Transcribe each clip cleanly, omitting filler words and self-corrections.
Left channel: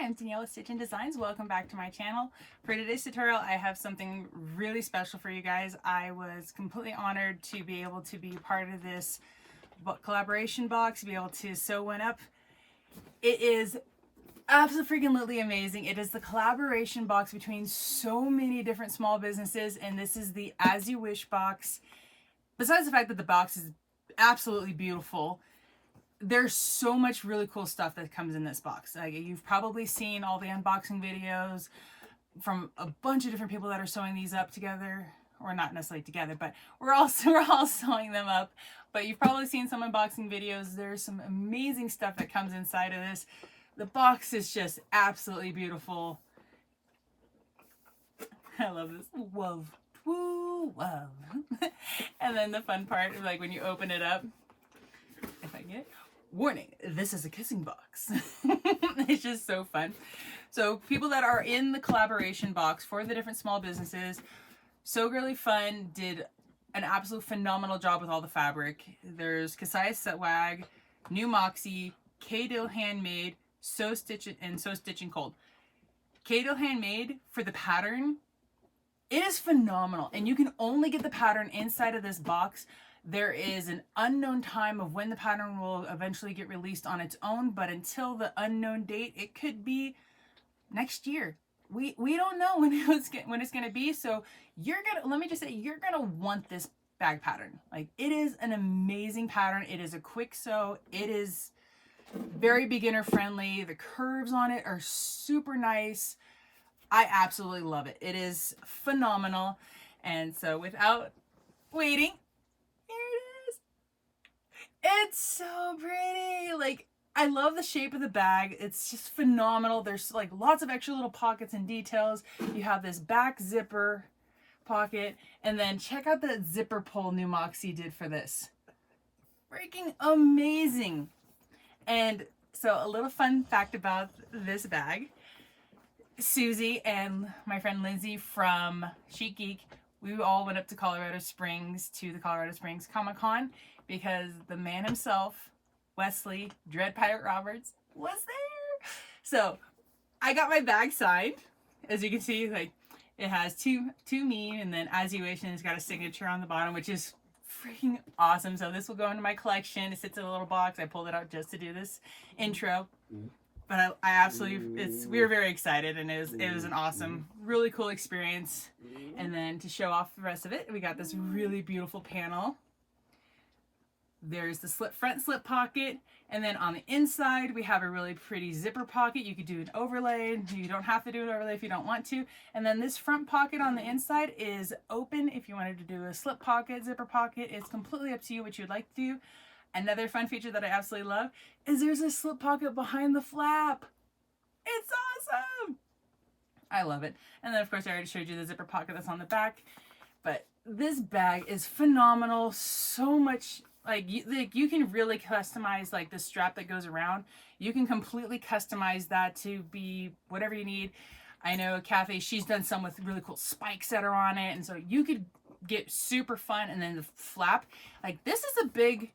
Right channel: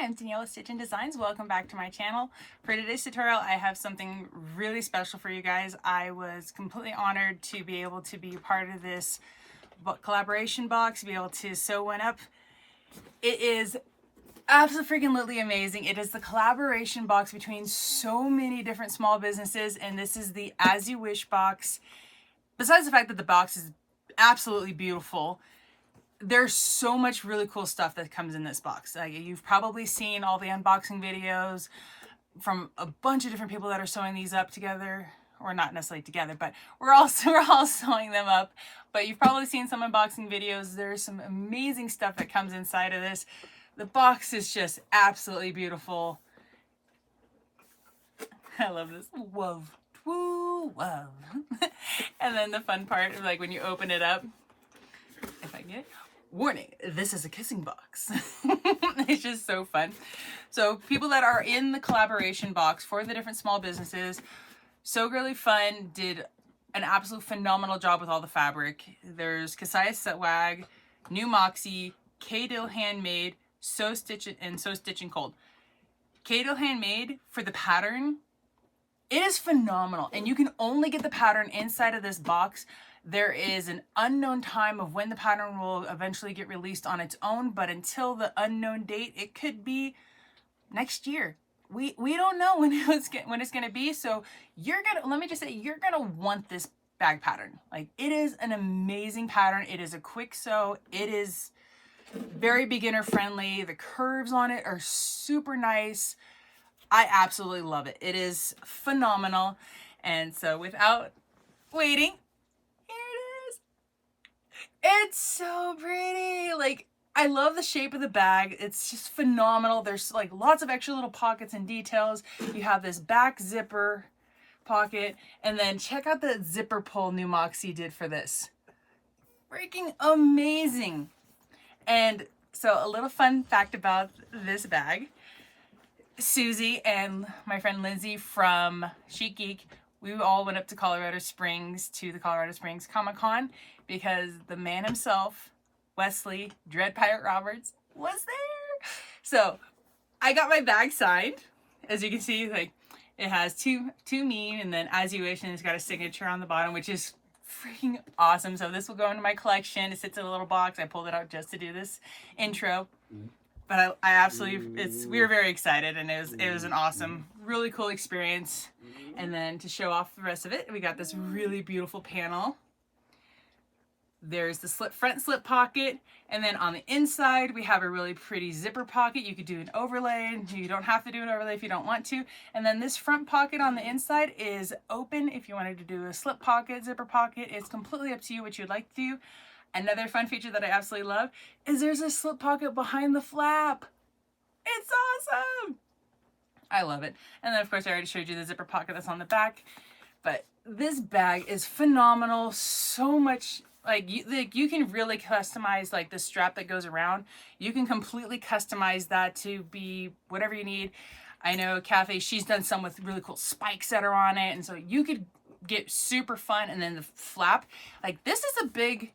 Hi, I'm Daniela Stitch and Designs. Welcome back to my channel. For today's tutorial, I have something really special for you guys. I was completely honored to be able to be part of this collaboration box, be able to sew one up. It is absolutely amazing. It is the collaboration box between so many different small businesses, and this is the As You Wish box. Besides the fact that the box is absolutely beautiful, there's so much really cool stuff that comes in this box. You've probably seen all the unboxing videos from a bunch of different people that are sewing these up together, or not necessarily together, but we're all sewing them up. But you've probably seen some unboxing videos. There's some amazing stuff that comes inside of this. The box is just absolutely beautiful. I love this. Whoa, woo, whoa. And then the fun part, like when you open it up, if I get it. Warning, this is a kissing box. It's just so fun. So people that are in the collaboration box for the different small businesses, So Girly Fun did an absolute phenomenal job with all the fabric. There's Kasaya Setwag, New Moxie, K-Dill Handmade, Sew Stitch and Sew Stitching Cold. K-Dill Handmade for the pattern, it is phenomenal, and you can only get the pattern inside of this box. There is an unknown time of when the pattern will eventually get released on its own, but until the unknown date, it could be next year. We don't know when it's going to be. So let me just say, you're going to want this bag pattern. Like, it is an amazing pattern. It is a quick sew. It is very beginner friendly. The curves on it are super nice. I absolutely love it. It is phenomenal. And so without waiting, it's so pretty. Like, I love the shape of the bag. It's just phenomenal. There's like lots of extra little pockets and details. You have this back zipper pocket, and then check out the zipper pull New Moxie did for this. Freaking amazing. And so a little fun fact about this bag. Susie and my friend Lindsay from Chic Geek, we all went up to Colorado Springs to the Colorado Springs Comic-Con because the man himself, Wesley Dread Pirate Roberts, was there. So I got my bag signed. As you can see, like, it has two me, and then As You Wish, and it's got a signature on the bottom, which is freaking awesome. So this will go into my collection. It sits in a little box. I pulled it out just to do this intro. But I absolutely, we were very excited, and it was an awesome, really cool experience. And then to show off the rest of it, we got this really beautiful panel. There's the front slip pocket, and then on the inside we have a really pretty zipper pocket. You could do an overlay. You don't have to do an overlay if you don't want to. And then this front pocket on the inside is open if you wanted to do a slip pocket, zipper pocket. It's completely up to you what you'd like to do. Another fun feature that I absolutely love is there's a slip pocket behind the flap. It's awesome. I love it. And then of course I already showed you the zipper pocket that's on the back. But this bag is phenomenal. So much, like you can really customize like the strap that goes around. You can completely customize that to be whatever you need. I know Kathy, she's done some with really cool spikes that are on it. And so you could get super fun. And then the flap, like, this is a big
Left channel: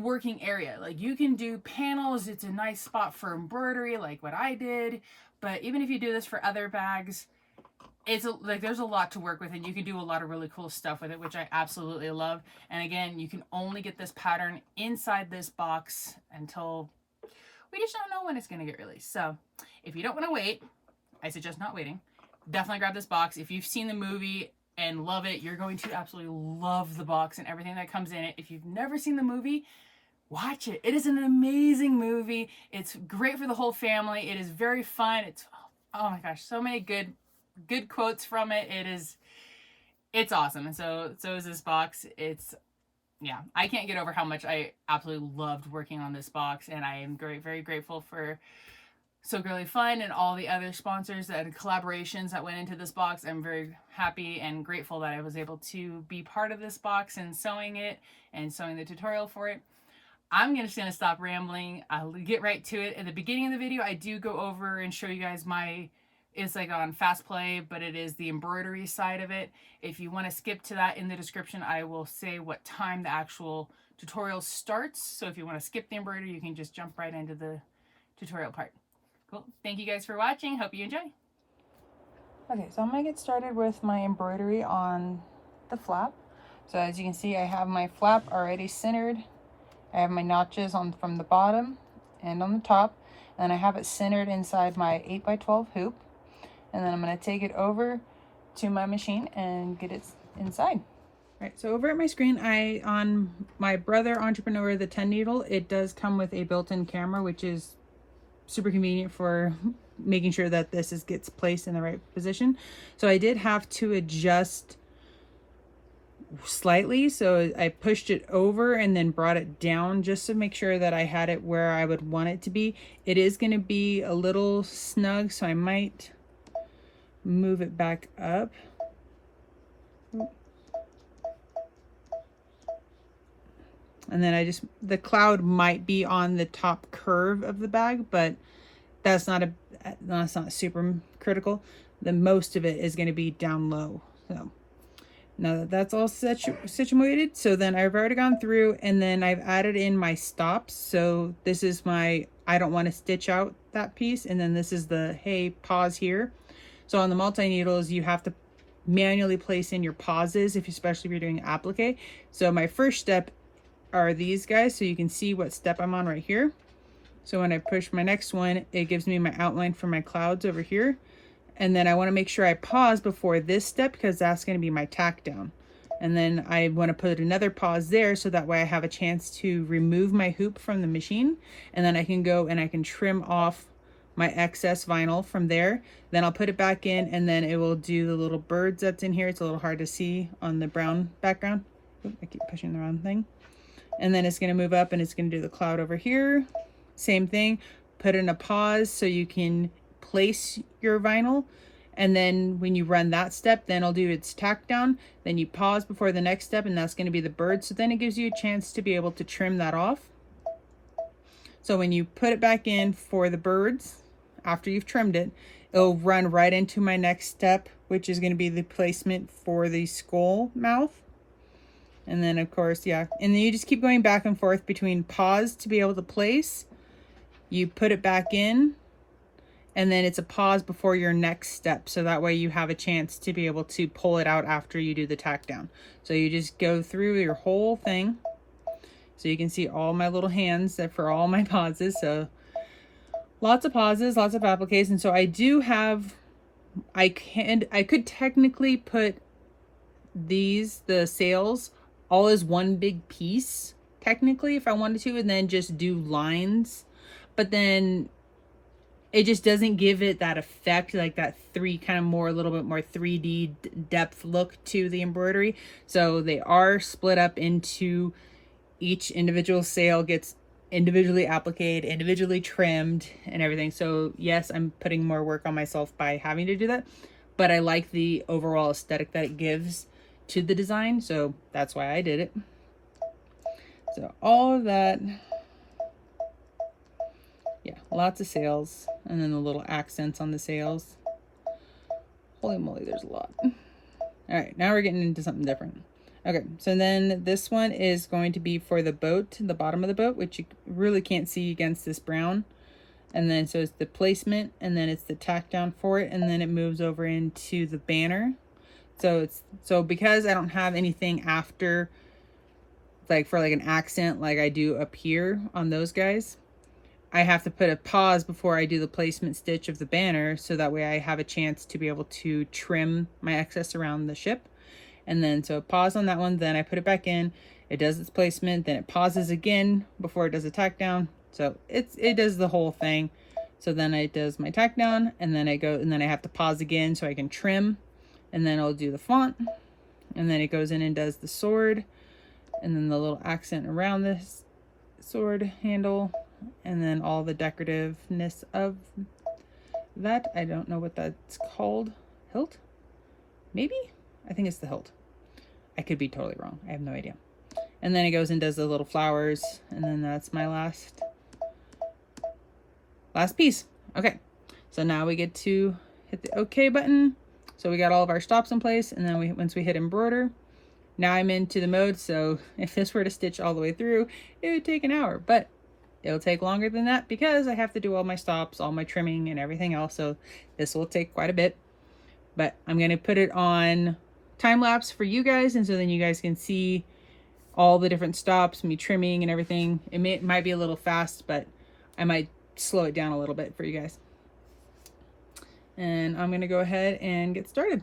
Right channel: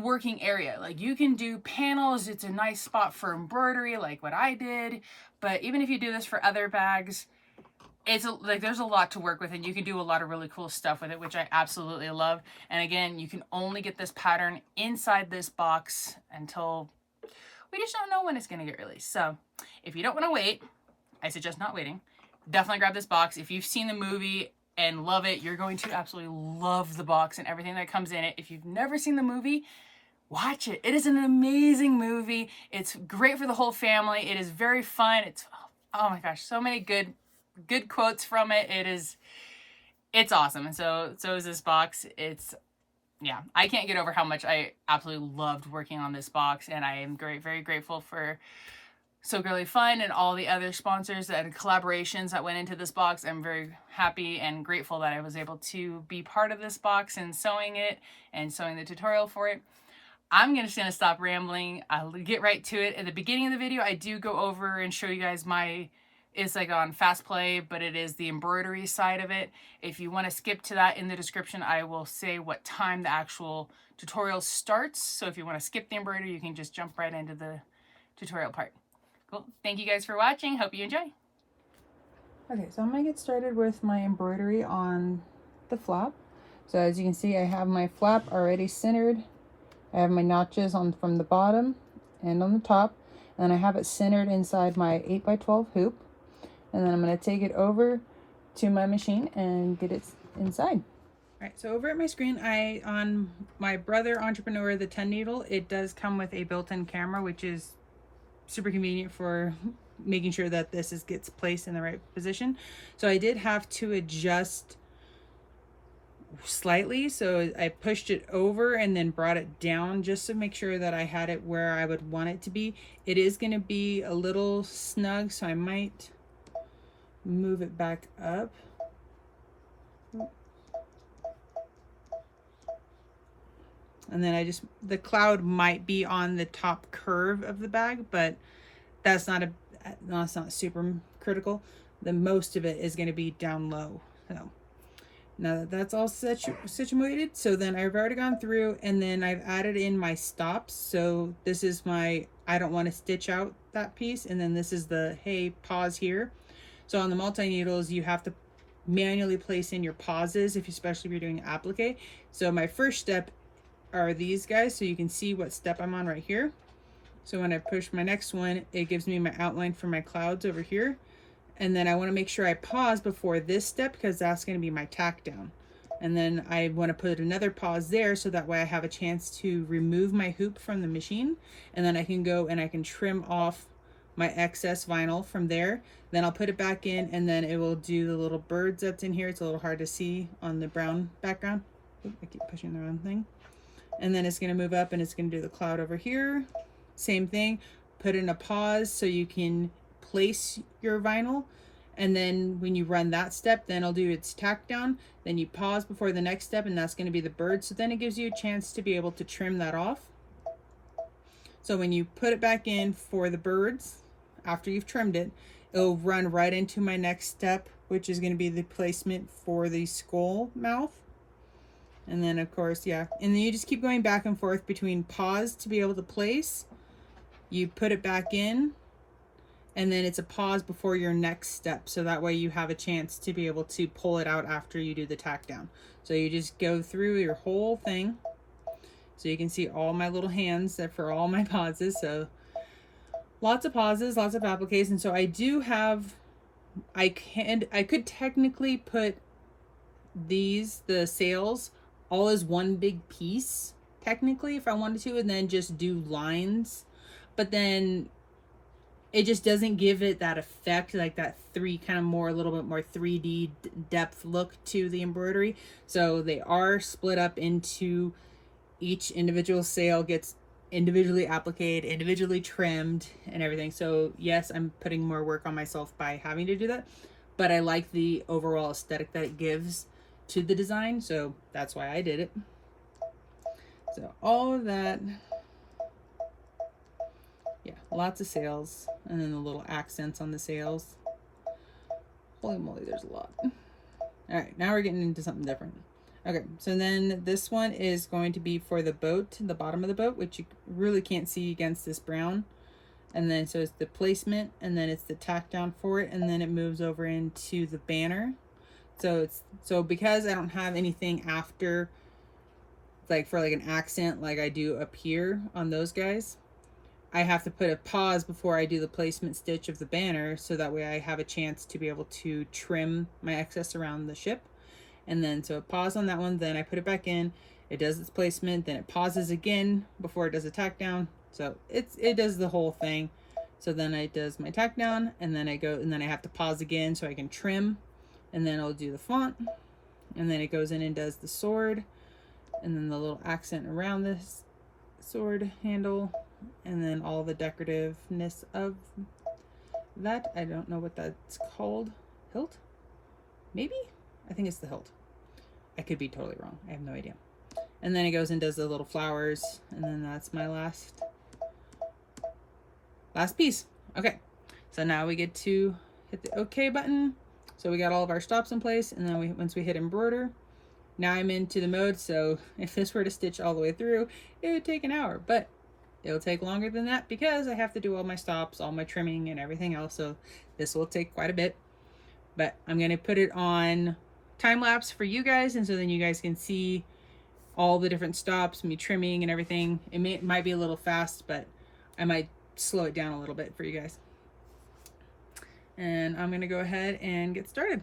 working area. Like, you can do panels. It's a nice spot for embroidery, like what I did. But even if you do this for other bags, it's like there's a lot to work with, and you can do a lot of really cool stuff with it, which I absolutely love. And again, you can only get this pattern inside this box until we just don't know when it's going to get released. So if you don't want to wait, I suggest not waiting. Definitely grab this box. If you've seen the movie and love it, you're going to absolutely love the box and everything that comes in it. If you've never seen the movie, watch it. It is an amazing movie. It's great for the whole family. It is very fun. It's, oh my gosh, so many good quotes from it. It's awesome. And so is this box. Yeah, I can't get over how much I absolutely loved working on this box, and I am very grateful for So Girly Fun and all the other sponsors and collaborations that went into this box. I'm very happy and grateful that I was able to be part of this box and sewing it and sewing the tutorial for it. I'm just going to stop rambling. I'll get right to it. At the beginning of the video, I do go over and show you guys it's like on fast play, but it is the embroidery side of it. If you want to skip to that, in the description, I will say what time the actual tutorial starts. So if you want to skip the embroidery, you can just jump right into the tutorial part. Cool. Thank you guys for watching. Hope you enjoy. Okay, so I'm gonna get started with my embroidery on the flap. So as you can see, I have my flap already centered. I have my notches on from the bottom and on the top, and I have it centered inside my 8x12 hoop. And then I'm gonna take it over to my machine and get it inside. All right, so over at my screen, on my Brother Entrepreneur, the 10 needle, it does come with a built-in camera, which is super convenient for making sure that this gets placed in the right position. So I did have to adjust slightly, so I pushed it over and then brought it down just to make sure that I had it where I would want it to be. It is going to be a little snug, so I might move it back up. And then the cloud might be on the top curve of the bag, but that's not super critical. The most of it is going to be down low. So now that that's all situated, so then I've already gone through and then I've added in my stops. So this is my, I don't want to stitch out that piece. And then this is the, hey, pause here. So on the multi-needles, you have to manually place in your pauses, especially if you're doing applique. So my first step are these guys. So you can see what step I'm on right here. So when I push my next one, it gives me my outline for my clouds over here. And then I want to make sure I pause before this step because that's going to be my tack down. And then I want to put another pause there so that way I have a chance to remove my hoop from the machine. And then I can go and I can trim off my excess vinyl from there. Then I'll put it back in and then it will do the little birds that's in here. It's a little hard to see on the brown background. Oops, I keep pushing the wrong thing. And then it's going to move up and it's going to do the cloud over here. Same thing, put in a pause so you can place your vinyl. And then when you run that step, then it'll do its tack down. Then you pause before the next step and that's going to be the bird. So then it gives you a chance to be able to trim that off. So when you put it back in for the birds, after you've trimmed it, it'll run right into my next step, which is going to be the placement for the skull mouth. And then of course, yeah. And then you just keep going back and forth between pause to be able to place. You put it back in and then it's a pause before your next step. So that way you have a chance to be able to pull it out after you do the tack down. So you just go through your whole thing. So you can see all my little hands for all my pauses. So lots of pauses, lots of appliques. And so I do have, I could technically put the sails all as one big piece technically if I wanted to, and then just do lines, but then it just doesn't give it that effect, like that a little bit more 3D depth look to the embroidery. So they are split up into, each individual sail gets individually appliqued, individually trimmed and everything. So yes, I'm putting more work on myself by having to do that, but I like the overall aesthetic that it gives to the design, so that's why I did it. So all of that, yeah, lots of sails, and then the little accents on the sails. Holy moly, there's a lot. All right, now we're getting into something different. Okay, so then this one is going to be for the boat, the bottom of the boat, which you really can't see against this brown. And then so it's the placement, and then it's the tack down for it, and then it moves over into the banner. So because I don't have anything after, like for like an accent like I do up here on those guys, I have to put a pause before I do the placement stitch of the banner, so that way I have a chance to be able to trim my excess around the ship. And then so pause on that one, then I put it back in, it does its placement, then it pauses again before it does a tack down. So it does the whole thing. So then it does my tack down, and then I have to pause again so I can trim. And then I'll do the font, and then it goes in and does the sword, and then the little accent around this sword handle, and then all the decorativeness of that. I don't know what that's called. Hilt? Maybe? I think it's the hilt. I could be totally wrong. I have no idea. And then it goes and does the little flowers, and then that's my last piece. Okay, so now we get to hit the OK button. So we got all of our stops in place, and then once we hit embroider, now I'm into the mode. So if this were to stitch all the way through, it would take an hour, but It'll take longer than that because I have to do all my stops, all my trimming and everything else. So this will take quite a bit, but I'm going to put it on time lapse for you guys. And so then you guys can see all the different stops, me trimming and everything. It might be a little fast, but I might slow it down a little bit for you guys. And I'm going to go ahead and get started.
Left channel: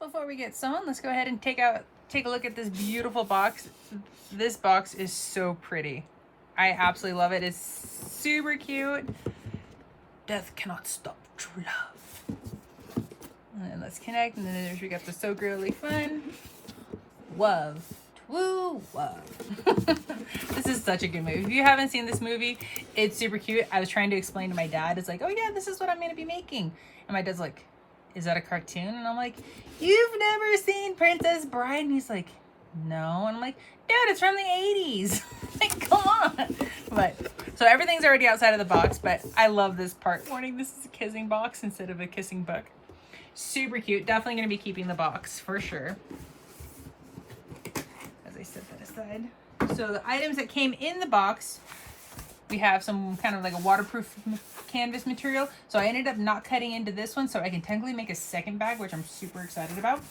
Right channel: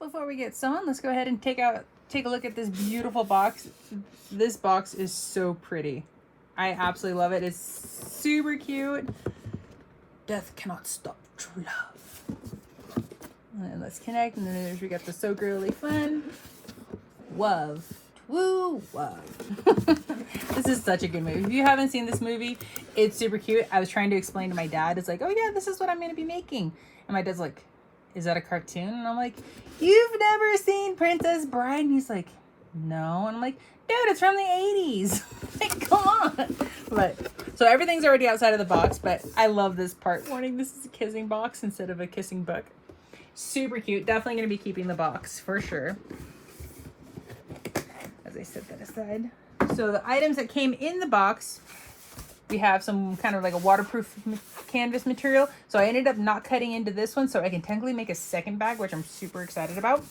Before we get sewn, let's go ahead and take a look at this beautiful box. This box is so pretty. I absolutely love it. It's super cute. Death cannot stop true love. And then let's connect, and then we got the So Girly Fun. Love. Woo, love. This is such a good movie. If you haven't seen this movie, it's super cute. I was trying to explain to my dad. It's like, oh yeah, this is what I'm going to be making. And my dad's like, is that a cartoon? And I'm like, you've never seen Princess Bride? And he's like, no. And I'm like, Dad, it's from the 80s. Like, come on. But, so everything's already outside of the box, but I love this part. Warning, this is a kissing box instead of a kissing book. Super cute. Definitely going to be keeping the box for sure. As I set that aside. So the items that came in the box, we have some kind of like a waterproof canvas material. So I ended up not cutting into this one, so I can technically make a second bag, which I'm super excited about.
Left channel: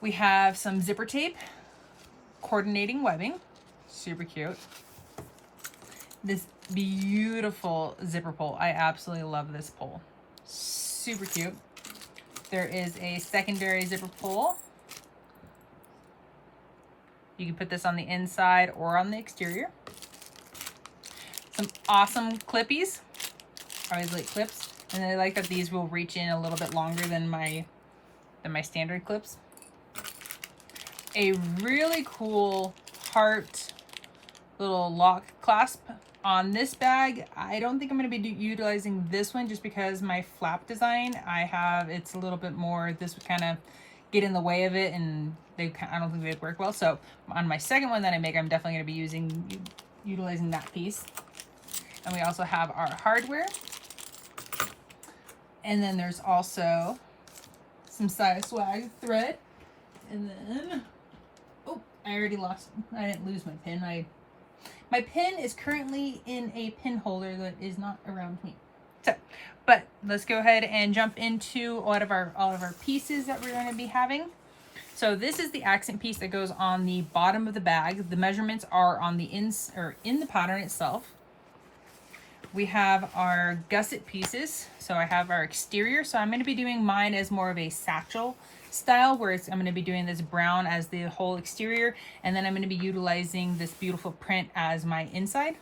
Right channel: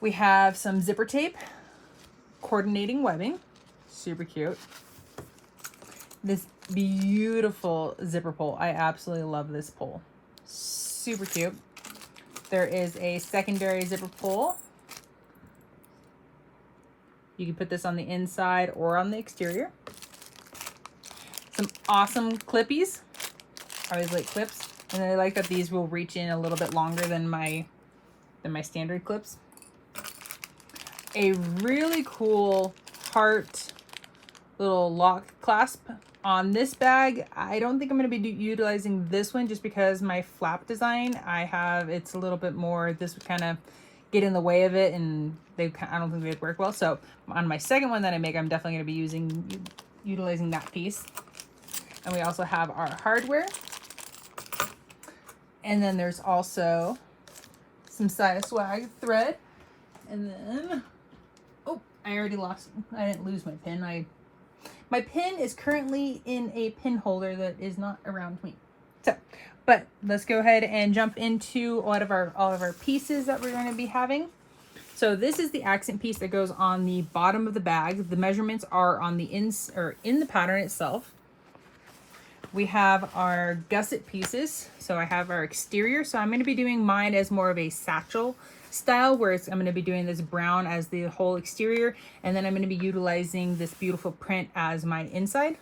We have some zipper tape, coordinating webbing, super cute. This beautiful zipper pull. I absolutely love this pull. Super cute. There is a secondary zipper pull. You can put this on the inside or on the exterior. Some awesome clippies. I always like clips. And then I like that these will reach in a little bit longer than my standard clips. A really cool heart little lock clasp on this bag. I don't think I'm going to be utilizing this one just because my flap design, it's a little bit more, this would kind of get in the way of it, and I don't think they'd work well. So on my second one that I make, I'm definitely going to be utilizing that piece. And we also have our hardware. And then there's also some Saya Swag thread. And then, oh, I didn't lose my pin. My pin is currently in a pin holder that is not around me. So, but let's go ahead and jump into all of our pieces that we're going to be having. So this is the accent piece that goes on the bottom of the bag. The measurements are on the in the pattern itself. We have our gusset pieces. So I have our exterior. So I'm going to be doing mine as more of a satchel style, where I'm going to be doing this brown as the whole exterior, and then I'm going to be utilizing this beautiful print as my inside.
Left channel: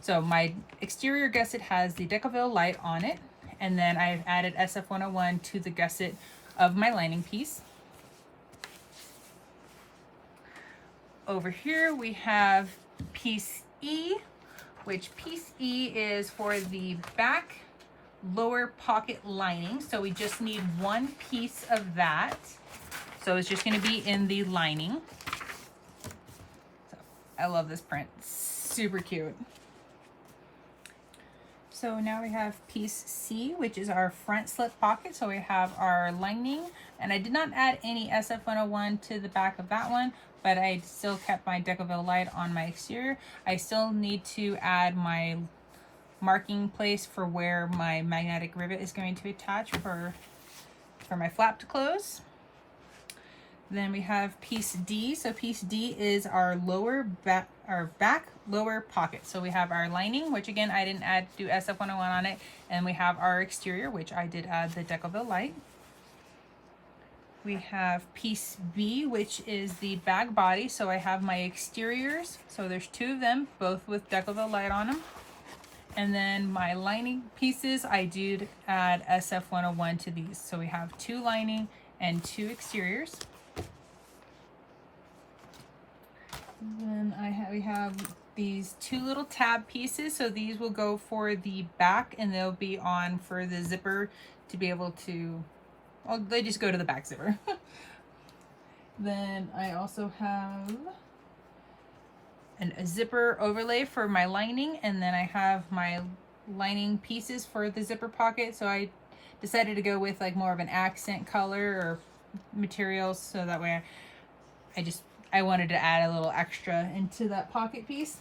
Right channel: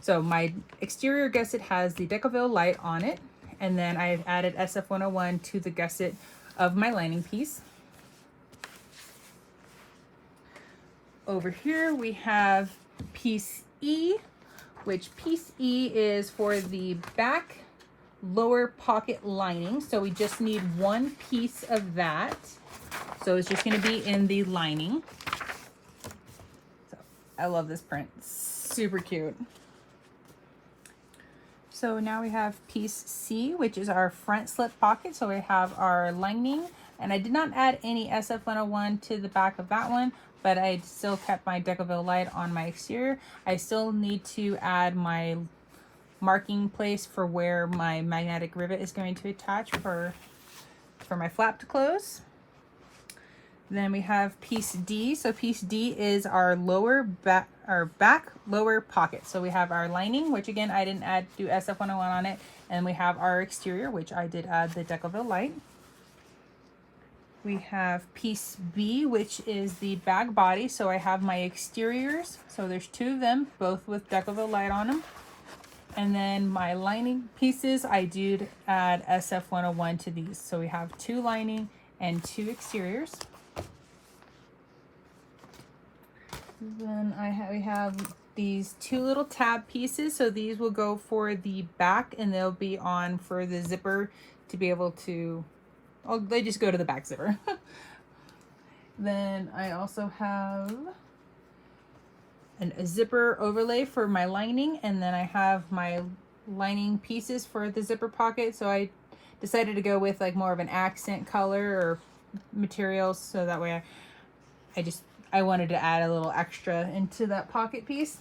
So my exterior gusset has the Decoville light on it, and then I've added SF101 to the gusset of my lining piece. Over here we have piece E, which piece E is for the back lower pocket lining. So we just need one piece of that. So it's just going to be in the lining. So I love this print. Super cute. So now we have piece C, which is our front slip pocket. So we have our lining, and I did not add any SF101 to the back of that one, but I still kept my Decoville light on my exterior. I still need to add my marking place for where my magnetic rivet is going to attach for my flap to close. Then we have piece D. So piece D is our back lower pocket. So we have our lining, which again I didn't do SF101 on it, and we have our exterior, which I did add the Decoville light. We have piece B, which is the bag body. So I have my exteriors. So there's two of them, both with Decoville light on them. And then my lining pieces, I did add SF101 to these. So we have two lining and two exteriors. Then we have these two little tab pieces. So these will go for the back, and they'll be on for the zipper to be able to, well, they just go to the back zipper. Then I also have a zipper overlay for my lining, and then I have my lining pieces for the zipper pocket. So I decided to go with like more of an accent color or materials, so that way I wanted to add a little extra into that pocket piece.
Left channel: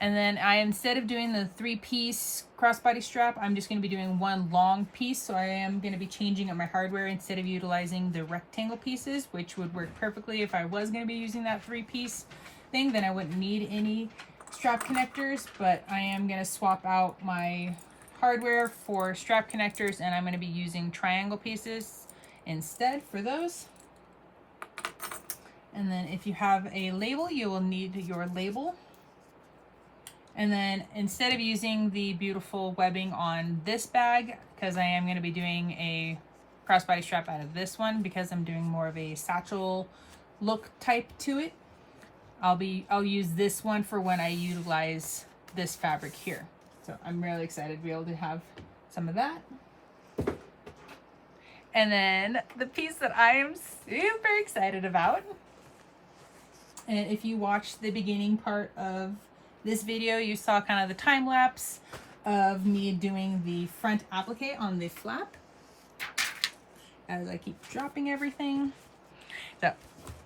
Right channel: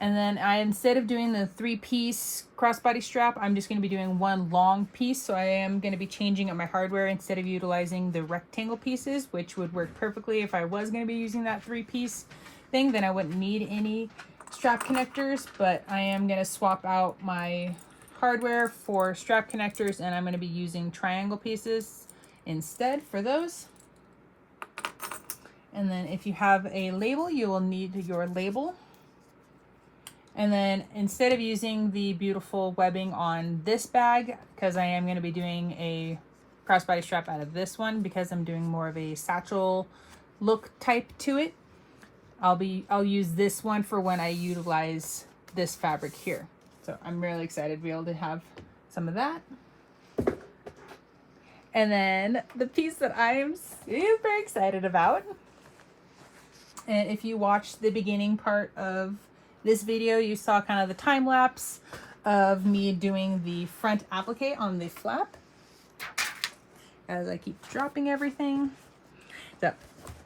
And then instead of doing the 3-piece crossbody strap, I'm just going to be doing one long piece. So I am going to be changing up my hardware instead of utilizing the rectangle pieces, which would work perfectly if I was going to be using that 3-piece thing. Then I wouldn't need any strap connectors, but I am going to swap out my hardware for strap connectors, and I'm going to be using triangle pieces instead for those. And then if you have a label, you will need your label. And then instead of using the beautiful webbing on this bag, because I am going to be doing a crossbody strap out of this one because I'm doing more of a satchel look type to it, I'll use this one for when I utilize this fabric here. So I'm really excited to be able to have some of that. And then the piece that I am super excited about, and if you watched the beginning part of this video, you saw kind of the time lapse of me doing the front applique on the flap as I keep dropping everything. So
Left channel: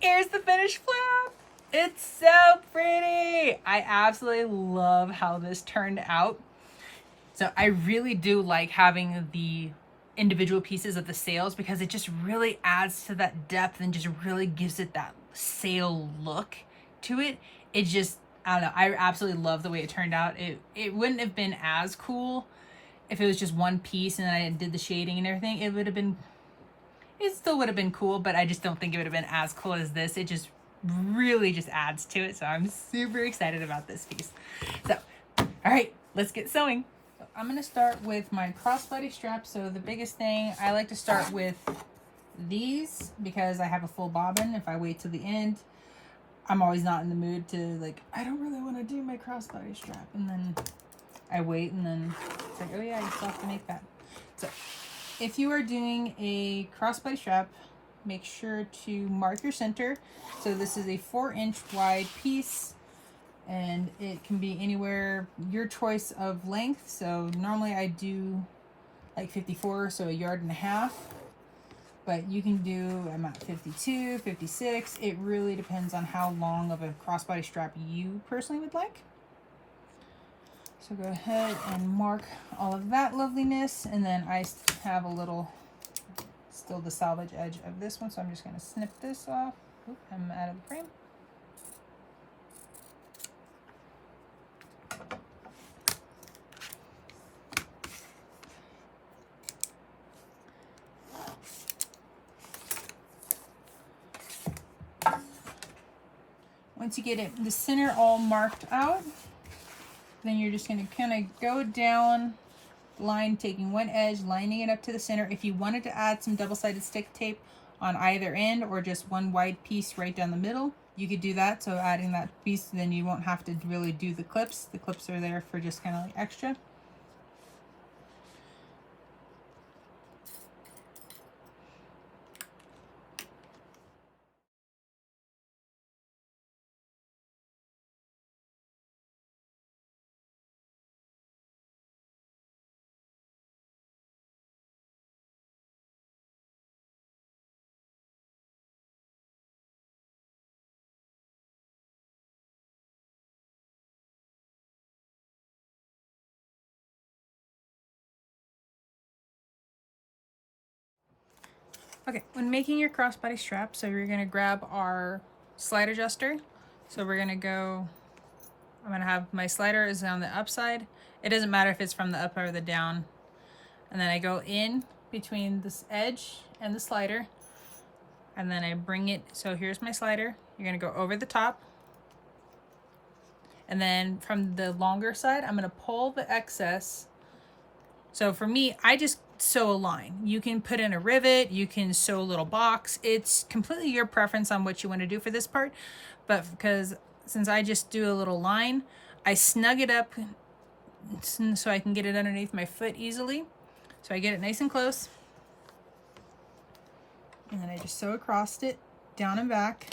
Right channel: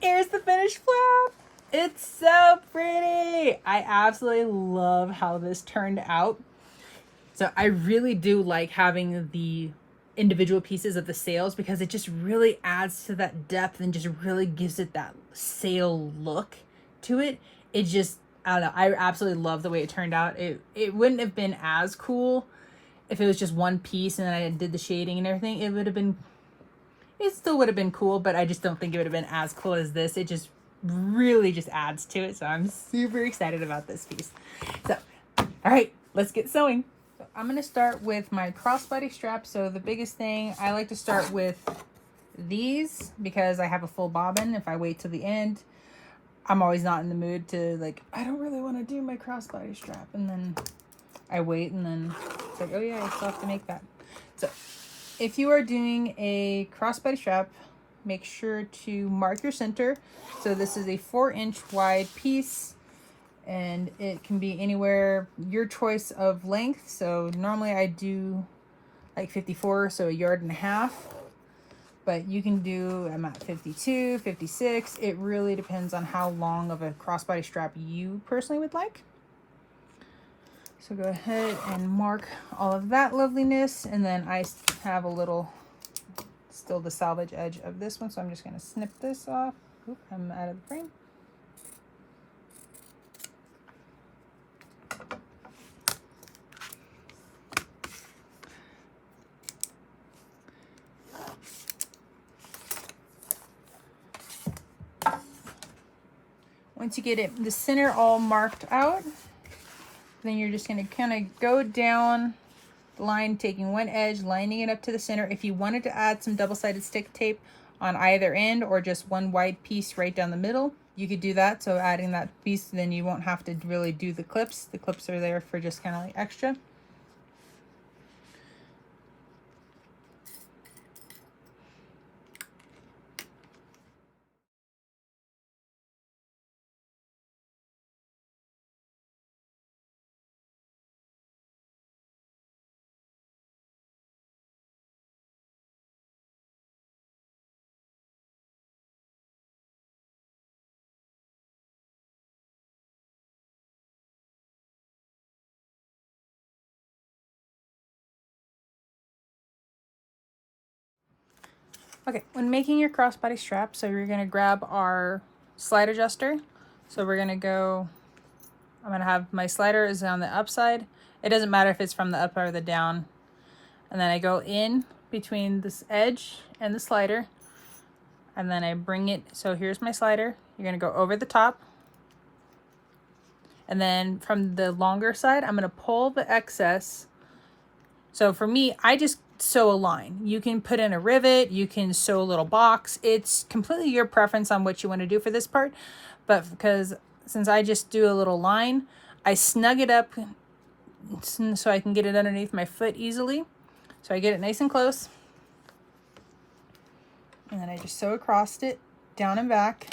here's the finished flap. It's so pretty. I absolutely love how this turned out. So I really do like having the individual pieces of the sails because it just really adds to that depth and just really gives it that sail look to it. It just, I don't know, I absolutely love the way it turned out. It wouldn't have been as cool if it was just one piece and I did the shading and everything. It still would have been cool, but I just don't think it would have been as cool as this. It just really just adds to it. So I'm super excited about this piece. So, all right, let's get sewing. So I'm going to start with my crossbody strap. So the biggest thing, I like to start with these because I have a full bobbin. If I wait till the end, I'm always not in the mood to, like, I don't really want to do my crossbody strap. And then I wait and then it's like, oh yeah, I still have to make that. So if you are doing a crossbody strap, make sure to mark your center. So this is a 4-inch wide piece and it can be anywhere, your choice of length. So normally I do like 54, so 1.5 yards. But you can do, I'm at 52, 56. It really depends on how long of a crossbody strap you personally would like. So go ahead and mark all of that loveliness. And then I have a little, still the salvage edge of this one. So I'm just going to snip this off. Oop, I'm out of the frame. Once you get it, the center all marked out, then you're just going to kind of go down the line, taking one edge, lining it up to the center. If you wanted to add some double-sided stick tape on either end or just one wide piece right down the middle, you could do that. So adding that piece, then you won't have to really do the clips. The clips are there for just kind of like extra. Okay, when making your crossbody strap, so you're gonna grab our slide adjuster. So we're gonna go, I'm gonna have my slider is on the upside. It doesn't matter if it's from the up or the down. And then I go in between this edge and the slider. And then I bring it, so here's my slider. You're gonna go over the top. And then from the longer side, I'm gonna pull the excess. So for me, I just sew a line. You can put in a rivet, you can sew a little box. It's completely your preference on what you want to do for this part. But because since I just do a little line, I snug it up so I can get it underneath my foot easily. So I get it nice and close. And then I just sew across it, down and back.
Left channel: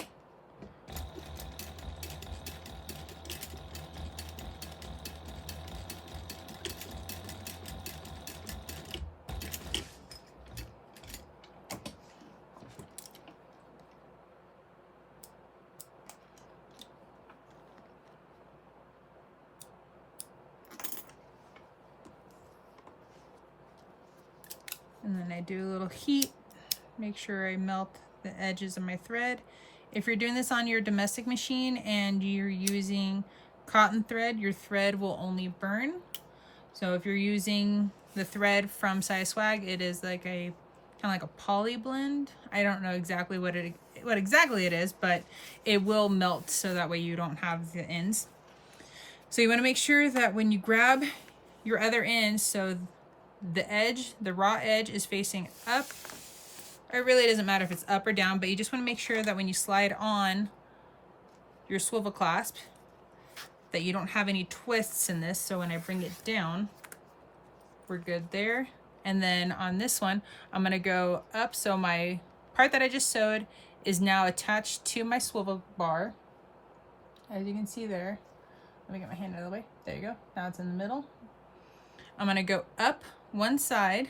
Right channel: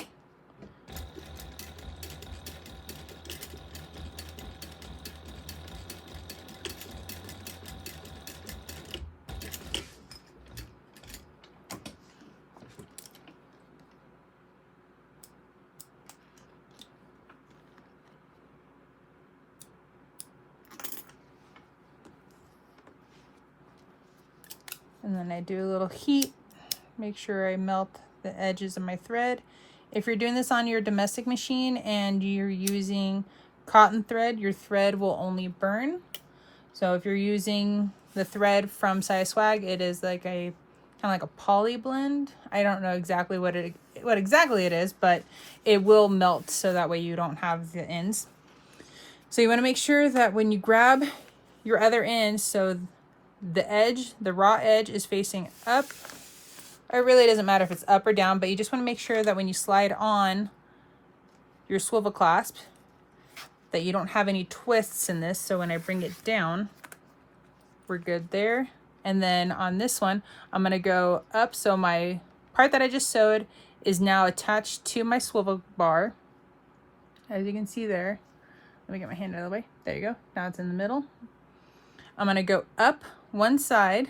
And then I do a little heat, make sure I melt the edges of my thread. If you're doing this on your domestic machine and you're using cotton thread, your thread will only burn. So if you're using the thread from Saya Swag, it is like a kind of like a poly blend. I don't know exactly what exactly it is, but it will melt so that way you don't have the ends. So you want to make sure that when you grab your other end, so the edge, the raw edge is facing up. It really doesn't matter if it's up or down, but you just want to make sure that when you slide on your swivel clasp that you don't have any twists in this. So when I bring it down, we're good there. And then on this one, I'm going to go up. So my part that I just sewed is now attached to my swivel bar. As you can see there, let me get my hand out of the way. There you go. Now it's in the middle. I'm going to go up one side,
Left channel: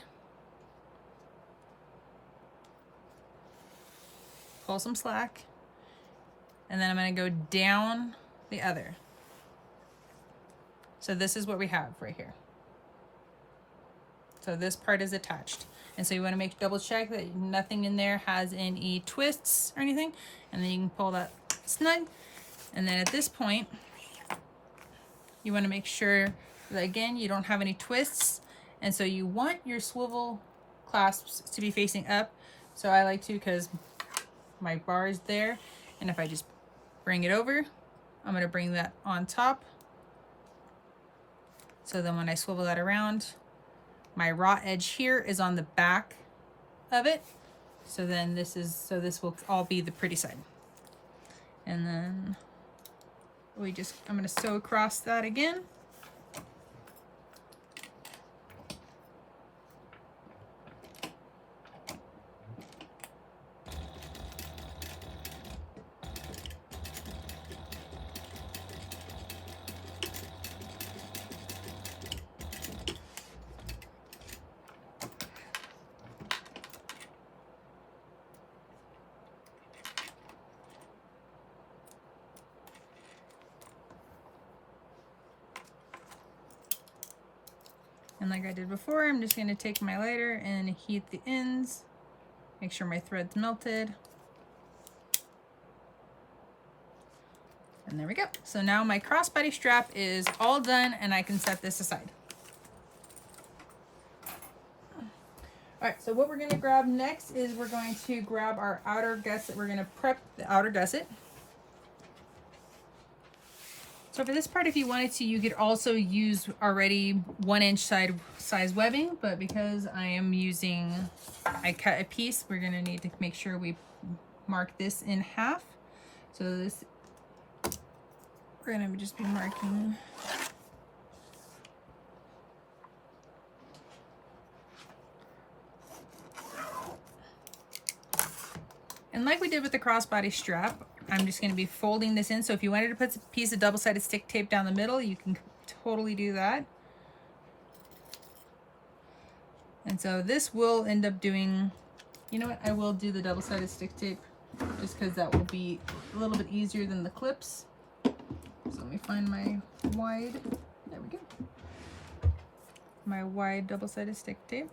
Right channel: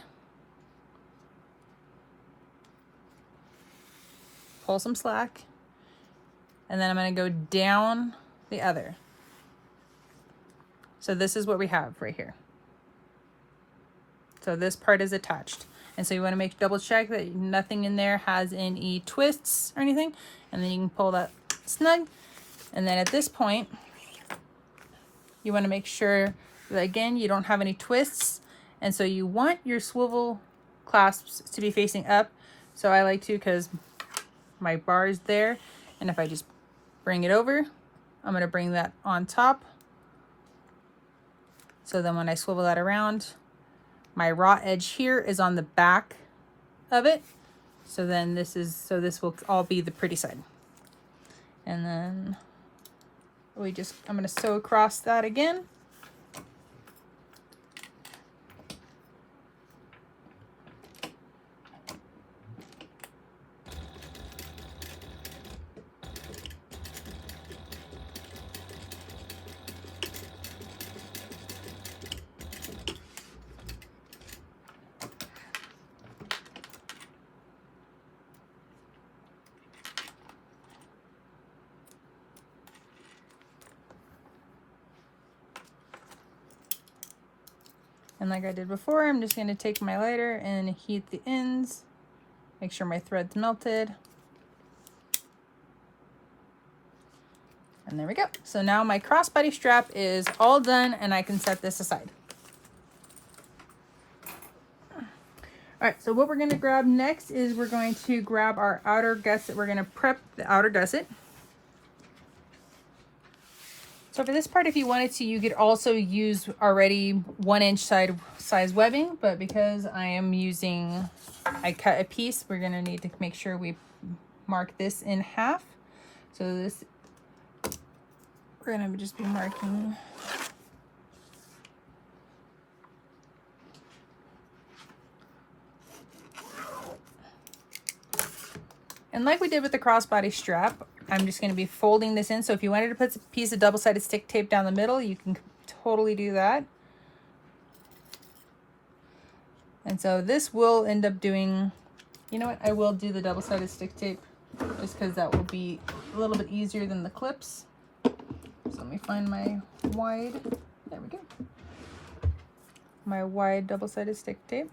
pull some slack, and then I'm going to go down the other. So this is what we have right here. So this part is attached. And so you want to double check that nothing in there has any twists or anything. And then you can pull that snug. And then at this point, you want to make sure that again, you don't have any twists. And so you want your swivel clasps to be facing up. So I like to, because my bar is there. And if I just bring it over, I'm going to bring that on top. So then when I swivel that around, my raw edge here is on the back of it. So then this will all be the pretty side. And then I'm gonna sew across that again. And like I did before, I'm just going to take my lighter and heat the ends, make sure my thread's melted. And there we go. So now my crossbody strap is all done and I can set this aside. All right, so what we're going to grab next is we're going to grab our outer gusset. We're going to prep the outer gusset. So for this part, if you wanted to, you could also use already 1-inch size webbing, but because I cut a piece, we're gonna need to make sure we mark this in half. So this, we're gonna just be marking. And like we did with the crossbody strap, I'm just going to be folding this in. So if you wanted to put a piece of double-sided stick tape down the middle, you can totally do that. And so this will end up doing, you know what, I will do the double-sided stick tape just because that will be a little bit easier than the clips. So let me find my wide, there we go, my wide double-sided stick tape.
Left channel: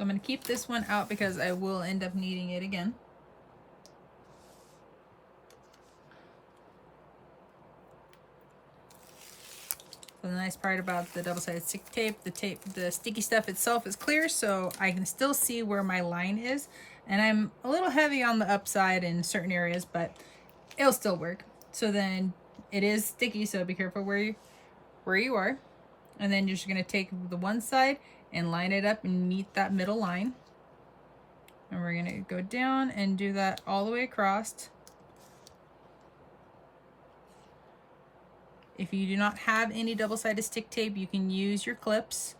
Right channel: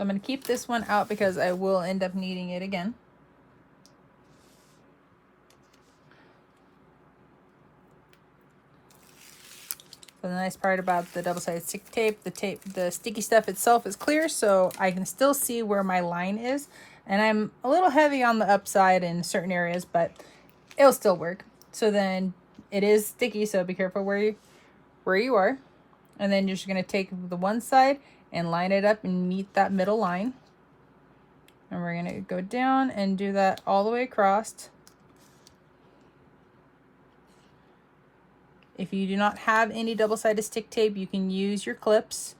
I'm going to keep this one out because I will end up needing it again. So the nice part about the double-sided stick tape, the sticky stuff itself is clear, so I can still see where my line is. And I'm a little heavy on the upside in certain areas, but it'll still work. So then it is sticky, so be careful where you are. And then you're just going to take the one side and line it up and meet that middle line. And we're gonna go down and do that all the way across. If you do not have any double-sided stick tape, you can use your clips.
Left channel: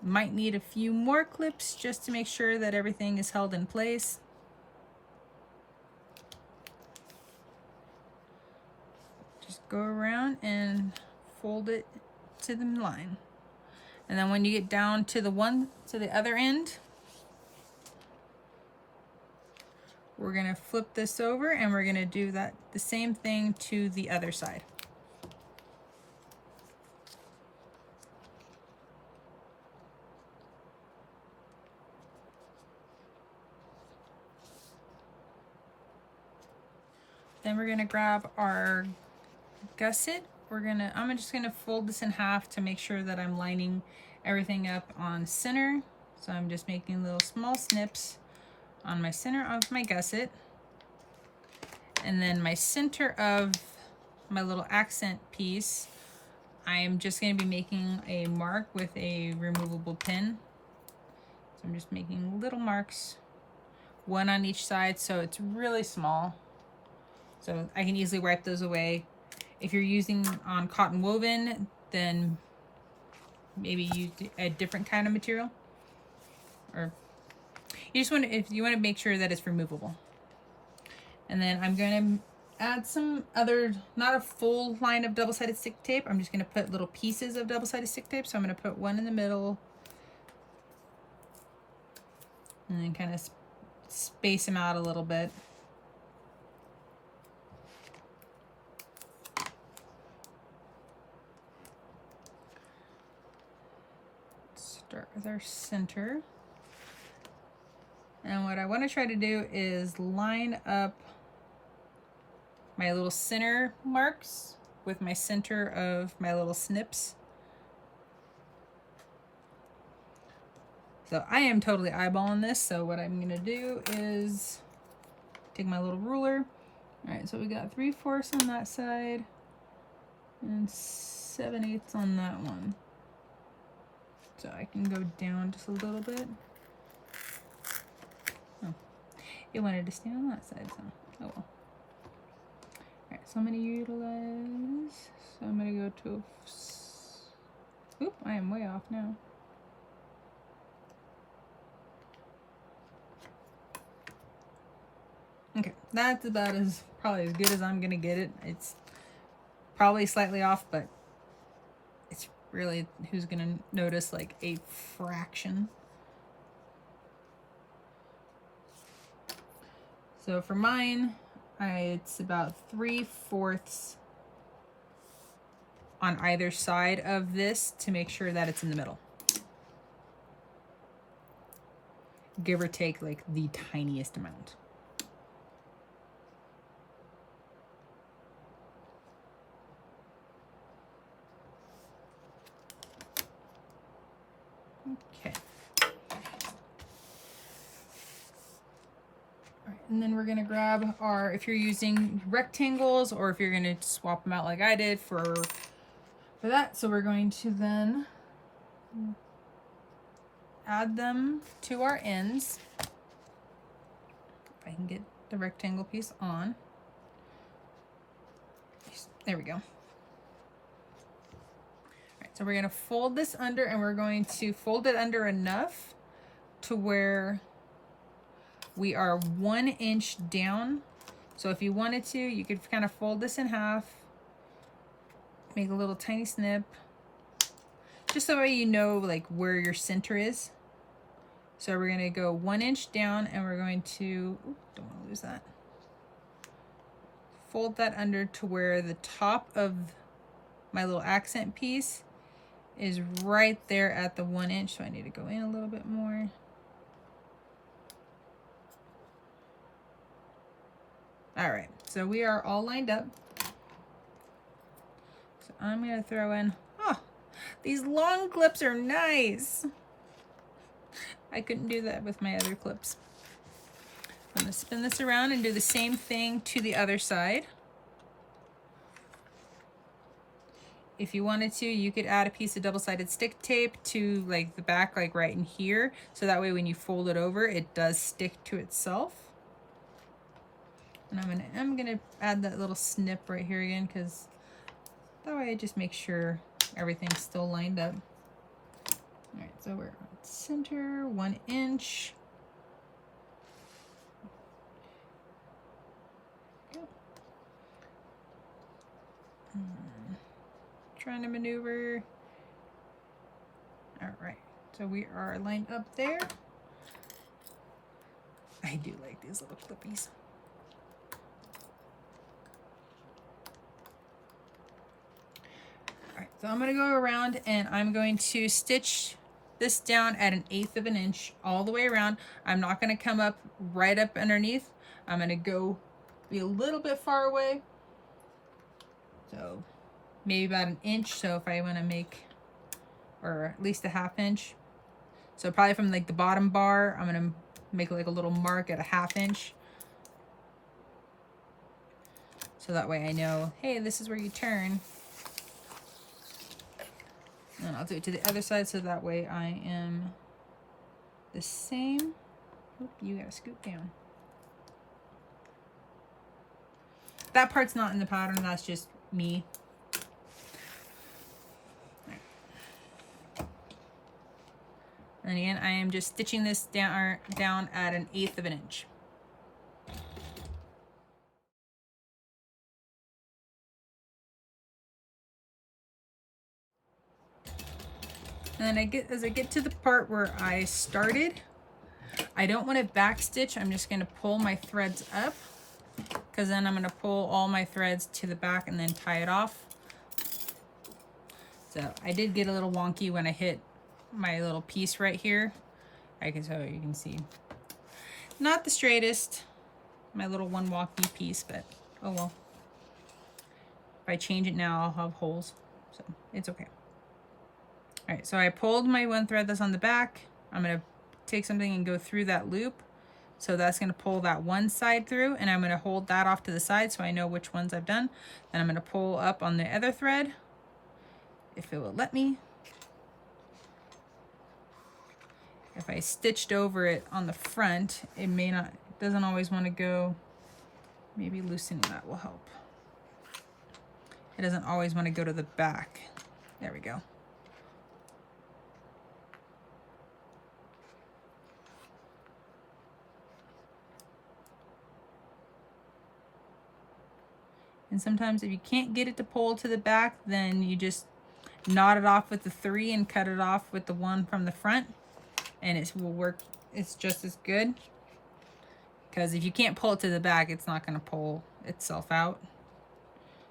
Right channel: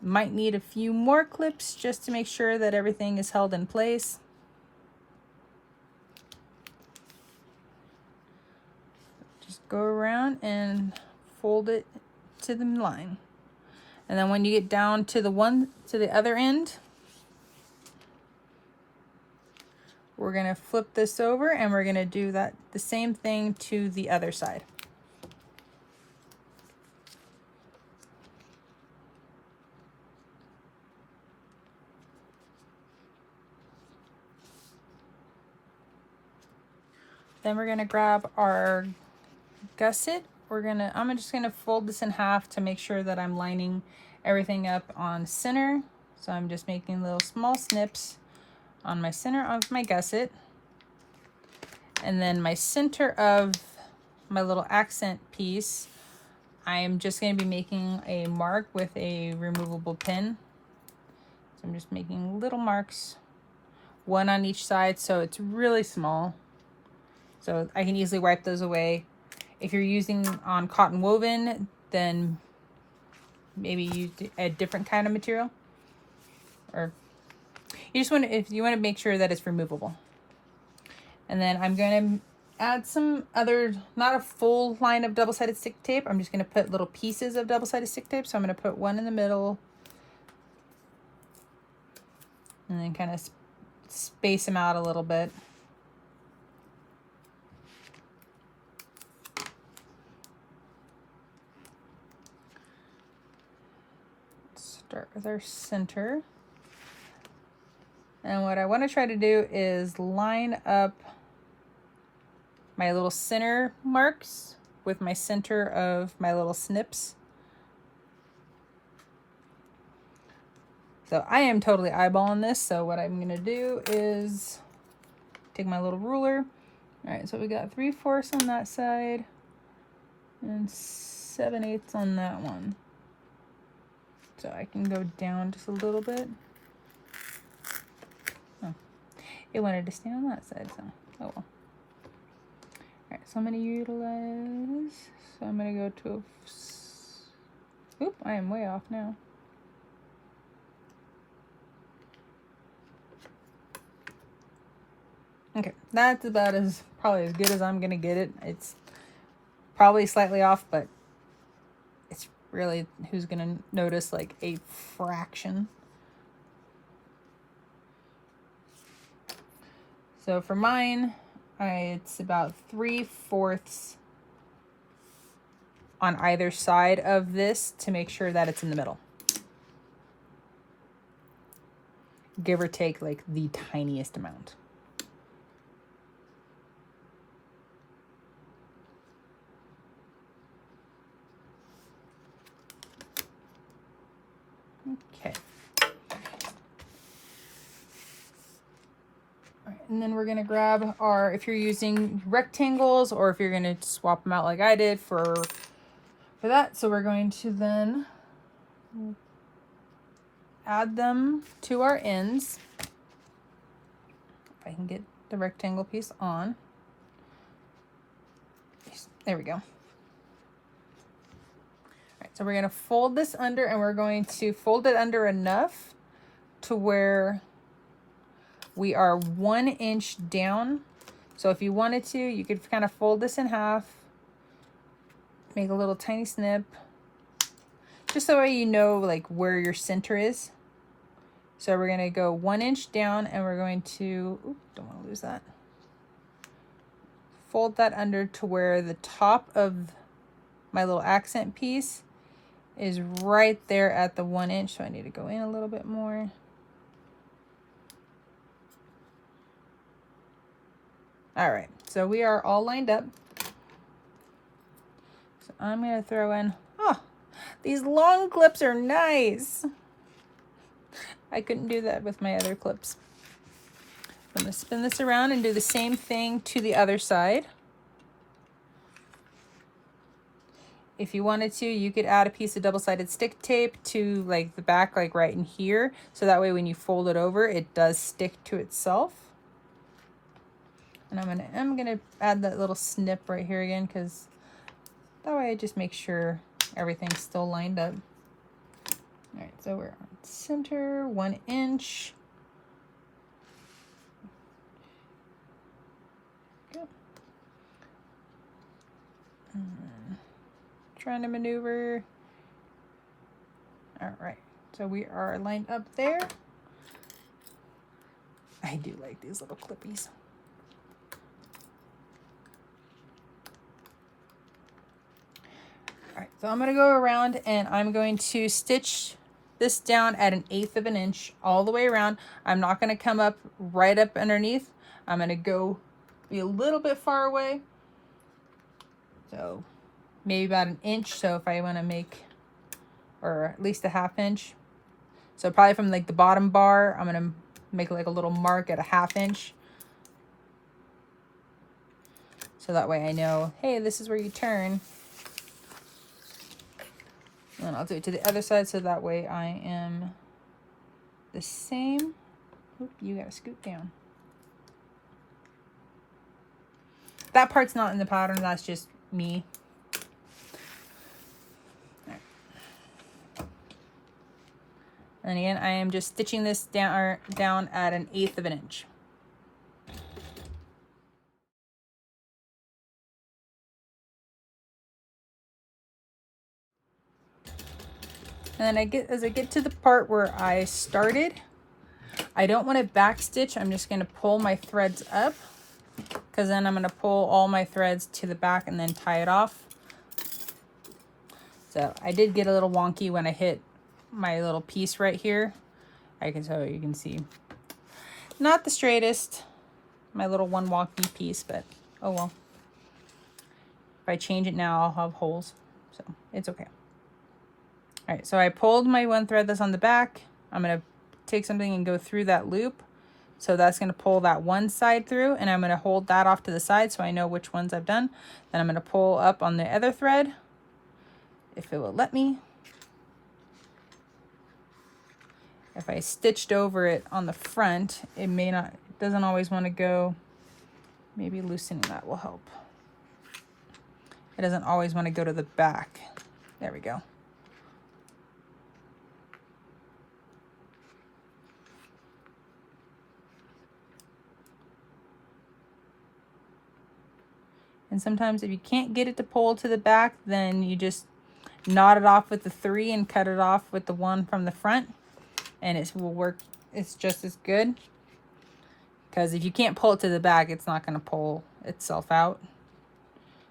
Might need a few more clips just to make sure that everything is held in place. Just go around and fold it to the line. And then when you get down to the other end, we're gonna flip this over and we're gonna do the same thing to the other side. Then we're gonna grab our gusset. I'm just gonna fold this in half to make sure that I'm lining everything up on center. So I'm just making little small snips on my center of my gusset. And then my center of my little accent piece, I'm just going to be making a mark with a removable pin. So I'm just making little marks, one on each side, so it's really small. So I can easily wipe those away. If you're using on cotton woven, then maybe use a different kind of material. Or you just want to, if you want to make sure that it's removable. And then I'm going to add some other, not a full line of double-sided stick tape. I'm just going to put little pieces of double-sided stick tape. So I'm going to put one in the middle and then kind of space them out a little bit. Start with our center. And what I want to try to do is line up my little center marks with my center of my little snips. So I am totally eyeballing this. So what I'm gonna do is take my little ruler. All right, so we got 3/4 on that side and 7/8 on that one. So I can go down just a little bit. Oh, it wanted to stay on that side, so oh well. So I'm going to utilize, so I'm going to go to, oop, I am way off now. Okay, that's about probably as good as I'm going to get it. It's probably slightly off, but it's really, who's going to notice like a fraction. So for mine, it's about 3/4 on either side of this to make sure that it's in the middle. Give or take like the tiniest amount. Okay. And then we're going to grab our, if you're using rectangles or if you're going to swap them out like I did for that. So we're going to then add them to our ends. If I can get the rectangle piece on. There we go. All right, so we're going to fold this under and we're going to fold it under enough to where we are 1 inch down. So if you wanted to, you could kind of fold this in half, make a little tiny snip, just so you know like where your center is. So we're gonna go 1 inch down and we're going to, oops, don't want to lose that. Fold that under to where the top of my little accent piece is right there at the 1 inch. So I need to go in a little bit more. All right, so we are all lined up. So I'm gonna throw in, oh, these long clips are nice. I couldn't do that with my other clips. I'm gonna spin this around and do the same thing to the other side. If you wanted to, you could add a piece of double-sided stick tape to like the back, like right in here. So that way when you fold it over, it does stick to itself. And I'm gonna add that little snip right here again, because that way I just make sure everything's still lined up. All right, so we're on center, 1 inch. Okay. Trying to maneuver. All right, so we are lined up there. I do like these little clippies. All right, so I'm going to go around and I'm going to stitch this down at 1/8 of an inch all the way around. I'm not going to come up right up underneath. I'm going to go be a little bit far away. So maybe about an inch. So if I want to make, or at least a half inch. So probably from like the bottom bar, I'm going to make like a little mark at a half inch. So that way I know, hey, this is where you turn. And I'll do it to the other side so that way I am the same. Oop, you gotta scoot down. That part's not in the pattern, that's just me. And again, I am just stitching this down at 1/8 of an inch. And then as I get to the part where I started, I don't want to back stitch. I'm just going to pull my threads up, because then I'm going to pull all my threads to the back and then tie it off. So I did get a little wonky when I hit my little piece right here. You can see not the straightest, my little one wonky piece, but oh well. If I change it now, I'll have holes, so it's okay. All right, so I pulled my one thread that's on the back. I'm gonna take something and go through that loop. So that's gonna pull that one side through, and I'm gonna hold that off to the side so I know which ones I've done. Then I'm gonna pull up on the other thread, if it will let me. If I stitched over it on the front, it doesn't always wanna go. Maybe loosening that will help. It doesn't always wanna go to the back. There we go. And sometimes if you can't get it to pull to the back, then you just knot it off with the 3 and cut it off with the 1 from the front, and it will work. It's just as good, because if you can't pull it to the back, it's not going to pull itself out.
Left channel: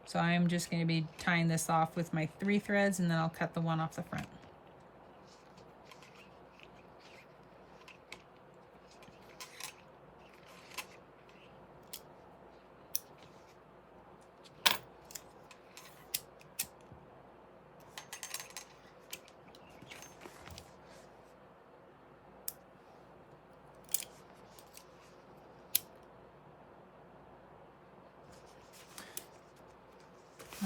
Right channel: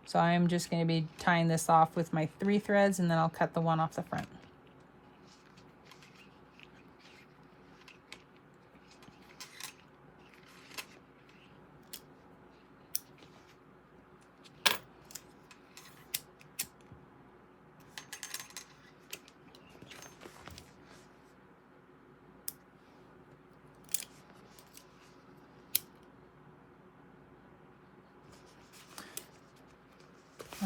So I'm just going to be tying this off with my 3 threads, and then I'll cut the 1 off the front.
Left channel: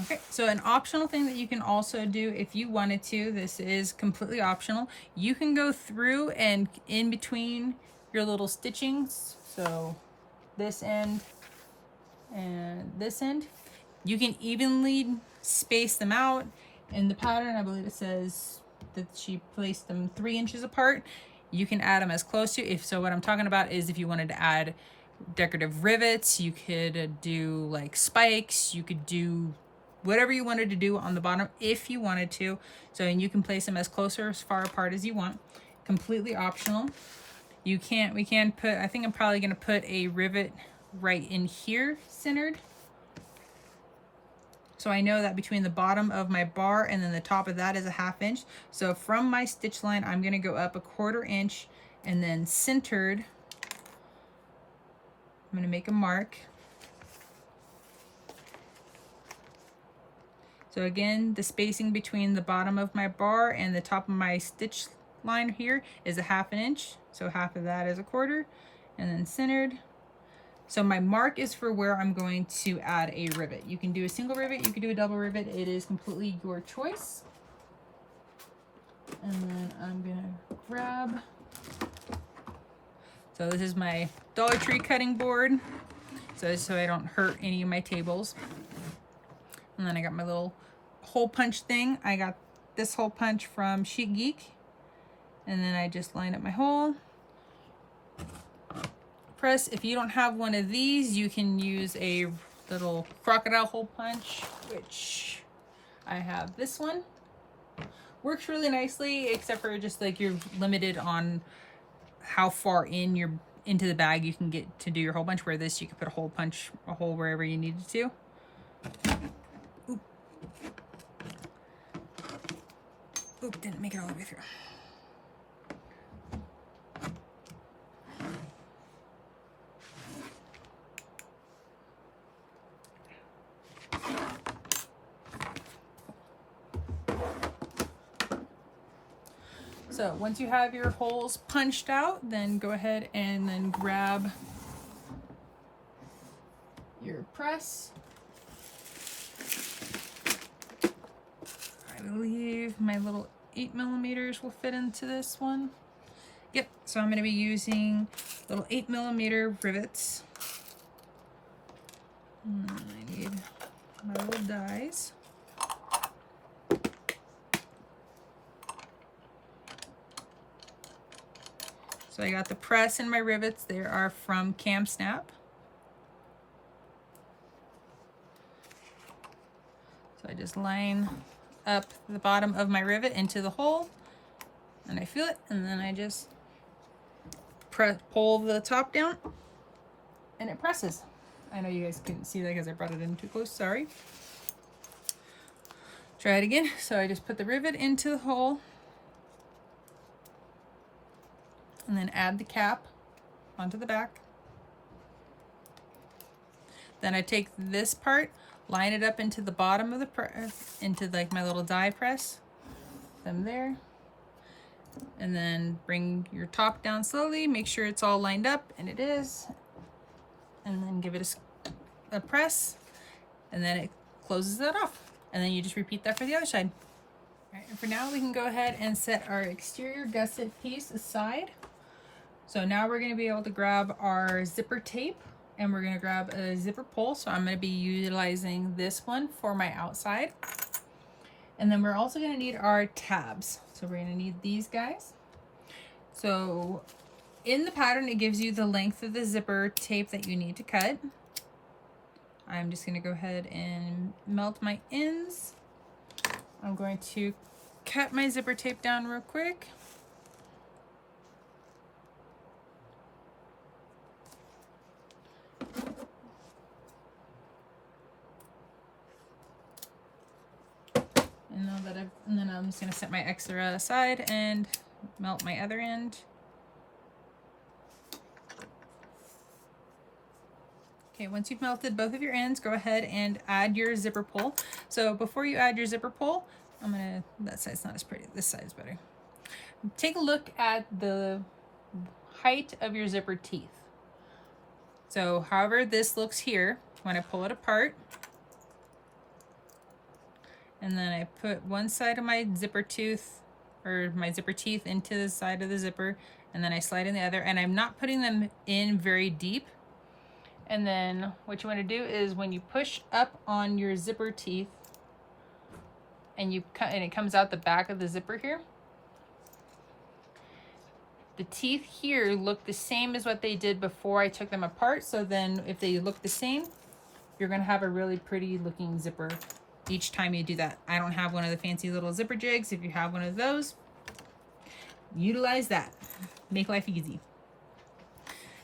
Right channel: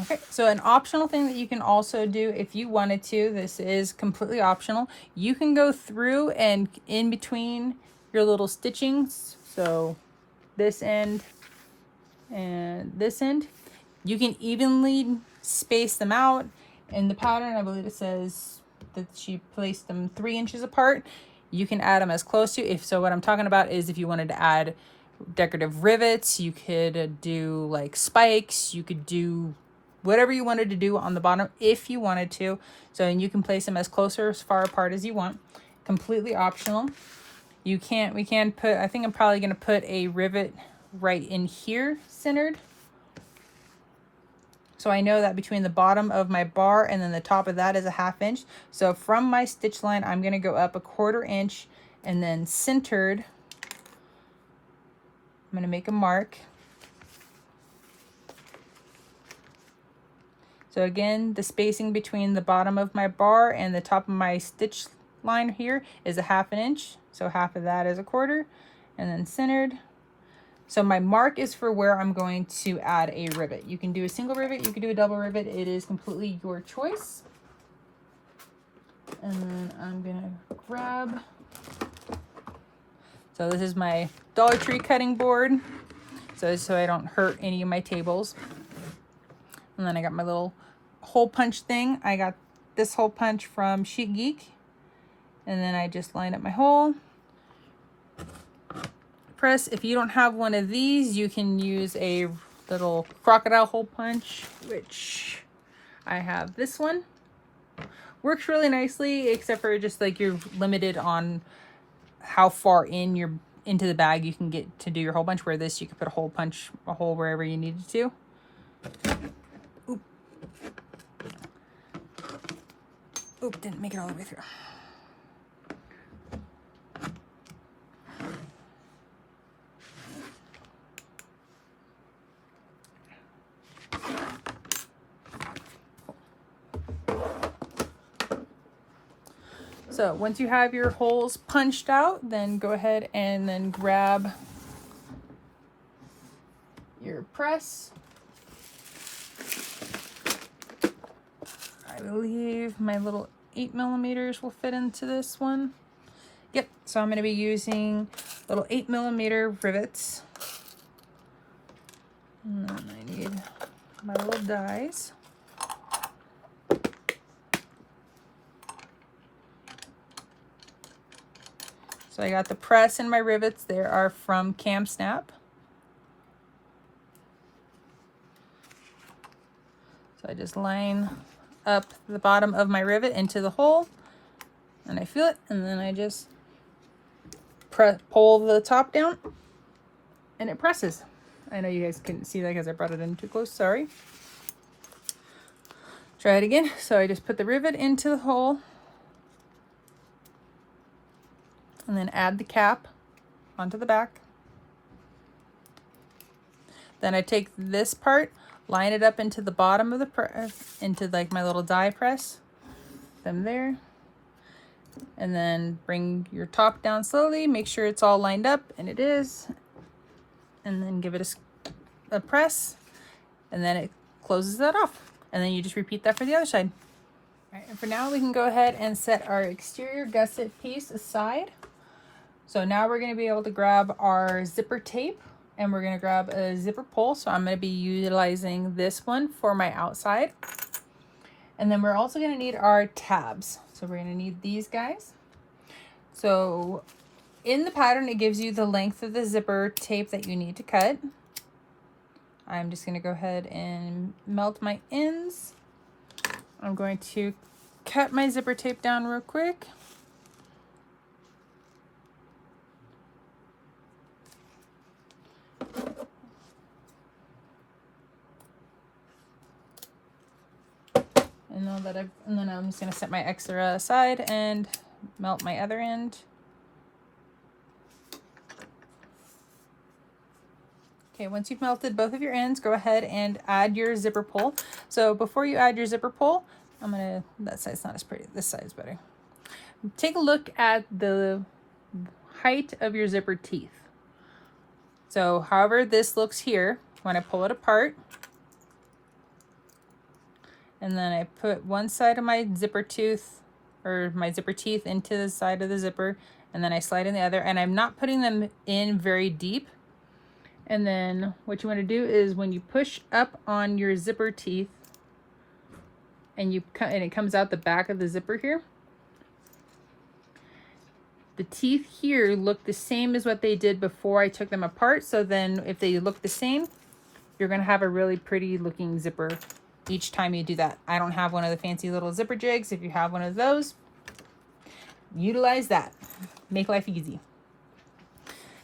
Okay, so an optional thing that you can also do if you wanted to, this is completely optional, you can go through and in between your little stitchings, so this end and this end, you can evenly space them out. In the pattern, I believe it says that she placed them 3 inches apart. You can add them as close to, so what I'm talking about is if you wanted to add decorative rivets, you could do like spikes, you could do whatever you wanted to do on the bottom if you wanted to. So, and you can place them as close or as far apart as you want. Completely optional. We can put, I think I'm probably going to put a rivet right in here centered. So I know that between the bottom of my bar and then the top of that is a 1/2 inch. So from my stitch line, I'm going to go up a 1/4 inch, and then centered, I'm going to make a mark. So again, the spacing between the bottom of my bar and the top of my stitch line here is a 1/2 inch. So half of that is a 1/4, and then centered. So my mark is for where I'm going to add a rivet. You can do a single rivet, you can do a double rivet. It is completely your choice. And then I'm gonna grab, so this is my Dollar Tree cutting board, so I don't hurt any of my tables. And then I got my little hole punch thing. I got this hole punch from Chic Geek. And then I just line up my hole. Press. If you don't have one of these, you can use a little crocodile hole punch, which I have this one. Works really nicely, except for just like you're limited on how far into the bag you can get to do your hole punch, where this you can put a hole wherever you needed to. Oop. Oop, didn't make it all the way through. So once you have your holes punched out, then go ahead and then grab your press. I believe my little 8mm will fit into this one. Yep, so I'm going to be using little 8mm rivets. And then I need my little dies. So I got the press and my rivets. They are from Cam Snap. So I just line up the bottom of my rivet into the hole, and I feel it, and then I just pull the top down, and it presses. I know you guys couldn't see that because I brought it in too close, sorry. Try it again. So I just put the rivet into the hole, and then add the cap onto the back. Then I take this part, line it up into the bottom of the press, into like my little die press, them there, and then bring your top down slowly, make sure it's all lined up, and it is, and then give it a press, and then it closes that off, and then you just repeat that for the other side. All right, and for now we can go ahead and set our exterior gusset piece aside. So now we're going to be able to grab our zipper tape, and we're going to grab a zipper pull. So I'm going to be utilizing this one for my outside. And then we're also going to need our tabs. So we're going to need these guys. So in the pattern, it gives you the length of the zipper tape that you need to cut. I'm just going to go ahead and melt my ends. I'm going to cut my zipper tape down real quick. And then I'm just going to set my extra aside and melt my other end. Okay, once you've melted both of your ends, go ahead and add your zipper pull. So before you add your zipper pull, that side's not as pretty, this side's better. Take a look at the height of your zipper teeth. So however this looks here, when I pull it apart, and then I put one side of my zipper tooth or my zipper teeth into the side of the zipper, and then I slide in the other, and I'm not putting them in very deep. And then what you want to do is when you push up on your zipper teeth and it comes out the back of the zipper here, the teeth here look the same as what they did before I took them apart. So then if they look the same, you're going to have a really pretty looking zipper each time you do that. I don't have one of the fancy little zipper jigs. If you have one of those, utilize that. Make life easy.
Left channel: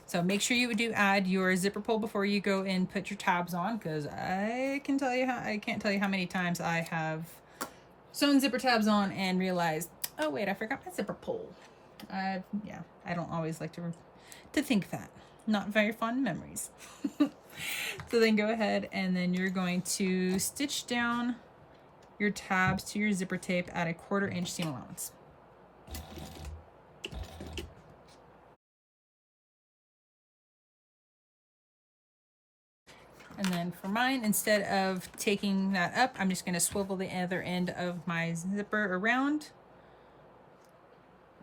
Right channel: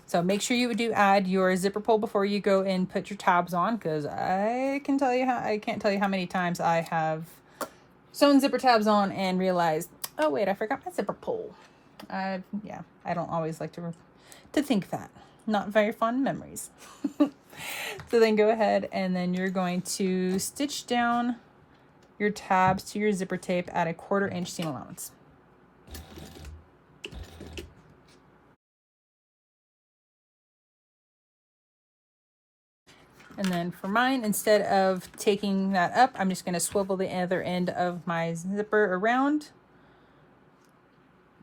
So make sure you do add your zipper pull before you go and put your tabs on, because I can't tell you how many times I have sewn zipper tabs on and realized, oh wait, I forgot my zipper pull. Yeah, I don't always like to think that. Not very fond memories. So then go ahead and then you're going to stitch down your tabs to your zipper tape at 1/4 inch seam allowance. And then for mine, instead of taking that up, I'm just going to swivel the other end of my zipper around.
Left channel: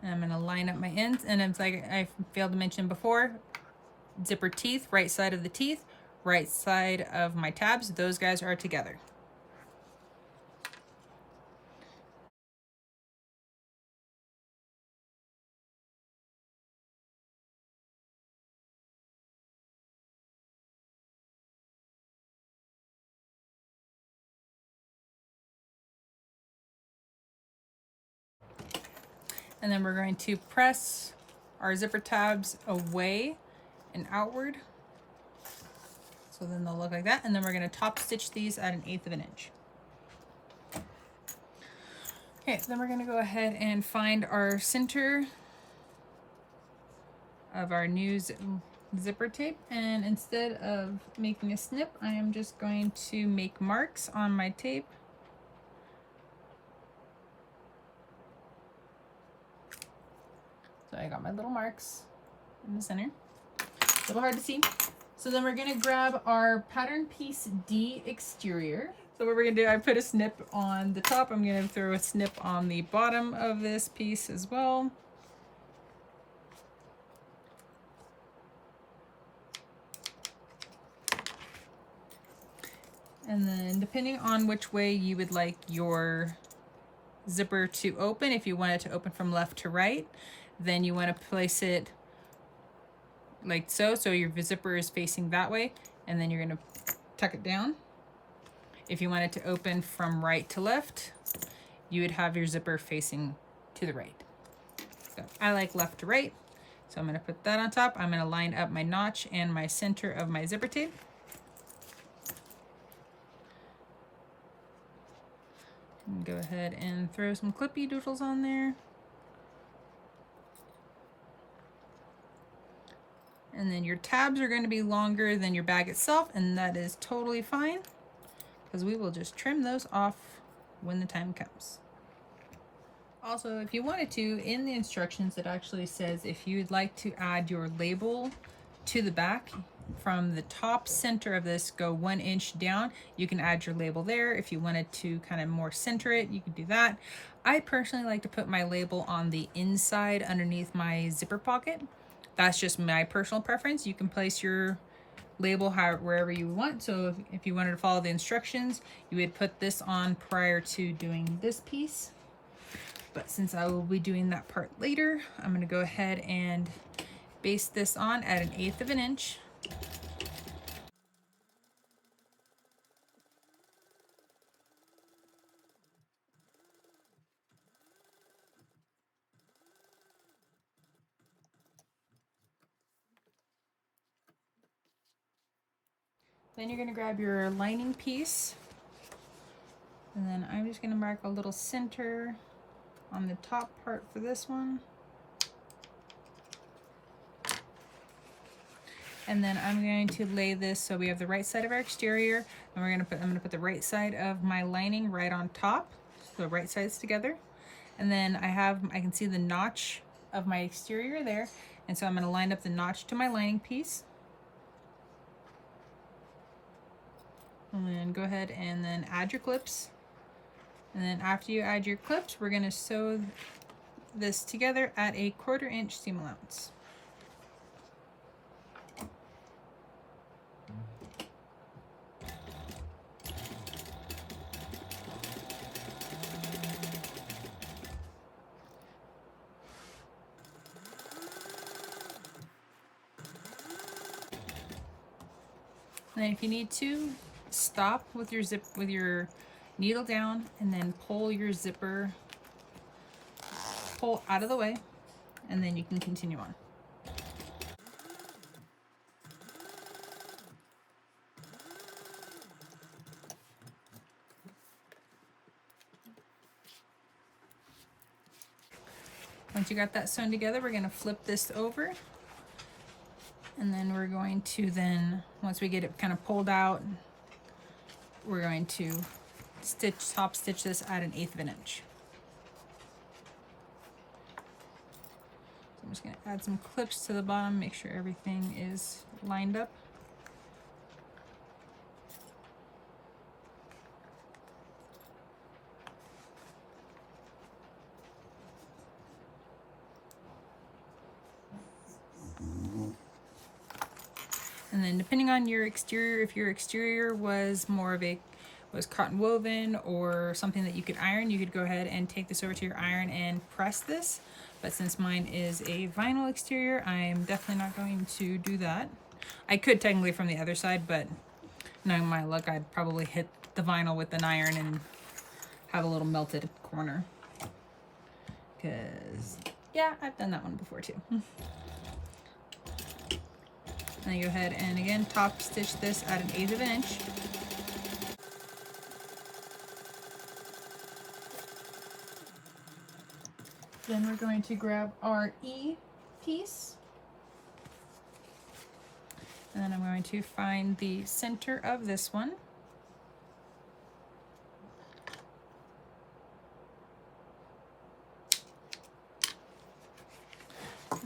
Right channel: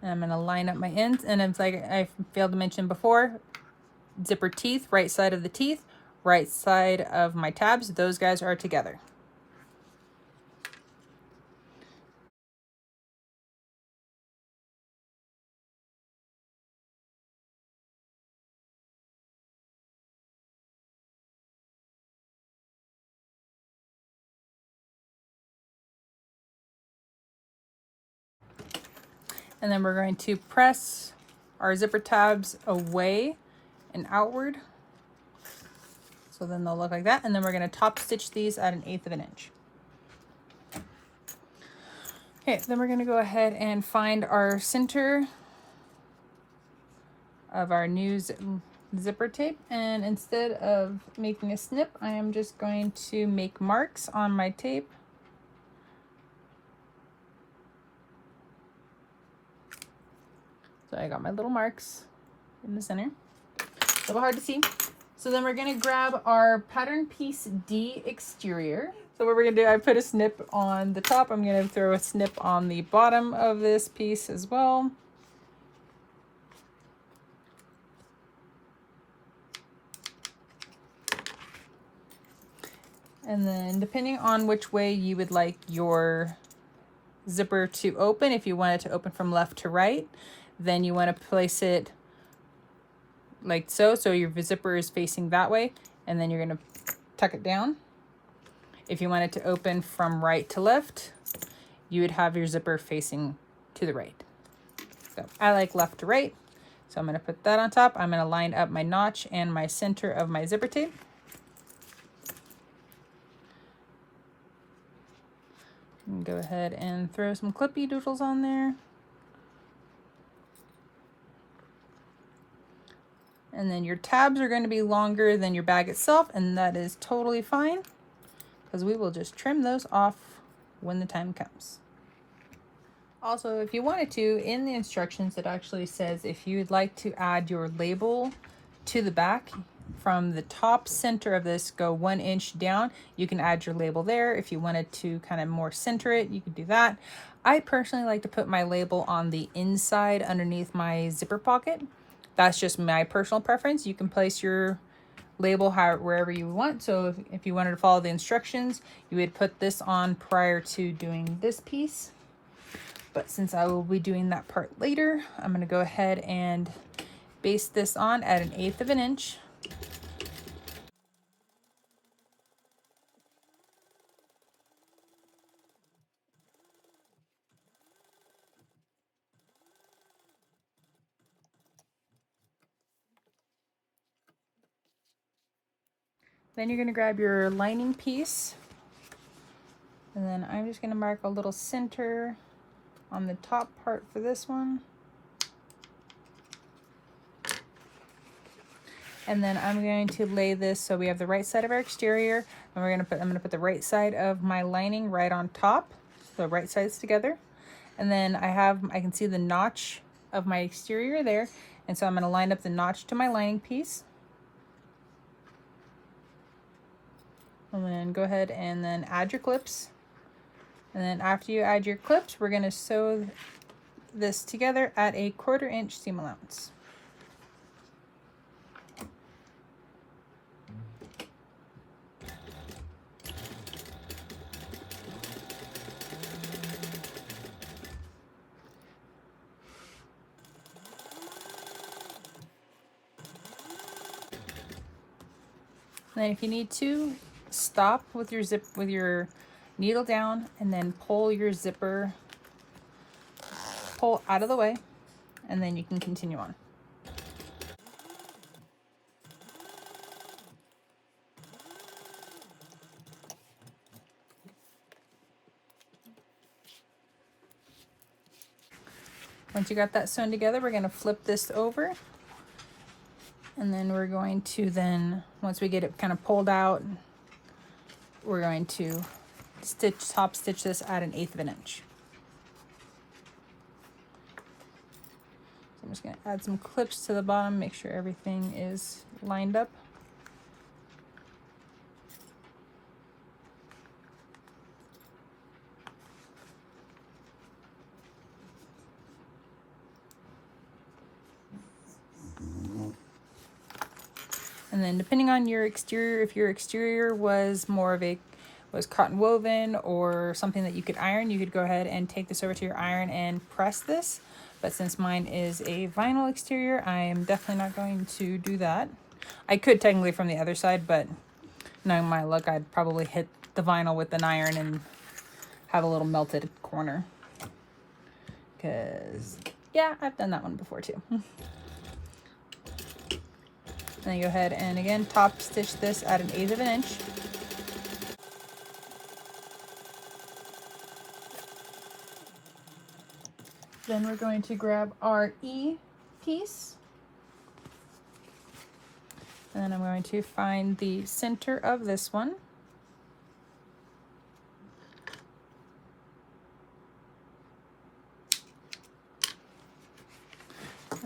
And I'm going to line up my ends. And it's like I failed to mention before, zipper teeth, right side of the teeth, right side of my tabs, those guys are together. And then we're going to press our zipper tabs away and outward. So then they'll look like that. And then we're going to top stitch these at 1/8 of an inch. Okay, then we're going to go ahead and find our center of our new zipper tape. And instead of making a snip, I am just going to make marks on my tape. So I got my little marks in the center. A little hard to see. So then we're gonna grab our pattern piece D exterior. So what we're gonna do, I put a snip on the top. I'm gonna throw a snip on the bottom of this piece as well. And then depending on which way you would like your zipper to open, if you want it to open from left to right, then you want to place it like so. So your zipper is facing that way, and then you're going to tuck it down. If you want it to open from right to left, you would have your zipper facing to the right. So I like left to right. So I'm going to put that on top. I'm going to line up my notch and my center of my zipper tape. And go ahead and throw some clippy doodles on there. And then your tabs are going to be longer than your bag itself, and that is totally fine because we will just trim those off when the time comes. Also, if you wanted to, in the instructions it actually says if you'd like to add your label to the back, from the top center of this, go 1 inch down, you can add your label there. If you wanted to kind of more center it, you could do that. I personally like to put my label on the inside underneath my zipper pocket. That's just my personal preference. You can place your label wherever you want. So if you wanted to follow the instructions, you would put this on prior to doing this piece. But since I will be doing that part later, I'm going to go ahead and baste this on at 1/8 of an inch. Then you're going to grab your lining piece, and then I'm just going to mark a little center on the top part for this one. And then I'm going to lay this so we have the right side of our exterior, and I'm going to put the right side of my lining right on top, so right sides together. And then I can see the notch of my exterior there, and so I'm going to line up the notch to my lining piece. And then go ahead and then add your clips. And then after you add your clips, we're going to sew this together at a 1/4 inch seam allowance. And then if you need to, stop with your needle down, and then pull your zipper out of the way, and then you can continue on. Once you got that sewn together, we're going to flip this over, and then we're going to once we get it kind of pulled out, we're going to top stitch this at 1/8 of an inch. So I'm just going to add some clips to the bottom, make sure everything is lined up. And then depending on your exterior, if your exterior was cotton woven or something that you could iron, you could go ahead and take this over to your iron and press this. But since mine is a vinyl exterior, I'm definitely not going to do that. I could technically from the other side, but knowing my luck, I'd probably hit the vinyl with an iron and have a little melted corner. Because, yeah, I've done that one before too. Then you go ahead and again top stitch this at 1/8 of an inch. Then we're going to grab our E piece, and I'm going to find the center of this one.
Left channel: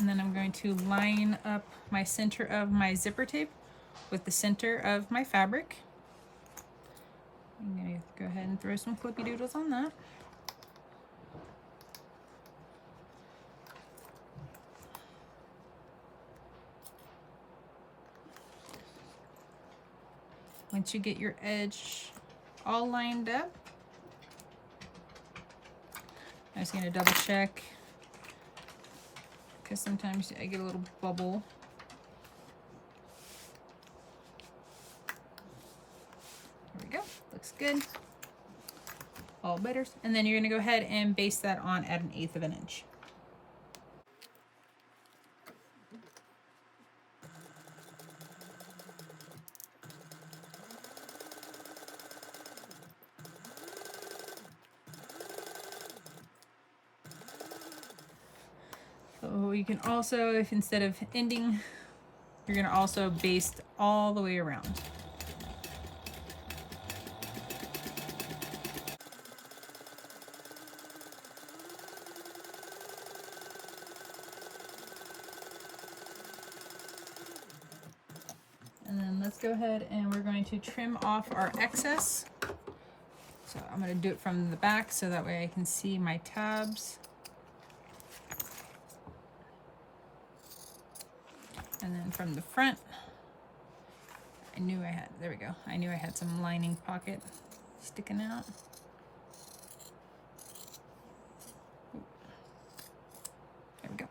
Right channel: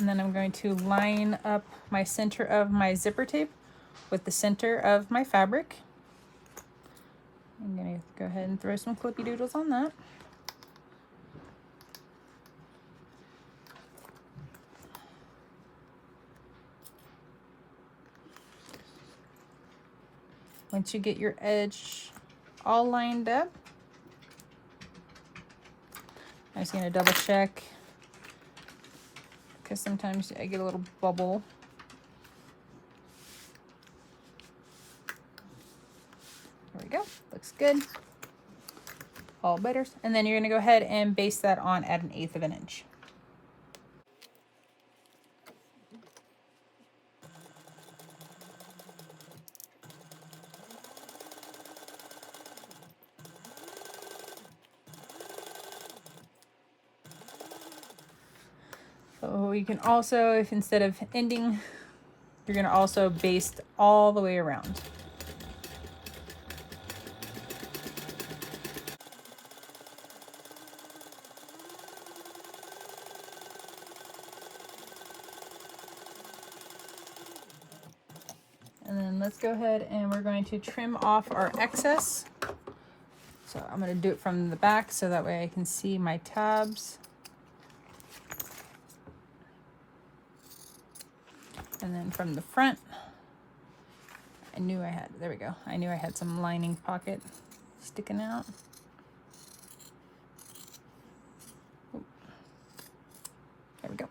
And then I'm going to line up my center of my zipper tape with the center of my fabric. I'm going to go ahead and throw some clippy doodles on that. Once you get your edge all lined up, I'm just going to double check because sometimes I get a little bubble. There we go, looks good. All better. And then you're going to go ahead and baste that on at 1/8 of an inch. So you can also, if instead of ending, you're going to also baste all the way around. And then let's go ahead and we're going to trim off our excess. So I'm going to do it from the back so that way I can see my tabs. And then from the front, I knew I had, there we go. I knew I had some lining pocket sticking out. There we go.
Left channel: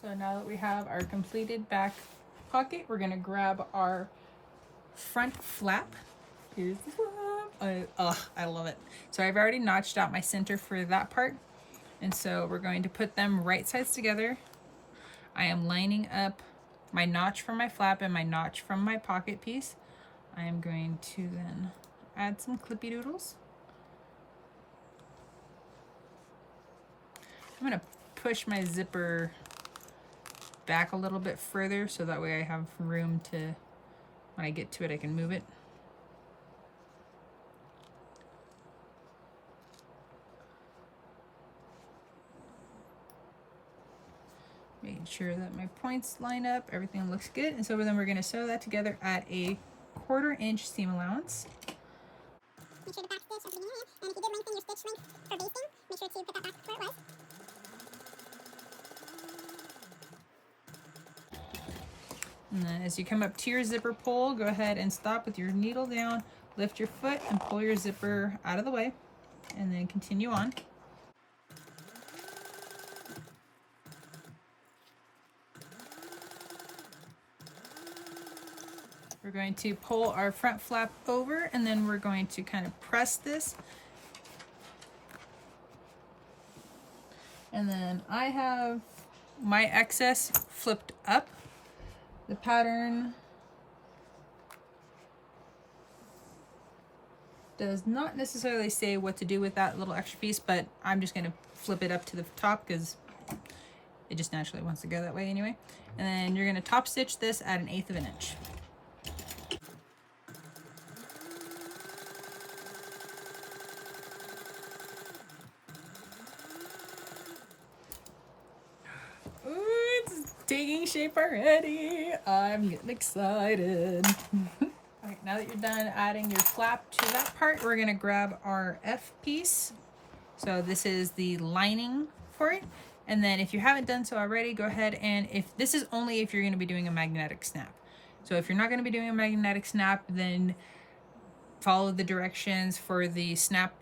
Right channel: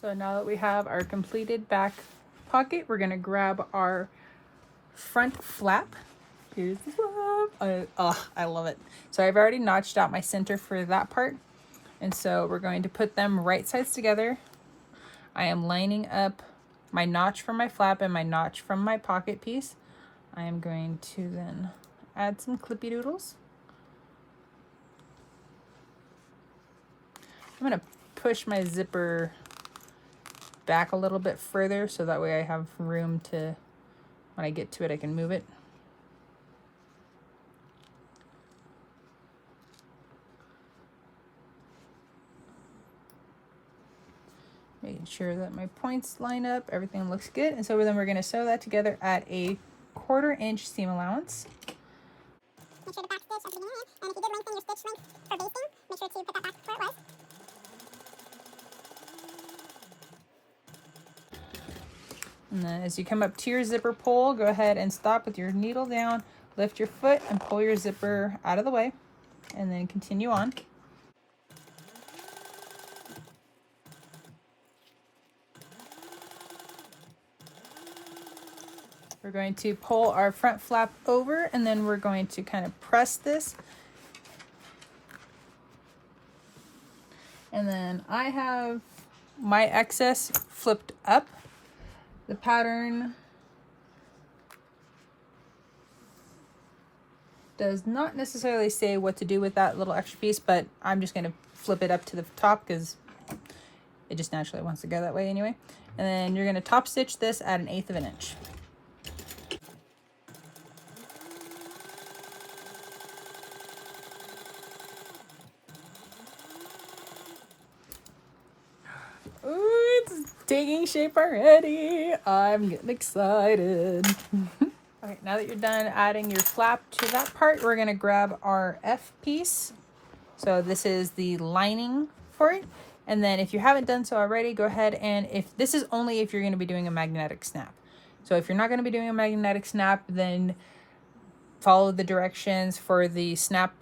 So now that we have our completed back pocket, we're gonna grab our front flap. Here's the flap. I love it. So I've already notched out my center for that part. And so we're going to put them right sides together. I am lining up my notch from my flap and my notch from my pocket piece. I am going to then add some clippy doodles. I'm gonna push my zipper back a little bit further so that way I have room to, when I get to it, I can move it. Making sure that my points line up, everything looks good. And so then we're going to sew that together at a 1/4 inch seam allowance. Make sure to back stitch at the beginning, and if you did lengthen your stitch length for basting, make sure to put that back where it was. And then as you come up to your zipper pull, go ahead and stop with your needle down, lift your foot and pull your zipper out of the way, and then continue on. We're going to pull our front flap over, and then we're going to kind of press this. And then I have my excess flipped up. The pattern does not necessarily say what to do with that little extra piece, but I'm just going to flip it up to the top because it just naturally wants to go that way anyway. And then you're going to top stitch this at 1/8 of an inch. Ooh, it's taking shape already. I'm getting excited. All right, now that you're done adding your flap to that part, we're gonna grab our F piece. So this is the lining for it. And then if you haven't done so already, go ahead and this is only if you're gonna be doing a magnetic snap. So if you're not gonna be doing a magnetic snap, then follow the directions for the snap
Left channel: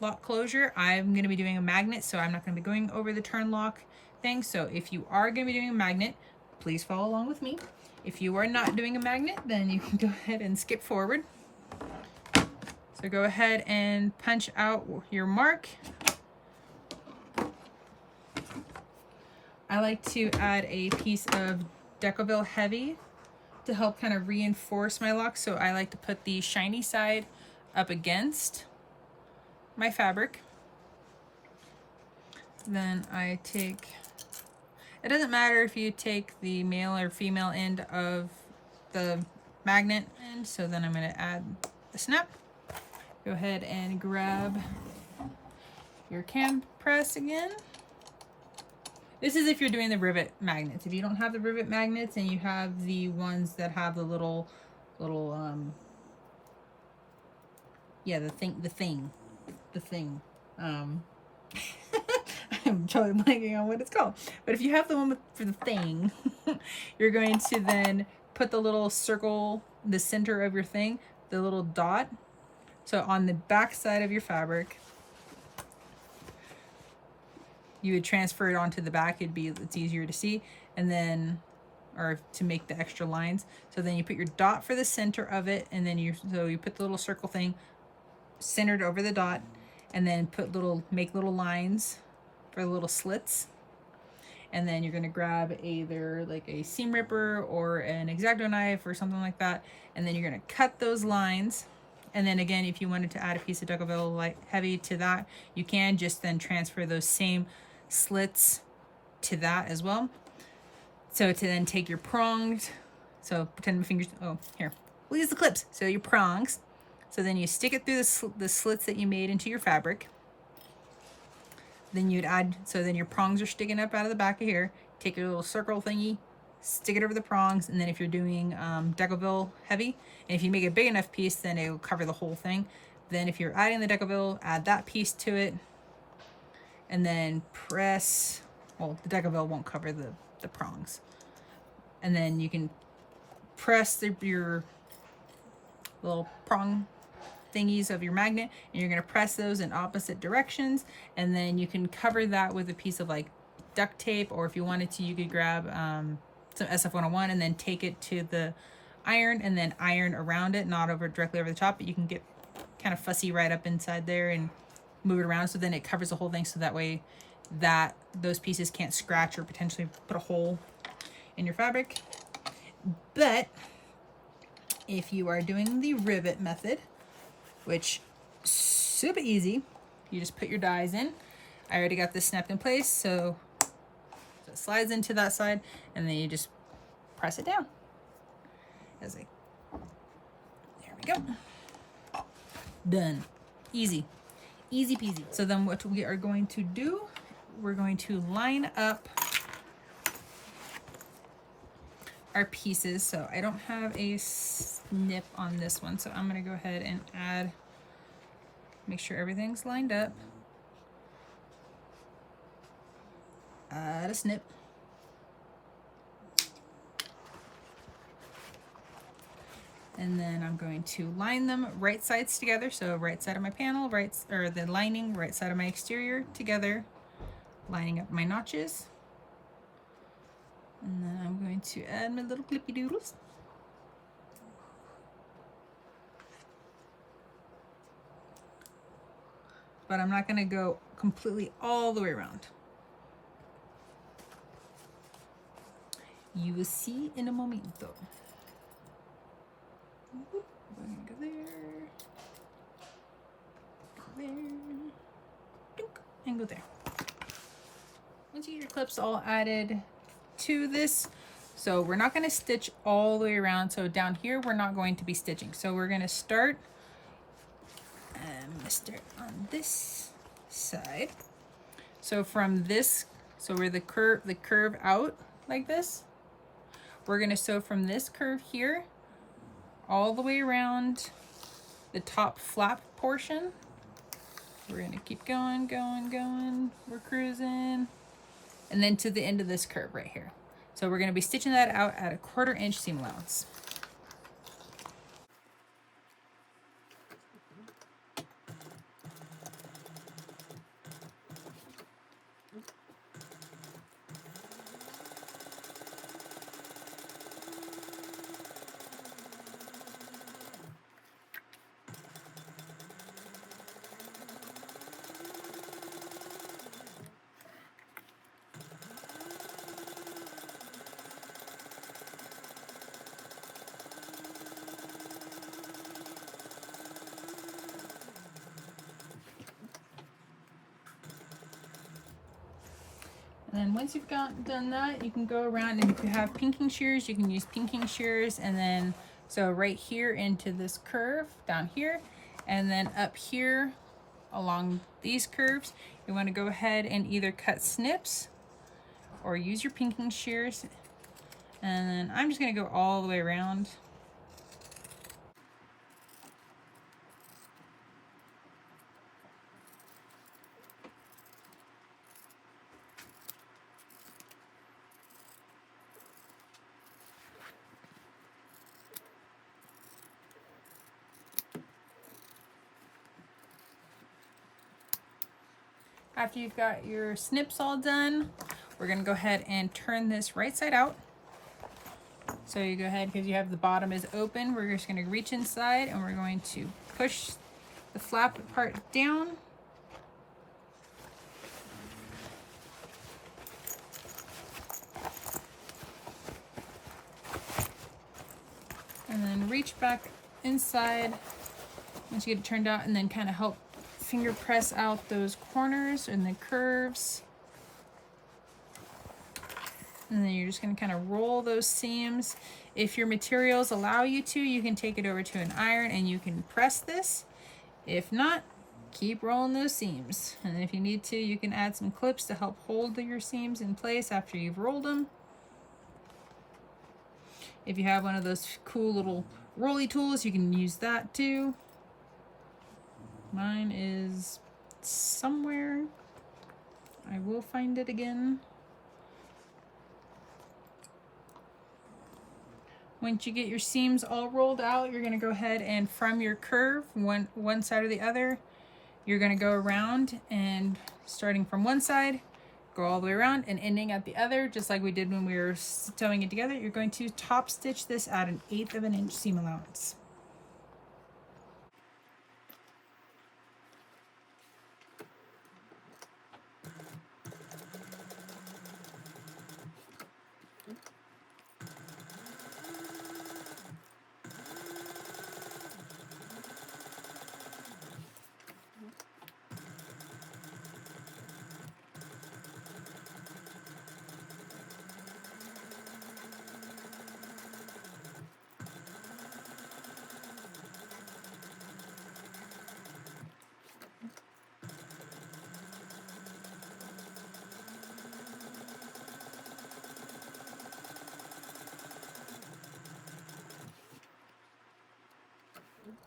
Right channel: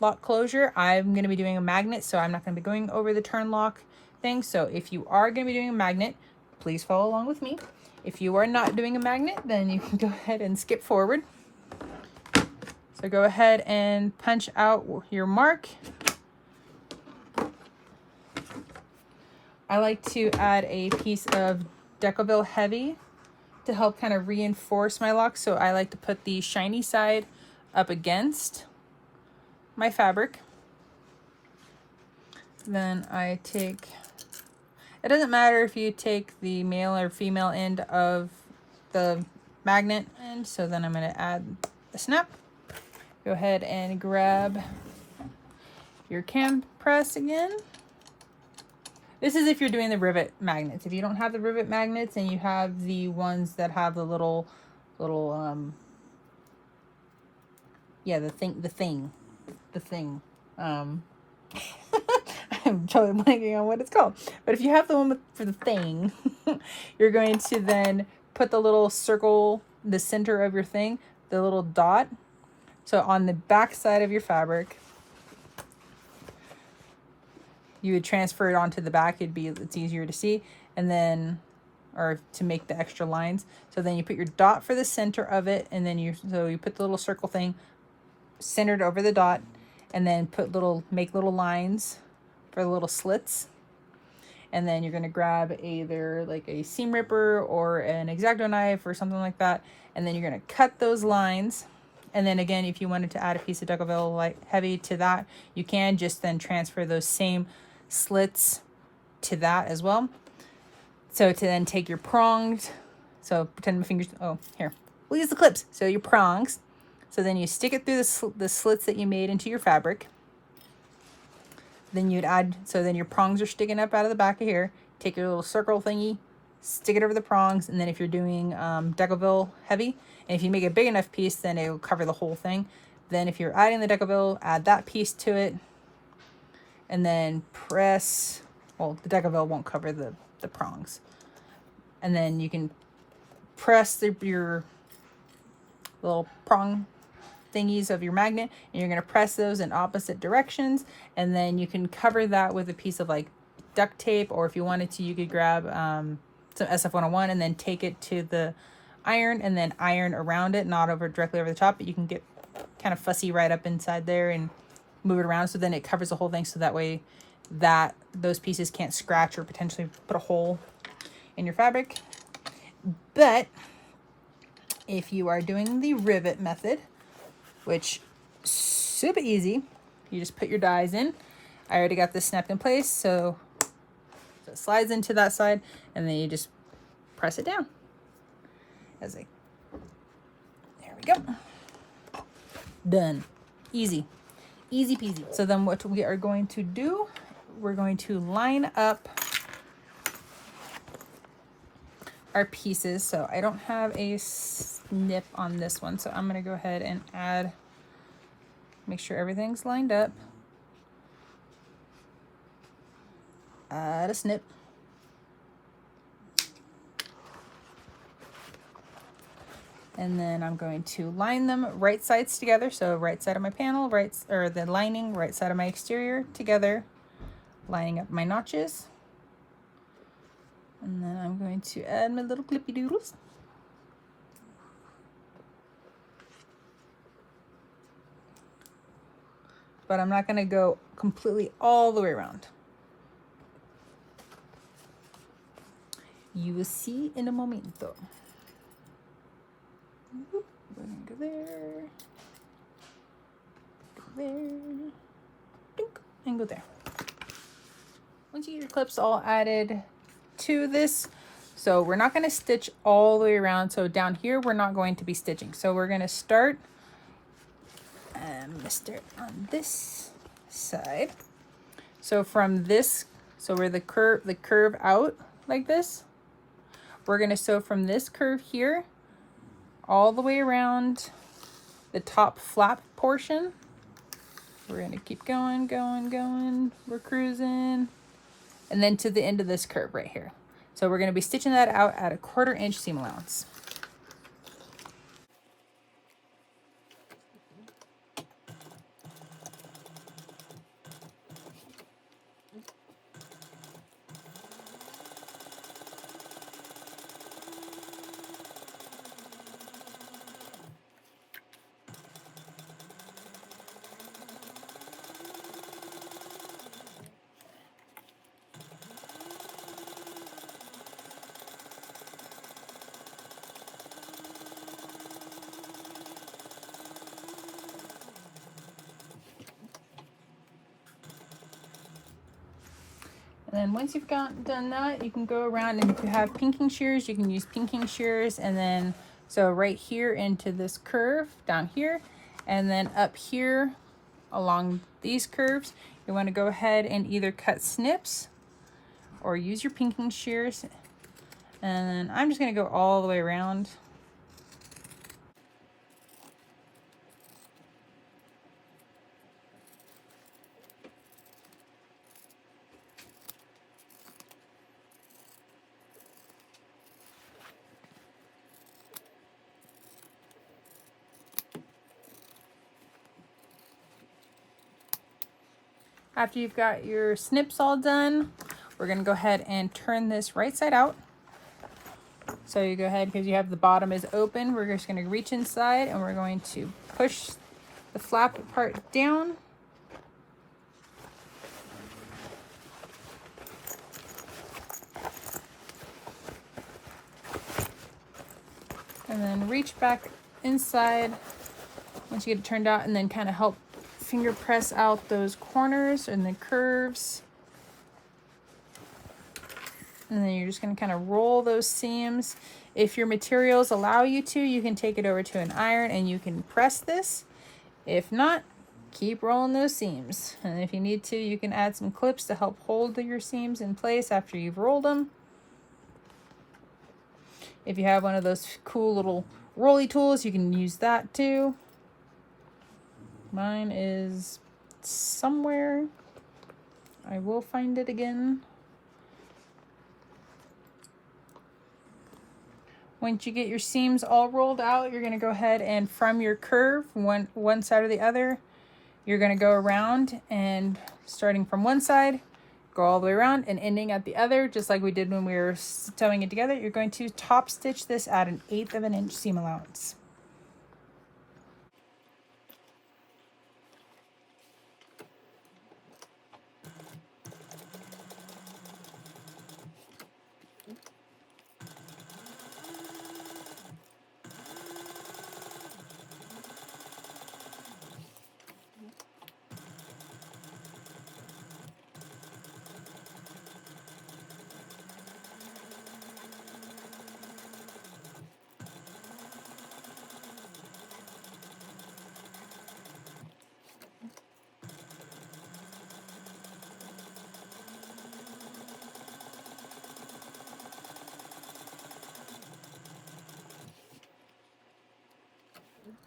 lock closure. I'm gonna be doing a magnet, so I'm not gonna be going over the turn lock thing. So if you are going to be doing a magnet, please follow along with me. If you are not doing a magnet, then you can go ahead and skip forward. So go ahead and punch out your mark. I like to add a piece of Decoville Heavy to help kind of reinforce my lock. So I like to put the shiny side up against my fabric. Then I take, it doesn't matter if you take the male or female end of the magnet end. So then I'm going to add the snap. Go ahead and grab your cam press again. This is if you're doing the rivet magnets. If you don't have the rivet magnets and you have the ones that have the little yeah, the thing. I'm totally blanking on what it's called. But if you have the one for the thing, you're going to then put the little circle, the center of your thing, the little dot. So on the back side of your fabric, you would transfer it onto the back. It's easier to see, and then, or to make the extra lines. So then you put your dot for the center of it, and then you put the little circle thing centered over the dot, and then make little lines for the little slits. And then you're gonna grab either like a seam ripper or an X-Acto knife or something like that, and then you're gonna cut those lines. And then again, if you wanted to add a piece of Decoville light heavy to that, you can just then transfer those same slits to that as well. So to then take your prongs, so pretend my fingers, oh, here, we'll use the clips. So your prongs, so then you stick it through the slits that you made into your fabric. Then you'd add, so then your prongs are sticking up out of the back of here. Take your little circle thingy, stick it over the prongs, and then if you're doing Decoville heavy, and if you make a big enough piece, then it will cover the whole thing. Then if you're adding the Decoville, add that piece to it, and then press, well, the Decoville won't cover the prongs. And then you can press your little prong thingies of your magnet, and you're going to press those in opposite directions, and then you can cover that with a piece of like duct tape, or if you wanted to, you could grab some SF101 and then take it to the iron and then iron around it, not directly over the top, but you can get kind of fussy right up inside there and move it around, so then it covers the whole thing, so that way that those pieces can't scratch or potentially put a hole in your fabric. But if you are doing the rivet method, which super easy, you just put your dies in. I already got this snapped in place, so it slides into that side, and then you just press it down. There we go. Done. Easy peasy. So then what we are going to do, we're going to line up our pieces. So I don't have a snip on this one, so I'm going to go ahead and make sure everything's lined up. Add a snip. And then I'm going to line them right sides together. So right side of my panel, the lining, right side of my exterior together, lining up my notches. And then I'm going to add my little clippy doodles. But I'm not going to go completely all the way around. You will see in a momento. We're gonna go there, and go there. Once you get your clips all added to this, so we're not going to stitch all the way around. So down here, we're not going to be stitching. So we're going to start, I'm going to start on this side. So from this, so where the curve out like this, we're going to sew from this curve here all the way around the top flap portion. We're going to keep going. We're cruising. And then to the end of this curve right here. So we're going to be stitching that out at 1/4 inch seam allowance. And then once you've done that, you can go around, and if you have pinking shears, you can use pinking shears. And then, so right here into this curve down here, and then up here along these curves, you want to go ahead and either cut snips or use your pinking shears. And then I'm just going to go all the way around. After you've got your snips all done, we're going to go ahead and turn this right side out. So you go ahead, because you have the bottom is open, we're just going to reach inside and we're going to push the flap part down. And then reach back inside once you get it turned out, and then kind of help finger press out those corners and the curves. And then you're just going to kind of roll those seams. If your materials allow you to, you can take it over to an iron and you can press this. If not, keep rolling those seams. And if you need to, you can add some clips to help hold your seams in place after you've rolled them. If you have one of those cool little rolly tools, you can use that too. Mine is somewhere. I will find it again. Once you get your seams all rolled out, you're going to go ahead and from your curve, one side or the other, you're going to go around and starting from one side, go all the way around and ending at the other, just like we did when we were sewing it together. You're going to top stitch this at 1/8 of an inch seam allowance.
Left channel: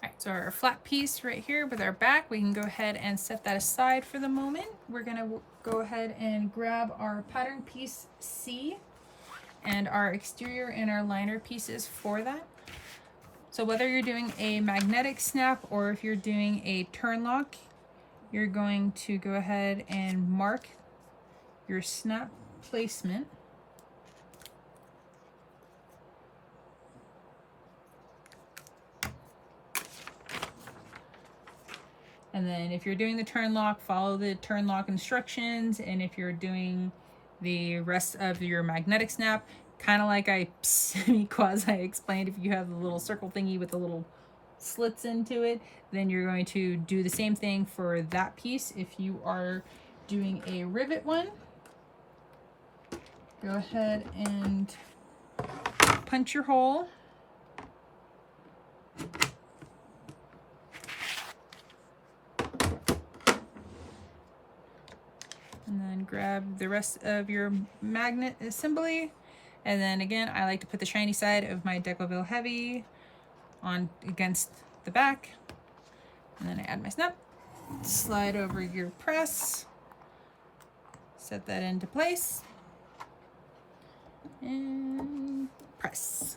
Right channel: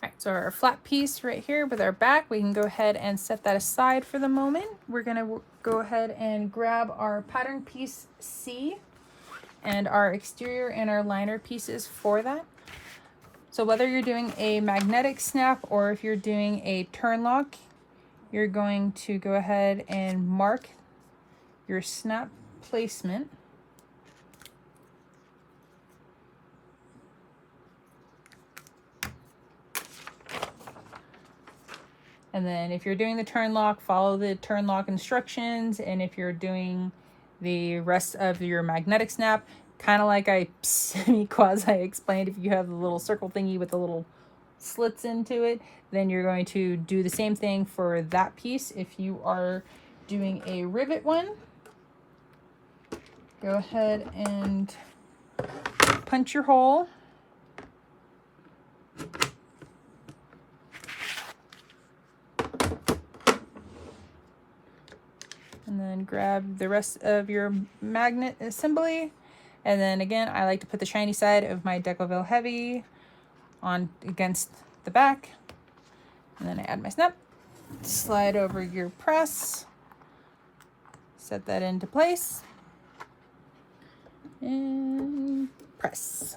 Alright, so our flat piece right here with our back, we can go ahead and set that aside for the moment. We're going to go ahead and grab our pattern piece C and our exterior and our liner pieces for that. So whether you're doing a magnetic snap or if you're doing a turn lock, you're going to go ahead and mark your snap placement. And then if you're doing the turn lock, follow the turn lock instructions. And if you're doing the rest of your magnetic snap, kind of like I quasi explained, if you have the little circle thingy with the little slits into it, then you're going to do the same thing for that piece. If you are doing a rivet one, go ahead and punch your hole. And then grab the rest of your magnet assembly. And then again, I like to put the shiny side of my Decoville Heavy on against the back. And then I add my snap, slide over your press, set that into place, and press.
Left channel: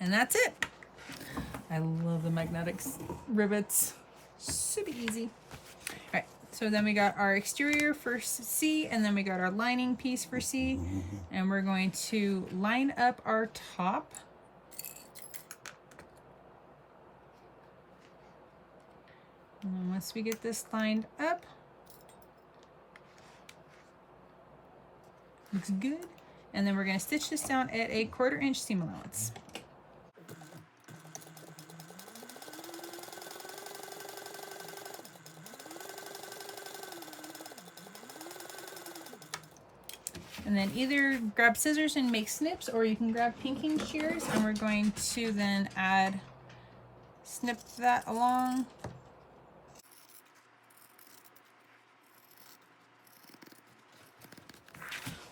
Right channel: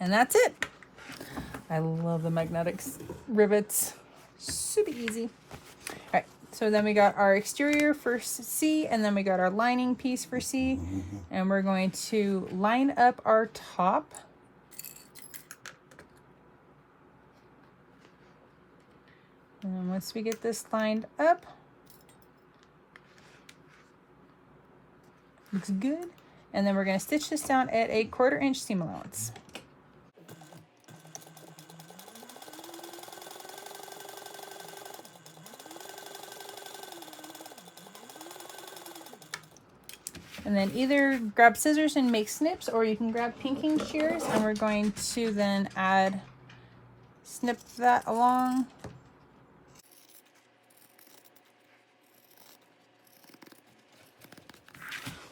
And that's it. I love the magnetics rivets. Super easy. All right, so then we got our exterior for C, and then we got our lining piece for C, and we're going to line up our top. And once we get this lined up, looks good. And then we're going to stitch this down at 1/4 inch seam allowance. And then either grab scissors and make snips, or you can grab pinking shears, and we're going to then add snip that along.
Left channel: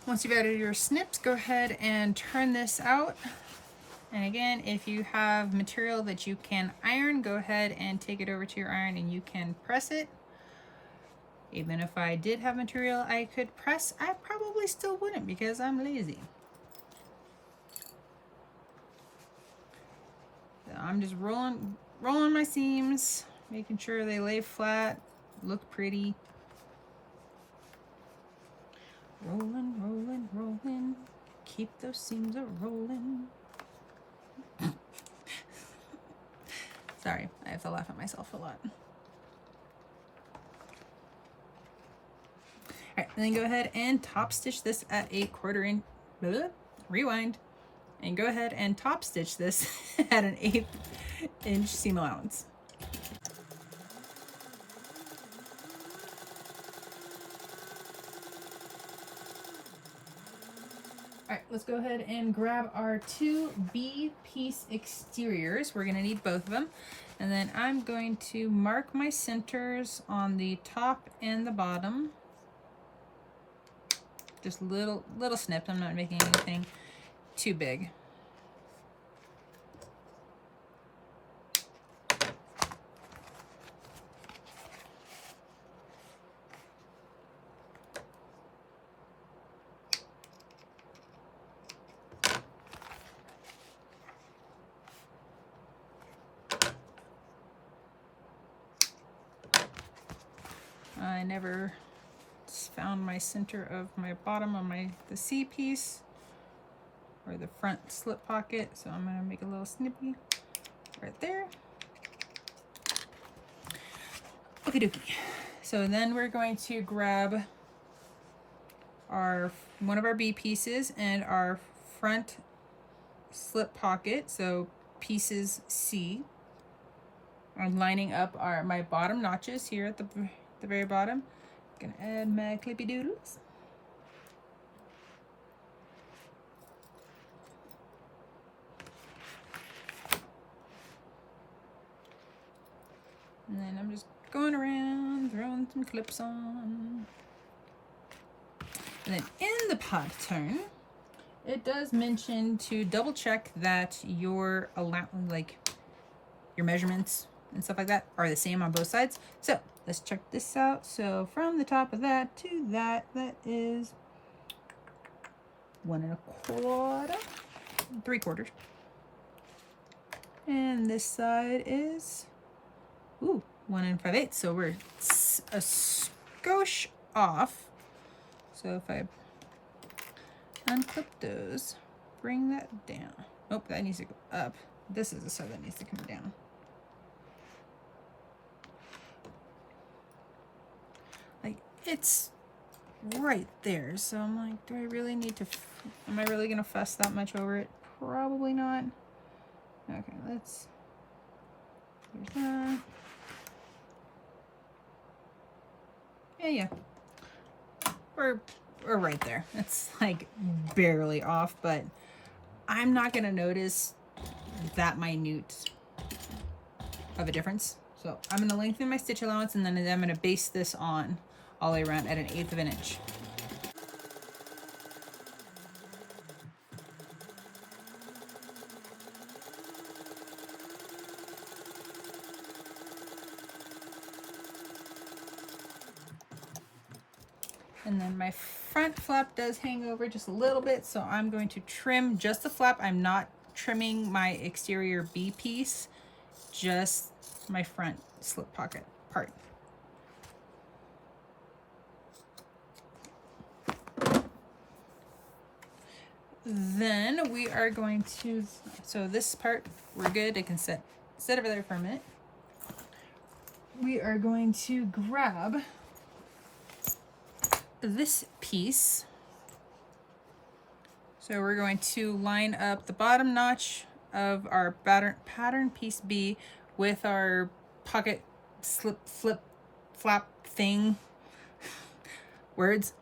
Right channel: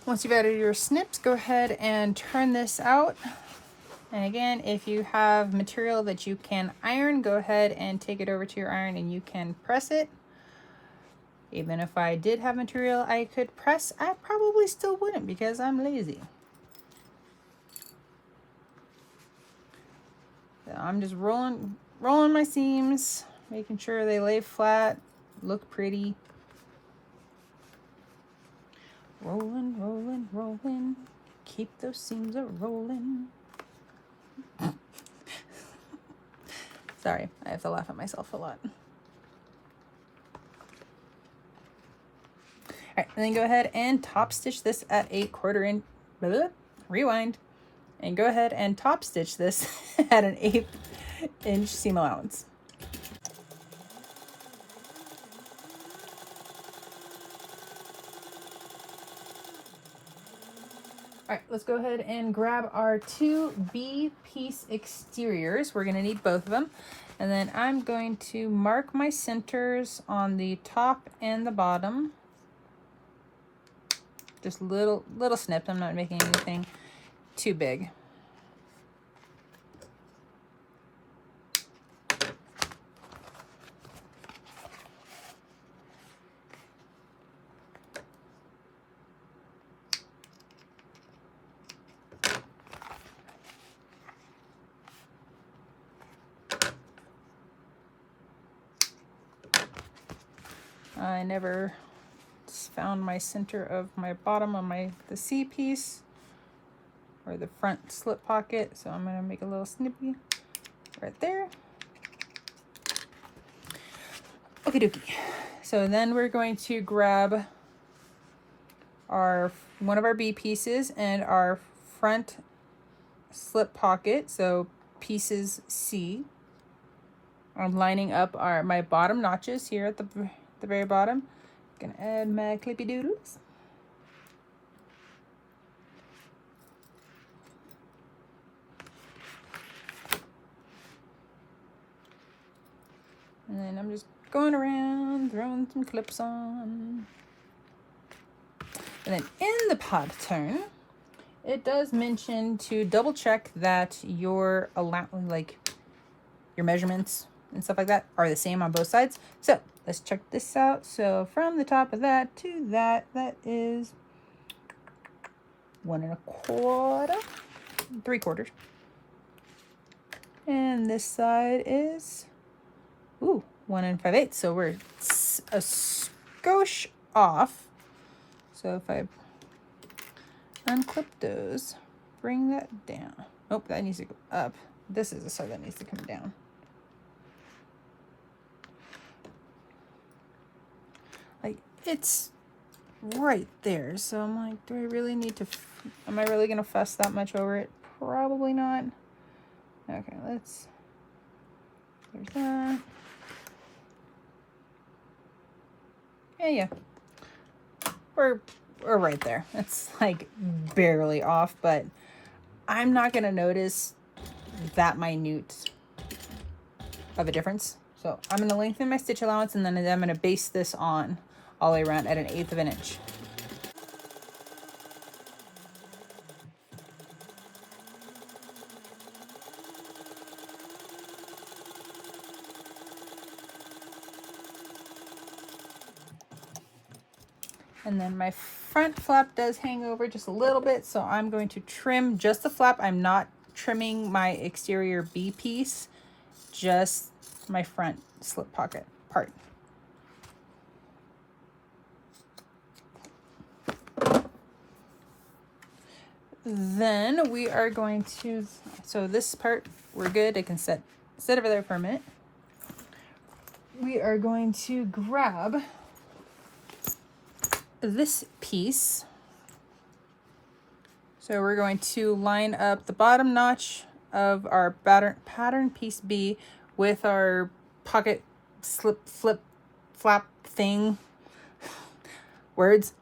Once you've added your snips, go ahead and turn this out. And again, if you have material that you can iron, go ahead and take it over to your iron and you can press it. Even if I did have material I could press, I probably still wouldn't because I'm lazy. So I'm just rolling my seams, making sure they lay flat, look pretty. Rolling, rolling, rolling. Keep those seams a-rolling. Sorry, I have to laugh at myself a lot. Alright, and then go ahead and top stitch this at a 1/4 inch. Rewind. And go ahead and top stitch this at an 1/8 inch seam allowance. All right, let's go ahead and grab our 2 B piece exteriors. We're gonna need both of them. And then I'm going to mark my centers on the top and the bottom. Just little snips. I'm not making anything too big. I never found my center of my bottom on the C piece or the front slip pocket, so I'm going to make a little snippy right there. Okie dokie. So then we're going to grab one of our B pieces and our front slip pocket, so pieces C. I'm lining up my bottom notches here at the very bottom. Gonna add my clippy doodles. And then I'm just going around, throwing some clips on. And then in the pattern, it does mention to double check that your measurements and stuff like that are the same on both sides. So let's check this out. So from the top of that to that is 1 1/4, 3/4. And this side is 1 5/8. So we're a skosh off. So if I unclip those, bring that down. Oh, that needs to go up. This is the side that needs to come down. Like, it's right there. So I'm like, do I really need to, am I really gonna fuss that much over it? Probably not. Okay, there's that. Yeah. We're right there. It's like barely off, but I'm not gonna notice that minute of a difference. So I'm gonna lengthen my stitch allowance and then I'm gonna base this on all the way around at an 1/8 of an inch. And then my front flap does hang over just a little bit, so I'm going to trim just the flap. I'm not trimming my exterior B piece, just my front slip pocket part. Then we are going to, so this part, we're good. I can sit over there for a minute. We are going to grab this piece. So we're going to line up the bottom notch of our pattern piece B with our pocket flap thing. Words.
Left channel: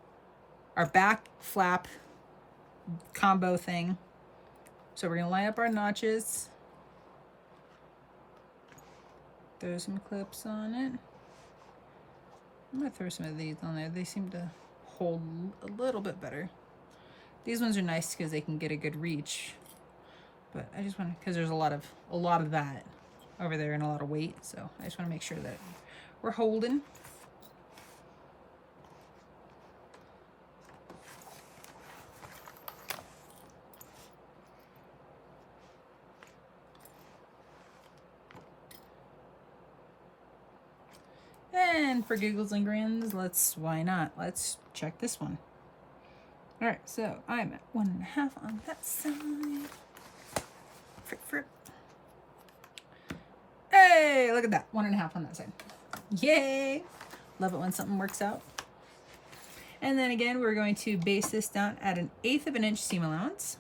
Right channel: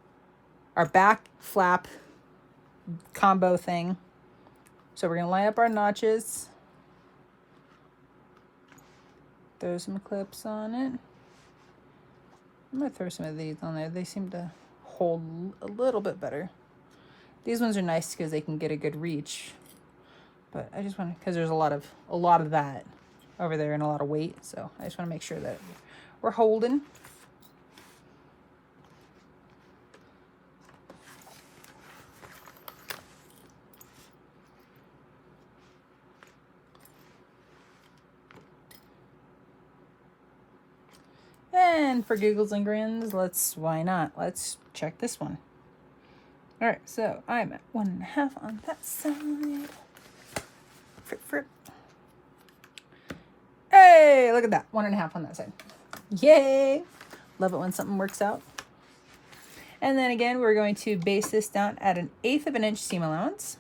Our back flap combo thing. So we're going to line up our notches. throw some clips on it. I'm gonna throw some of these on there. They seem to hold a little bit better. These ones are nice because they can get a good reach. But I just want to, because there's a lot of that over there and a lot of weight. So I just want to make sure that we're holding. And for giggles and grins, why not? Let's check this one. All right, so I'm at 1.5 on that side. Frick. Hey, look at that, 1.5 on that side. Yay! Love it when something works out. And then again, we're going to base this down at 1/8 of an inch seam allowance.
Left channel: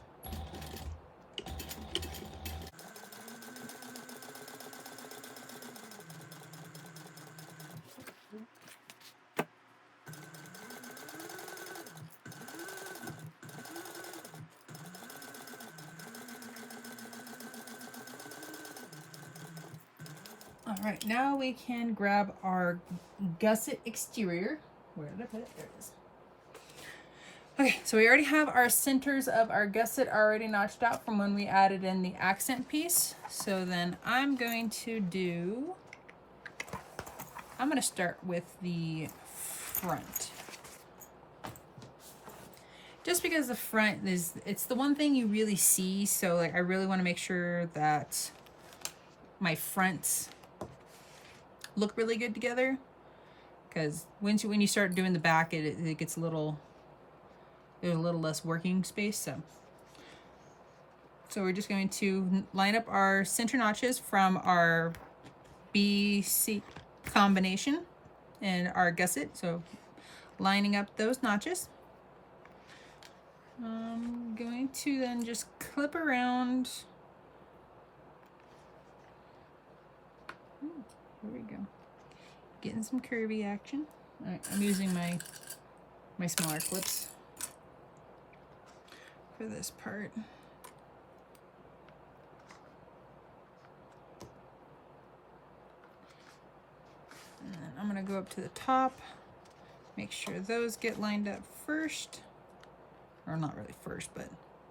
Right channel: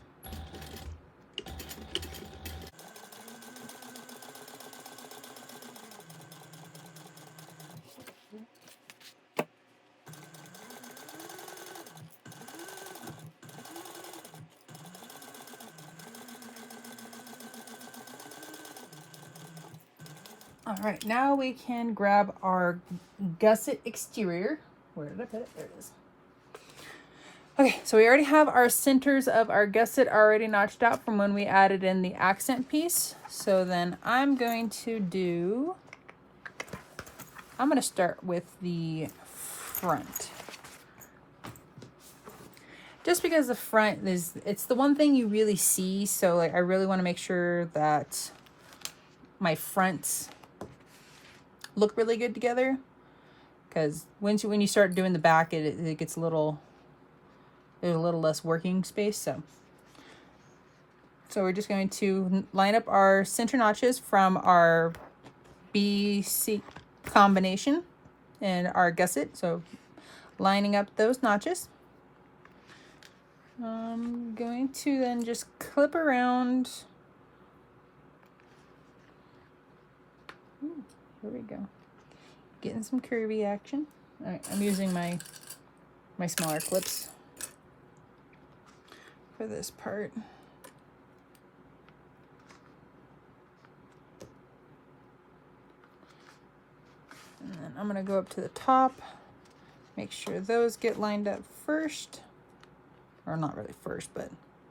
All right, now we can grab our gusset exterior. Where did I put it? There it is. Okay, so we already have our centers of our gusset already notched out from when we added in the accent piece. So then I'm going to start with the front. Just because the front it's the one thing you really see. So like I really want to make sure that my fronts look really good together, because when you start doing the back, it gets there's a little less working space. So we're just going to line up our center notches from our BC combination and our gusset. So lining up those notches. I'm going to then just clip around. Here we go. Getting some curvy action. All right, I'm using my smaller clips for this part. And then I'm gonna go up to the top, make sure those get lined up first. Or not really first, but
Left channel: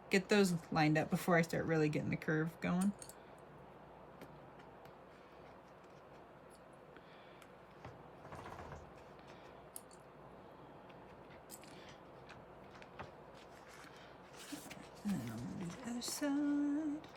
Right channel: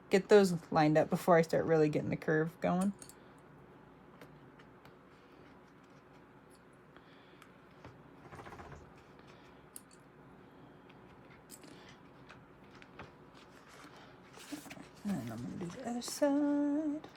get those lined up before I start really getting the curve going. And then I'm gonna do the other side.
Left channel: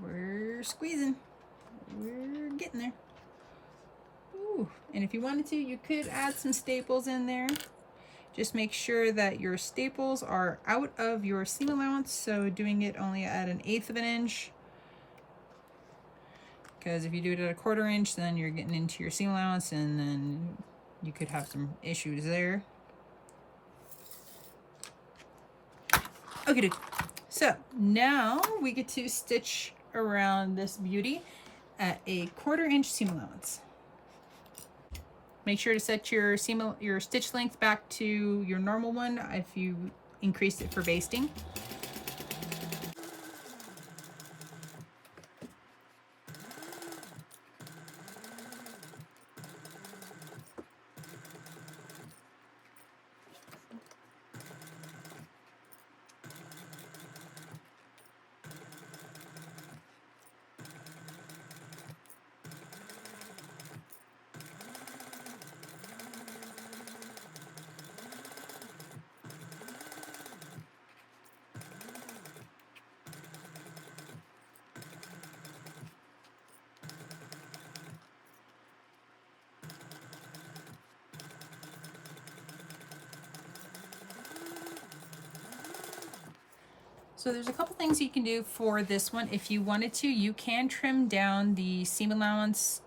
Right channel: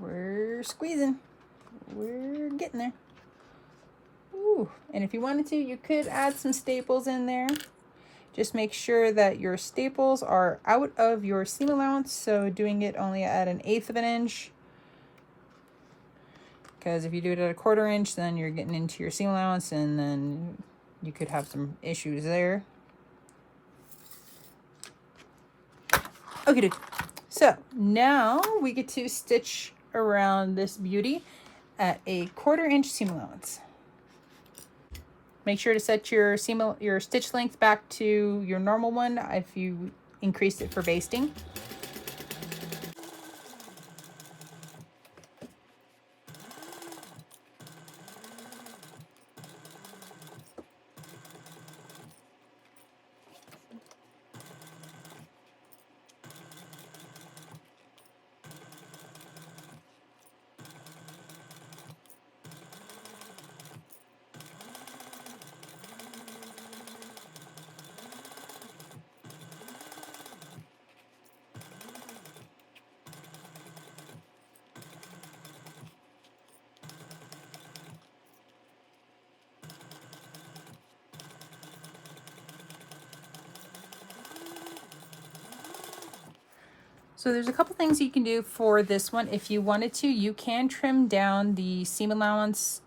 We're squeezing. We're getting there. Ooh. And if you wanted to, you could add some staples in there. Just make sure that your staples are out of your seam allowance. So doing it only at 1/8 of an inch. Because if you do it at 1/4 inch, then you're getting into your seam allowance and then you could have some issues there. Okay, so now we get to stitch around this beauty at 1/4 inch seam allowance. Make sure to set your stitch length back to your normal one if you increased it for basting. So there's a couple things you can do for this one. If you wanted to, you can trim down the seam allowance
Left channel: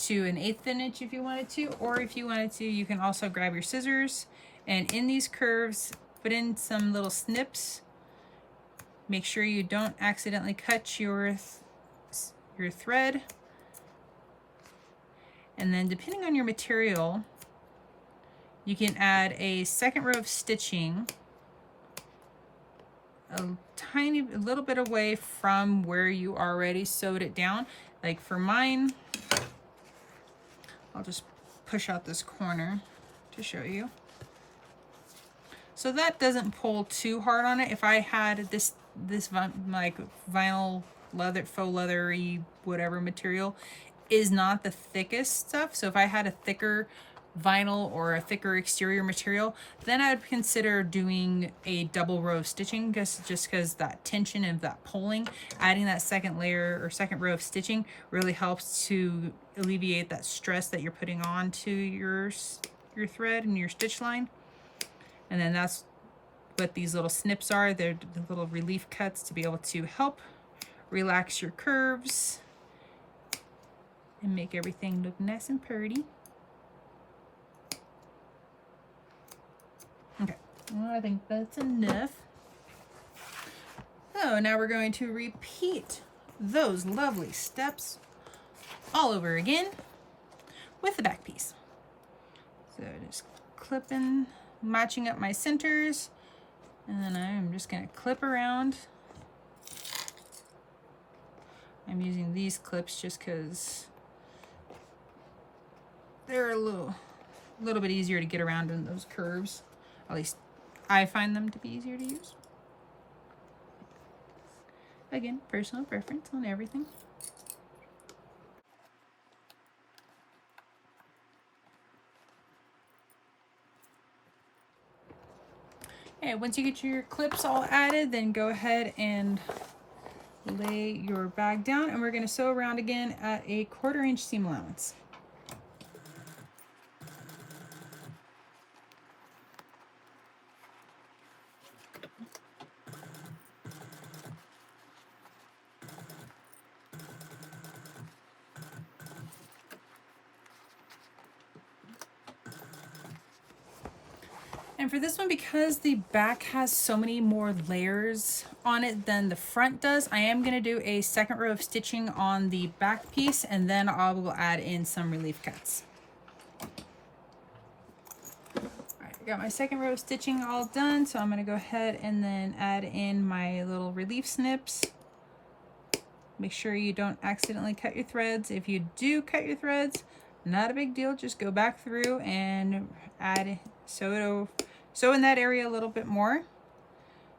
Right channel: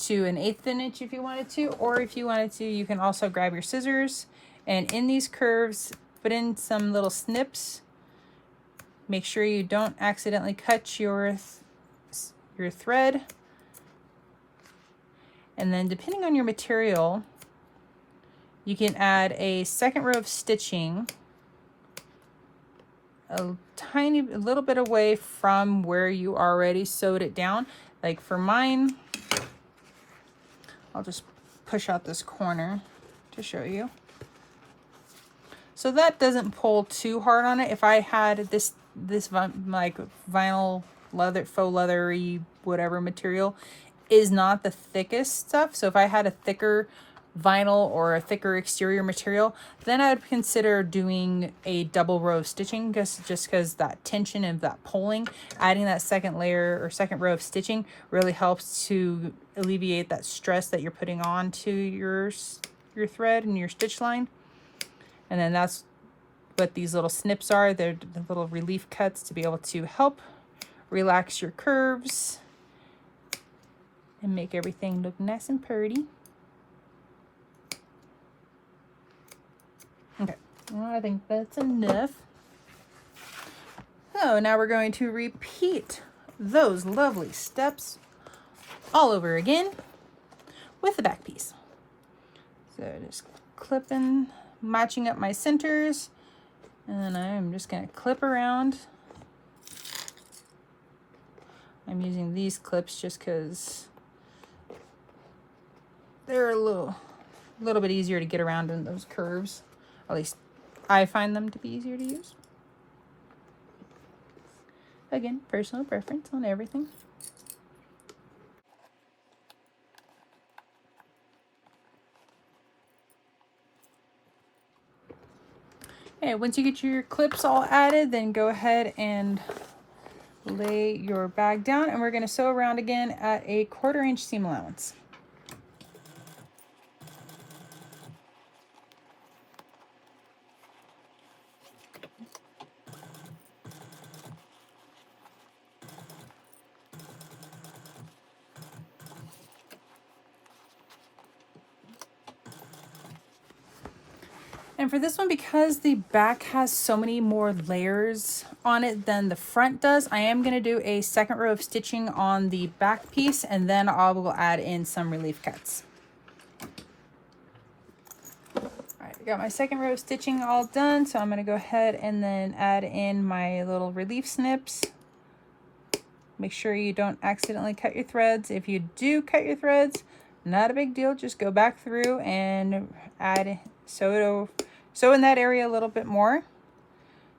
to 1/8 of an inch if you wanted to, or if you wanted to, you can also grab your scissors and in these curves, put in some little snips. Make sure you don't accidentally cut your thread. And then depending on your material, you can add a second row of stitching a little bit away from where you already sewed it down. Like for mine, I'll just push out this corner to show you. So that doesn't pull too hard on it. If I had this like vinyl leather, faux leathery, whatever material is not the thickest stuff. So if I had a thicker vinyl or a thicker exterior material, then I'd consider doing a double row of stitching, just because that tension and that pulling, adding that second layer or second row of stitching really helps to alleviate that stress that you're putting onto your thread and your stitch line. And then that's what these little snips are. They're the little relief cuts to be able to help relax your curves and make everything look nice and pretty. Okay, well, I think that's enough. So now we're going to repeat those lovely steps all over again with the back piece. So just clipping, matching up my centers, and then I'm just going to clip around. I'm using these clips just because they're a little bit easier to get around in those curves. At least I find them to be easier to use. Again, personal preference on everything. Okay, once you get your clips all added, then go ahead and lay your bag down, and we're going to sew around again at a 1/4 inch seam allowance. And for this one, because the back has so many more layers on it than the front does, I am going to do a second row of stitching on the back piece, and then I will add in some relief cuts. All right, I got my second row of stitching all done, so I'm going to go ahead and then add in my little relief snips. Make sure you don't accidentally cut your threads. If you do cut your threads, not a big deal. Just go back through and sew in that area a little bit more,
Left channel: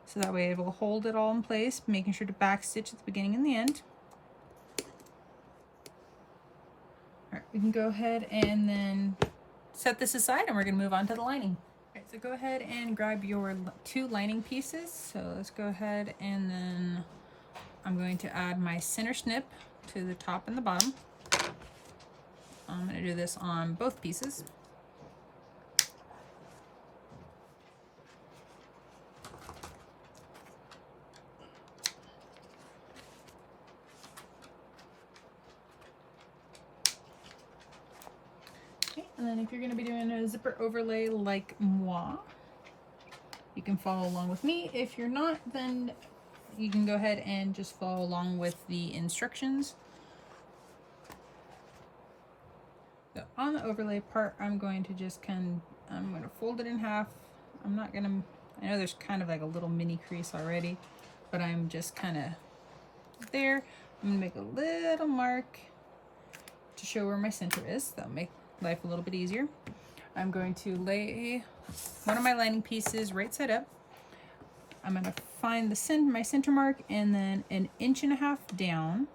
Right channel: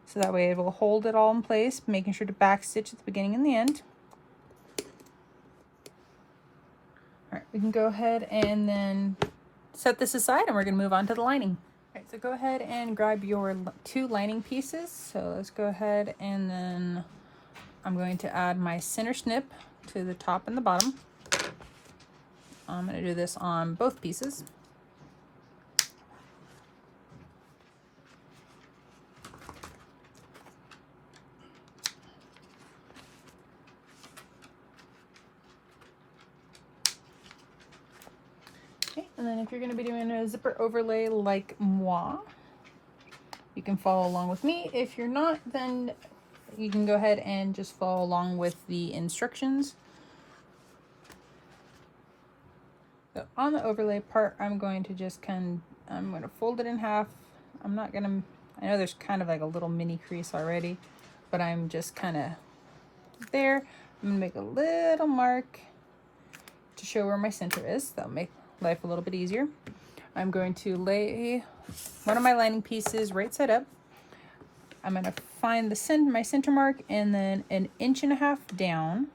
so that way it will hold it all in place, making sure to back stitch at the beginning and the end. All right, we can go ahead and then set this aside, and we're going to move on to the lining. All right, so go ahead and grab your 2 lining pieces. So let's go ahead, and then I'm going to add my center snip to the top and the bottom. I'm going to do this on both pieces. Okay, and then if you're going to be doing a zipper overlay like moi, you can follow along with me. If you're not, then you can go ahead and just follow along with the instructions. So on the overlay part, I'm going to just I'm going to fold it in half. I know there's kind of like a little mini crease already, but I'm just kind of there. I'm going to make a little mark to show where my center is. That'll make life a little bit easier. I'm going to lay one of my lining pieces right side up. I'm going to find my center mark, and then 1.5 inches down.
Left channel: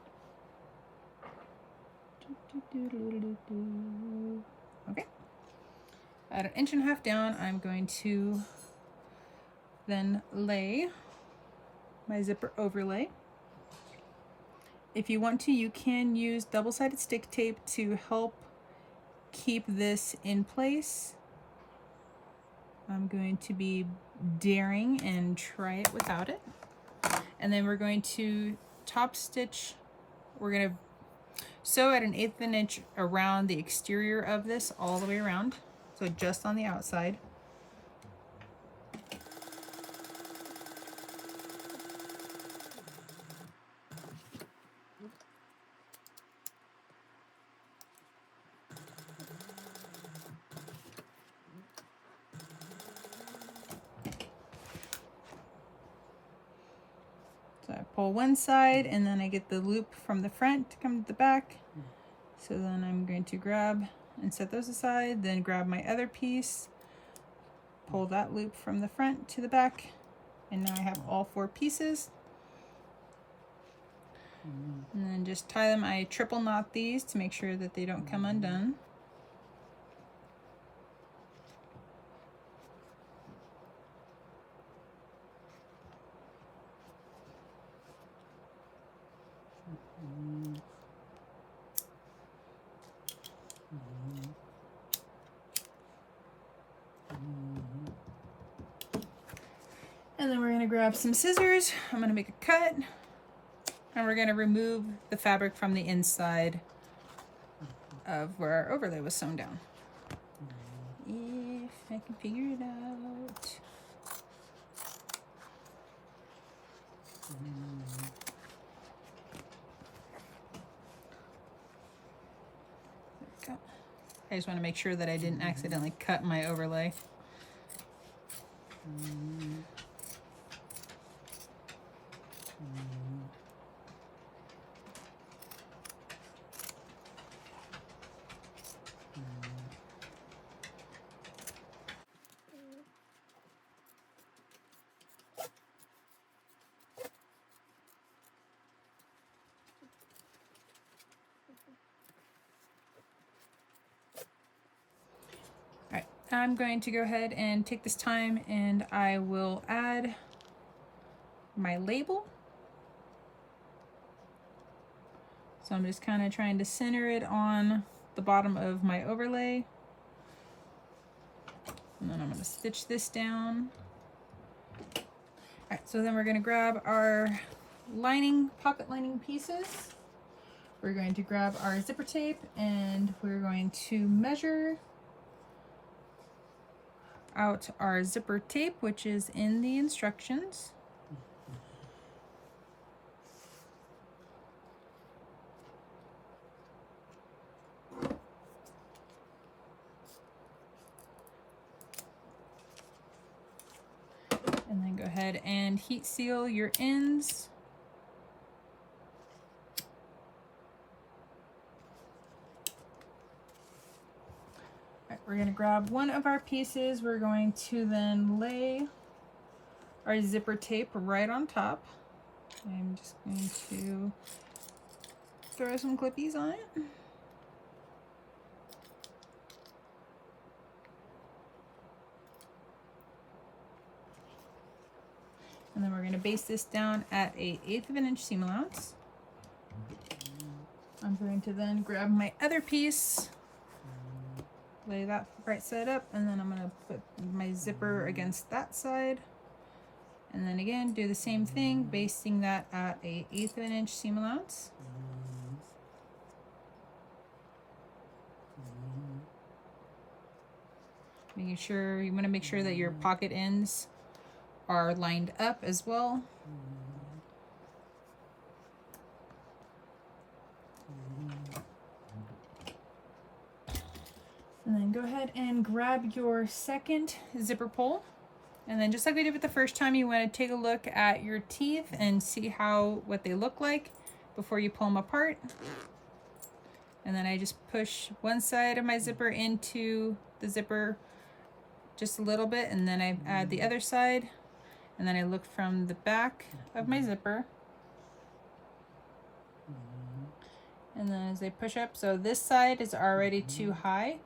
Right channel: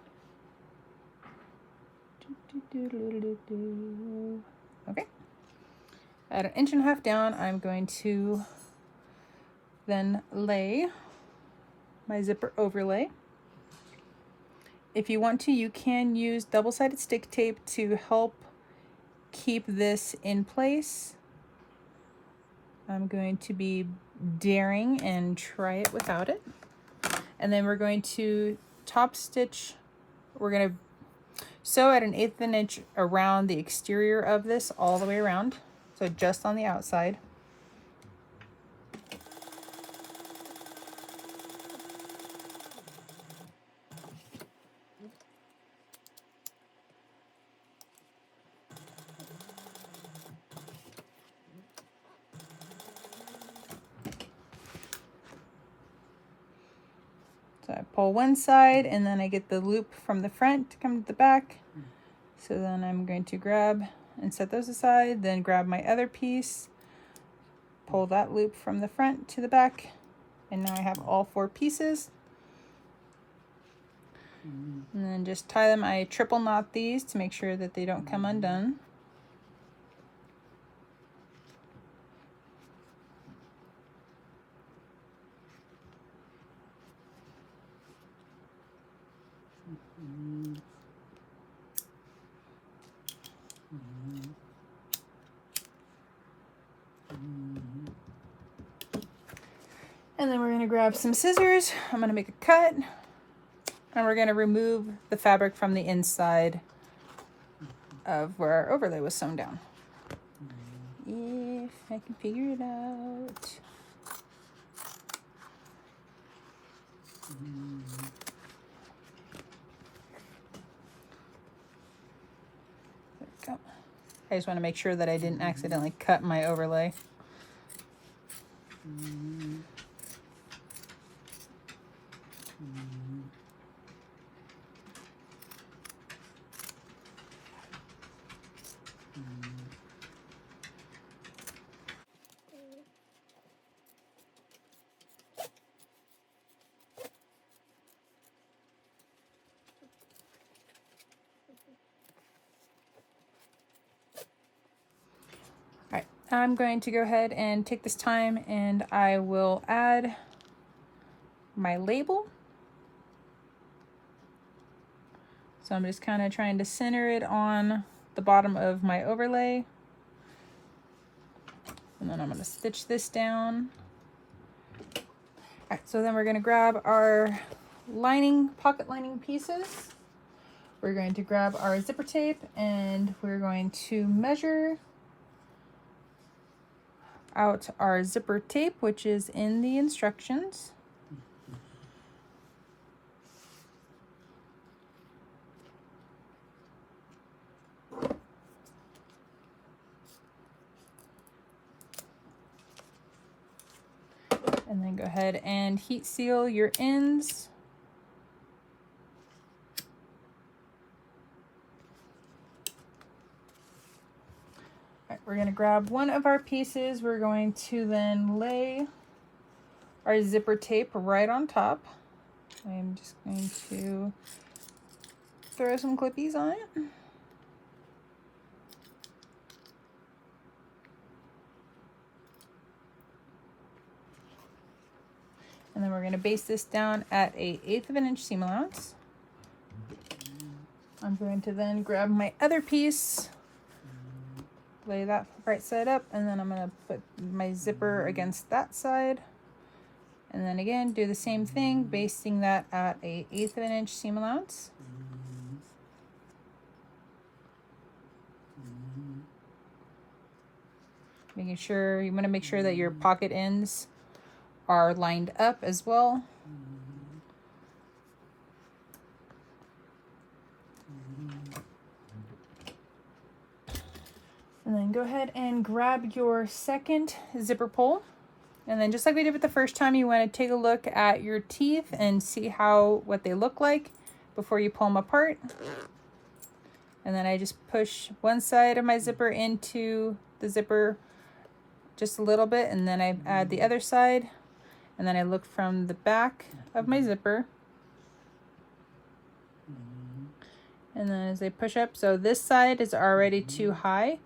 Okay. At 1.5 inches down, I'm going to then lay my zipper overlay. If you want to, you can use double-sided stick tape to help keep this in place. I'm going to be daring and try it without it. And then we're going to top stitch. We're going to sew at 1/8 of an inch around the exterior of this all the way around. So just on the outside. pull one side, and then I get the loop from the front to come to the back. So then I'm going to grab and set those aside, then grab my other piece, pull that loop from the front to the back, and now I have all 4 pieces. And then just tie them. I triple knot these to make sure that they don't come undone. And then we're going to grab some scissors. I'm going to make a cut, and we're going to remove the fabric from the inside of where our overlay was sewn down. If I can figure it out. There we go. I just want to make sure that I didn't accidentally cut my overlay. I'm going to go ahead and take this time, and I will add my label. So I'm just kind of trying to center it on the bottom of my overlay. And then I'm going to stitch this down. All right, so then we're going to grab our lining, pocket lining pieces. We're going to grab our zipper tape, and we're going to measure out our zipper tape, which is in the instructions. And then go ahead and heat seal your ends. We're going to grab one of our pieces. We're going to then lay our zipper tape right on top. I'm just going to throw some clippies on it. And then we're going to base this down at a 1/8 of an inch seam allowance. I'm going to then grab my other piece, lay that right side up, and then I'm going to put my zipper against that side. And then again, do the same thing, basting that at a 1/8 of an inch seam allowance. Making sure, you want to make sure that your pocket ends are lined up as well. And then go ahead and grab your second zipper pull. And then just like we did with the first time, you want to take a look at your teeth and see what they look like before you pull them apart. And then I just push one side of my zipper into the zipper just a little bit, and then I add the other side, and then I look from the back of my zipper. And then as I push up, so this side is already too high,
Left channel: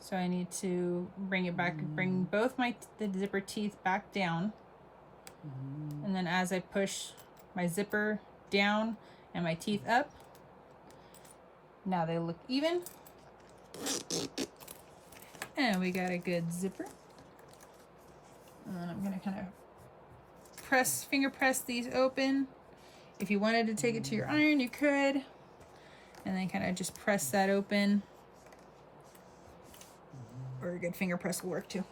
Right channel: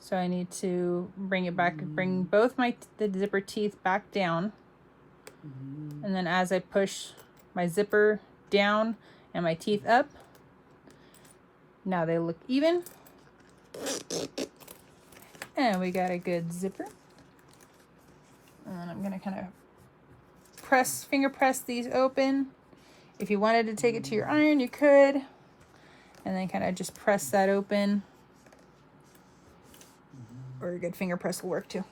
so I need to bring it back, bring both the zipper teeth back down. And then as I push my zipper down and my teeth up, now they look even. And we got a good zipper. And then I'm gonna kind of finger press these open. If you wanted to take it to your iron, you could. And then kind of just press that open. Or a good finger press will work too.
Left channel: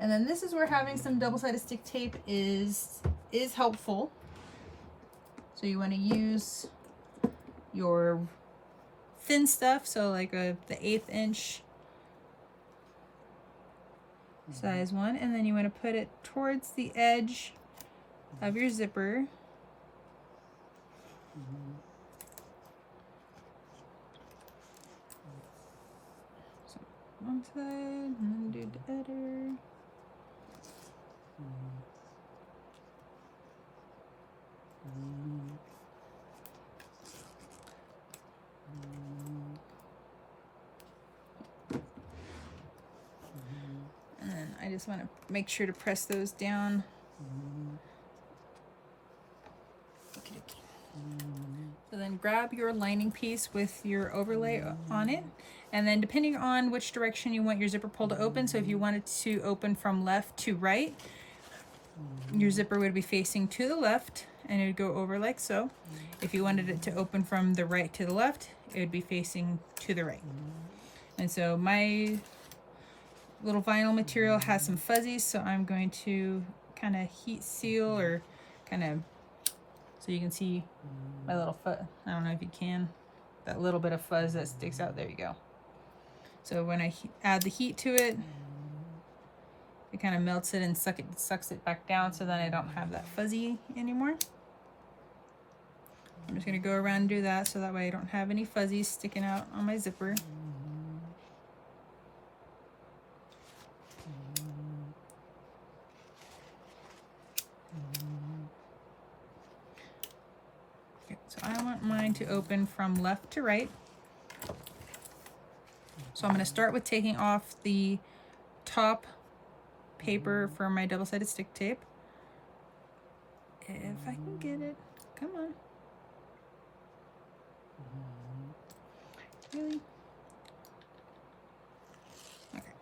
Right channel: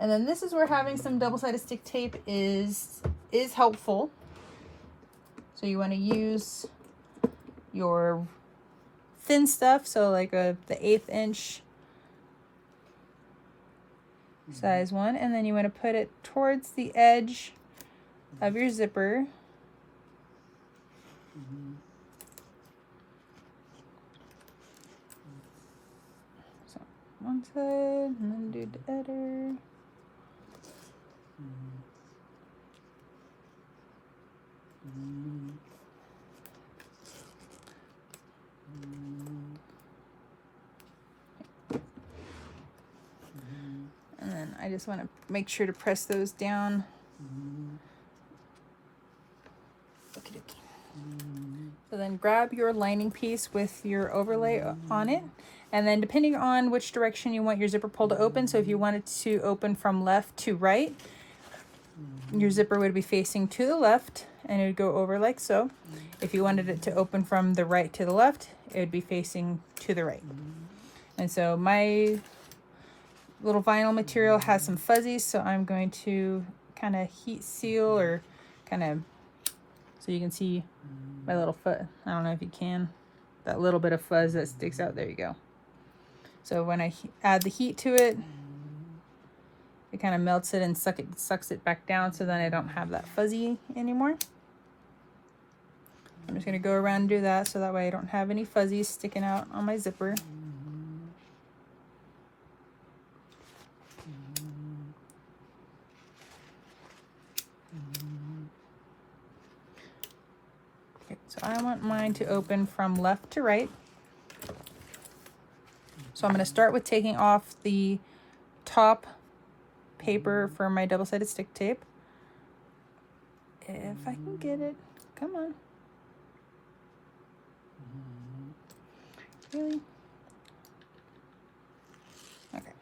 And then this is where having some double-sided stick tape is helpful. So you want to use your thin stuff, so like the 1/8 inch size one, and then you want to put it towards the edge of your zipper. So one side and then do the other. And then I just want to make sure to press those down. So then grab your lining piece with your overlay on it. And then depending on which direction you want your zipper pull to open, so if you want it to open from left to right, your zipper would be facing to the left and it would go over like so. If you wanted it to open from the right to the left, it would be facing to the right. And so my little vinyl material has some fuzzies, so I'm going to kind of heat seal or kind of, so you can see my little foot. I don't know if you can, that little bit of fuzz that sticks out, there you go. So when I add the heat to it, it kind of melts it and sucks it back down, so then I don't have that fuzzy anymore. I'm just going to go around and do that so that way I don't have any fuzzies sticking out on my zipper. Okay, so I want mine to open from left to right. So I'm going to start with taking off the top paper for my double-sided stick tape. If I can get it, come on. Really? Okay.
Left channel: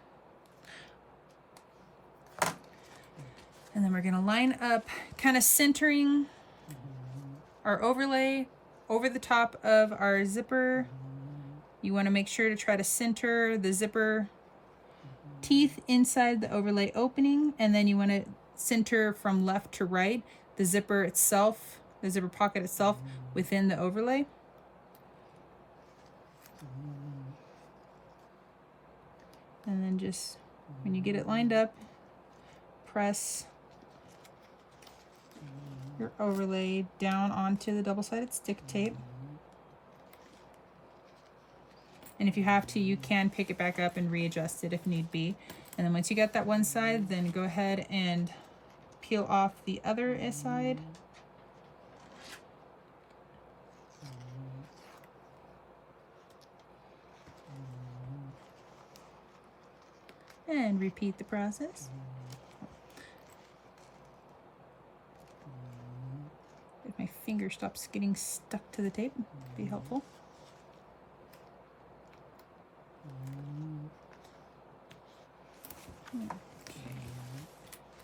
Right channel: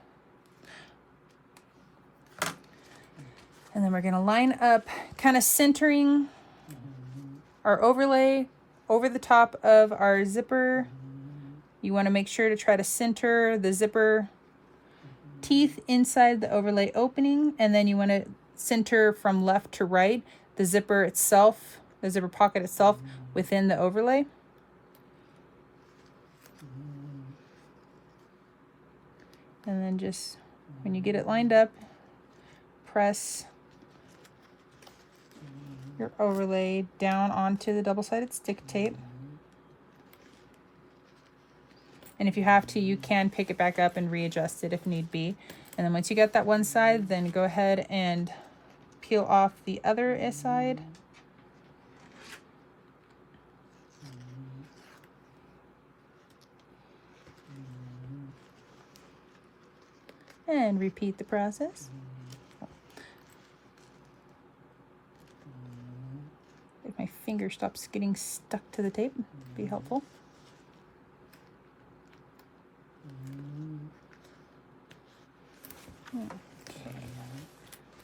And then we're going to line up, kind of centering our overlay over the top of our zipper. You want to make sure to try to center the zipper teeth inside the overlay opening, and then you want to center from left to right the zipper itself, the zipper pocket itself within the overlay. And then just when you get it lined up, press your overlay down onto the double-sided stick tape. And if you have to, you can pick it back up and readjust it if need be. And then once you get that one side, then go ahead and peel off the other side. And repeat the process. If my finger stops getting stuck to the tape, be helpful.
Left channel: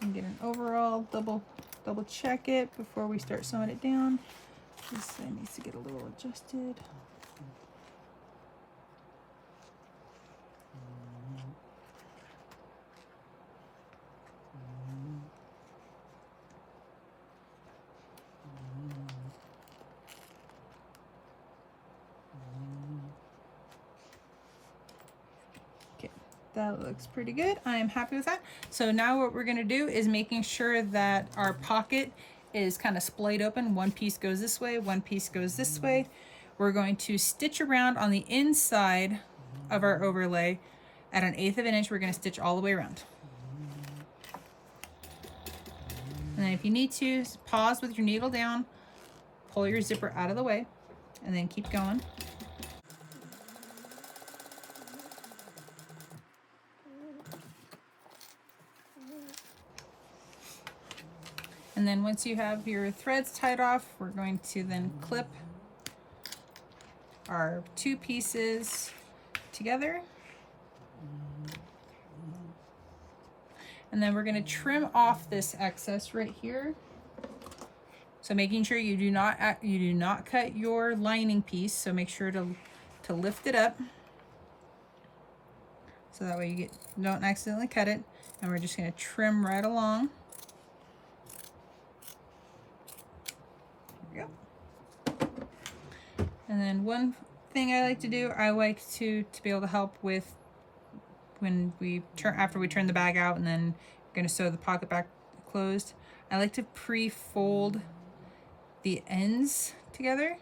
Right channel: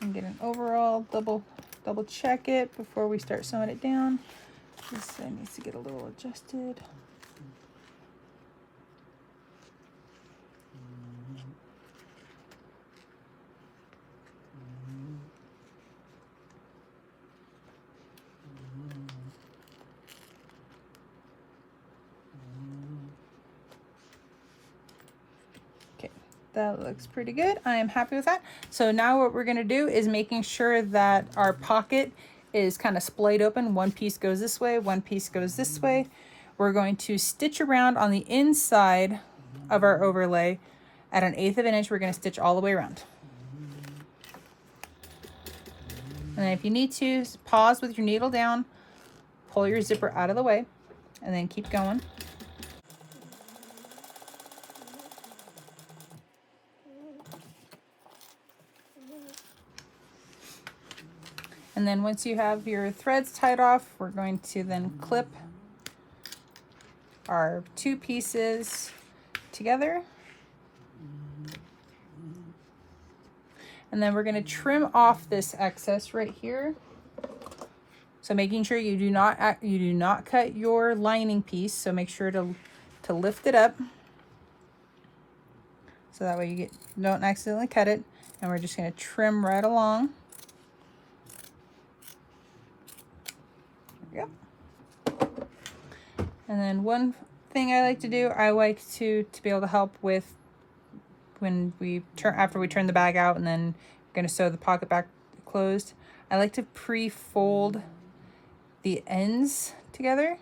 And get an overall double check it before we start sewing it down. This side needs to get a little adjusted. That looks pretty good. I am happy with that. So now what we're going to do is making sure that our pocket is kind of splayed open. One piece goes this way, one piece goes this way. We're going to stitch around on the inside of our overlay at 1/8 of an inch. We're going to stitch all the way around. And then if you need to, pause with your needle down, pull your zipper out of the way, and then keep going. And then once you have your threads tied off, we're going to then clip our two pieces together. And then we're going to trim off this excess right here. So making sure you do not cut your lining piece. So make sure to lift it up. So that way you don't accidentally cut it. And we're just going to trim right along. Yep. And then one thing I like to do, I like to be able to help with when we after we turn the bag out and then going to sew the pocket back closed. I like to pre-fold the ends together.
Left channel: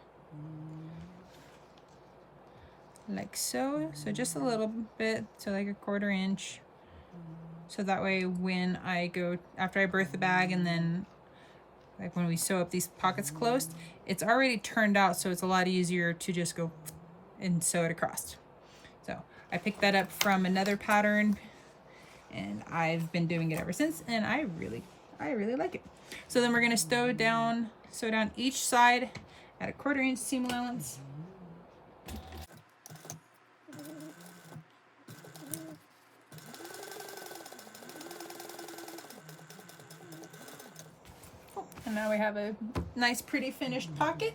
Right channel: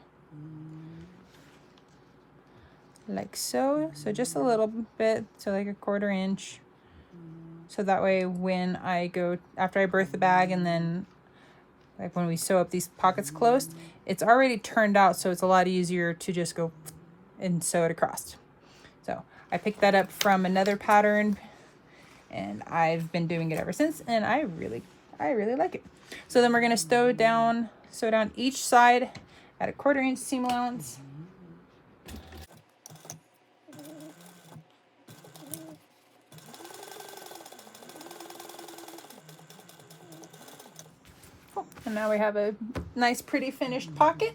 Like so. So just a little bit, so like a 1/4 inch. So that way when I go, after I birth the bag and then like when we sew up these pockets closed, it's already turned out, so it's a lot easier to just go and sew it across. So I picked that up from another pattern and I've been doing it ever since, and I really like it. So then we're gonna sew down each side at a 1/4 inch seam allowance. And now we have a nice pretty finished pocket.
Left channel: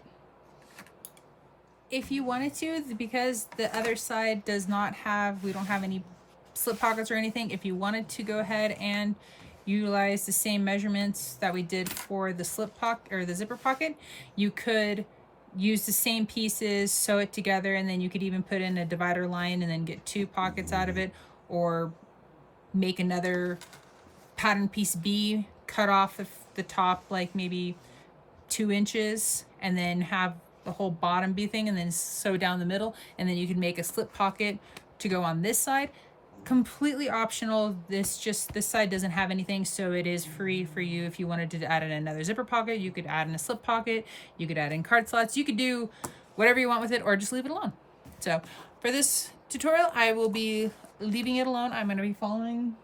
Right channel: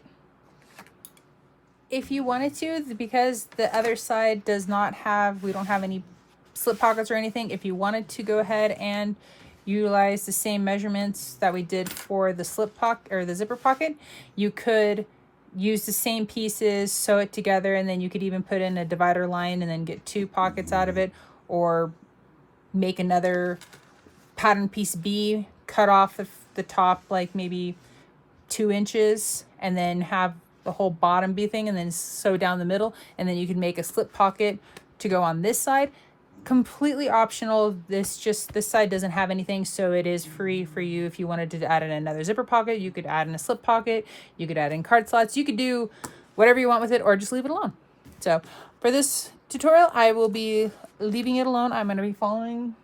If you wanted to, because the other side does not have, we don't have any slip pockets or anything, if you wanted to go ahead and utilize the same measurements that we did for the slip pocket or the zipper pocket, you could use the same pieces, sew it together, and then you could even put in a divider line and then get 2 pockets out of it, or make another pattern piece B, cut off the top like maybe 2 inches, and then have the whole bottom B thing, and then sew down the middle, and then you can make a slip pocket to go on this side. Completely optional. This side doesn't have anything, so it is free for you. If you wanted to add in another zipper pocket, you could add in a slip pocket, you could add in card slots, you could do whatever you want with it, or just leave it alone. So for this tutorial, I will be leaving it alone. I'm going to be following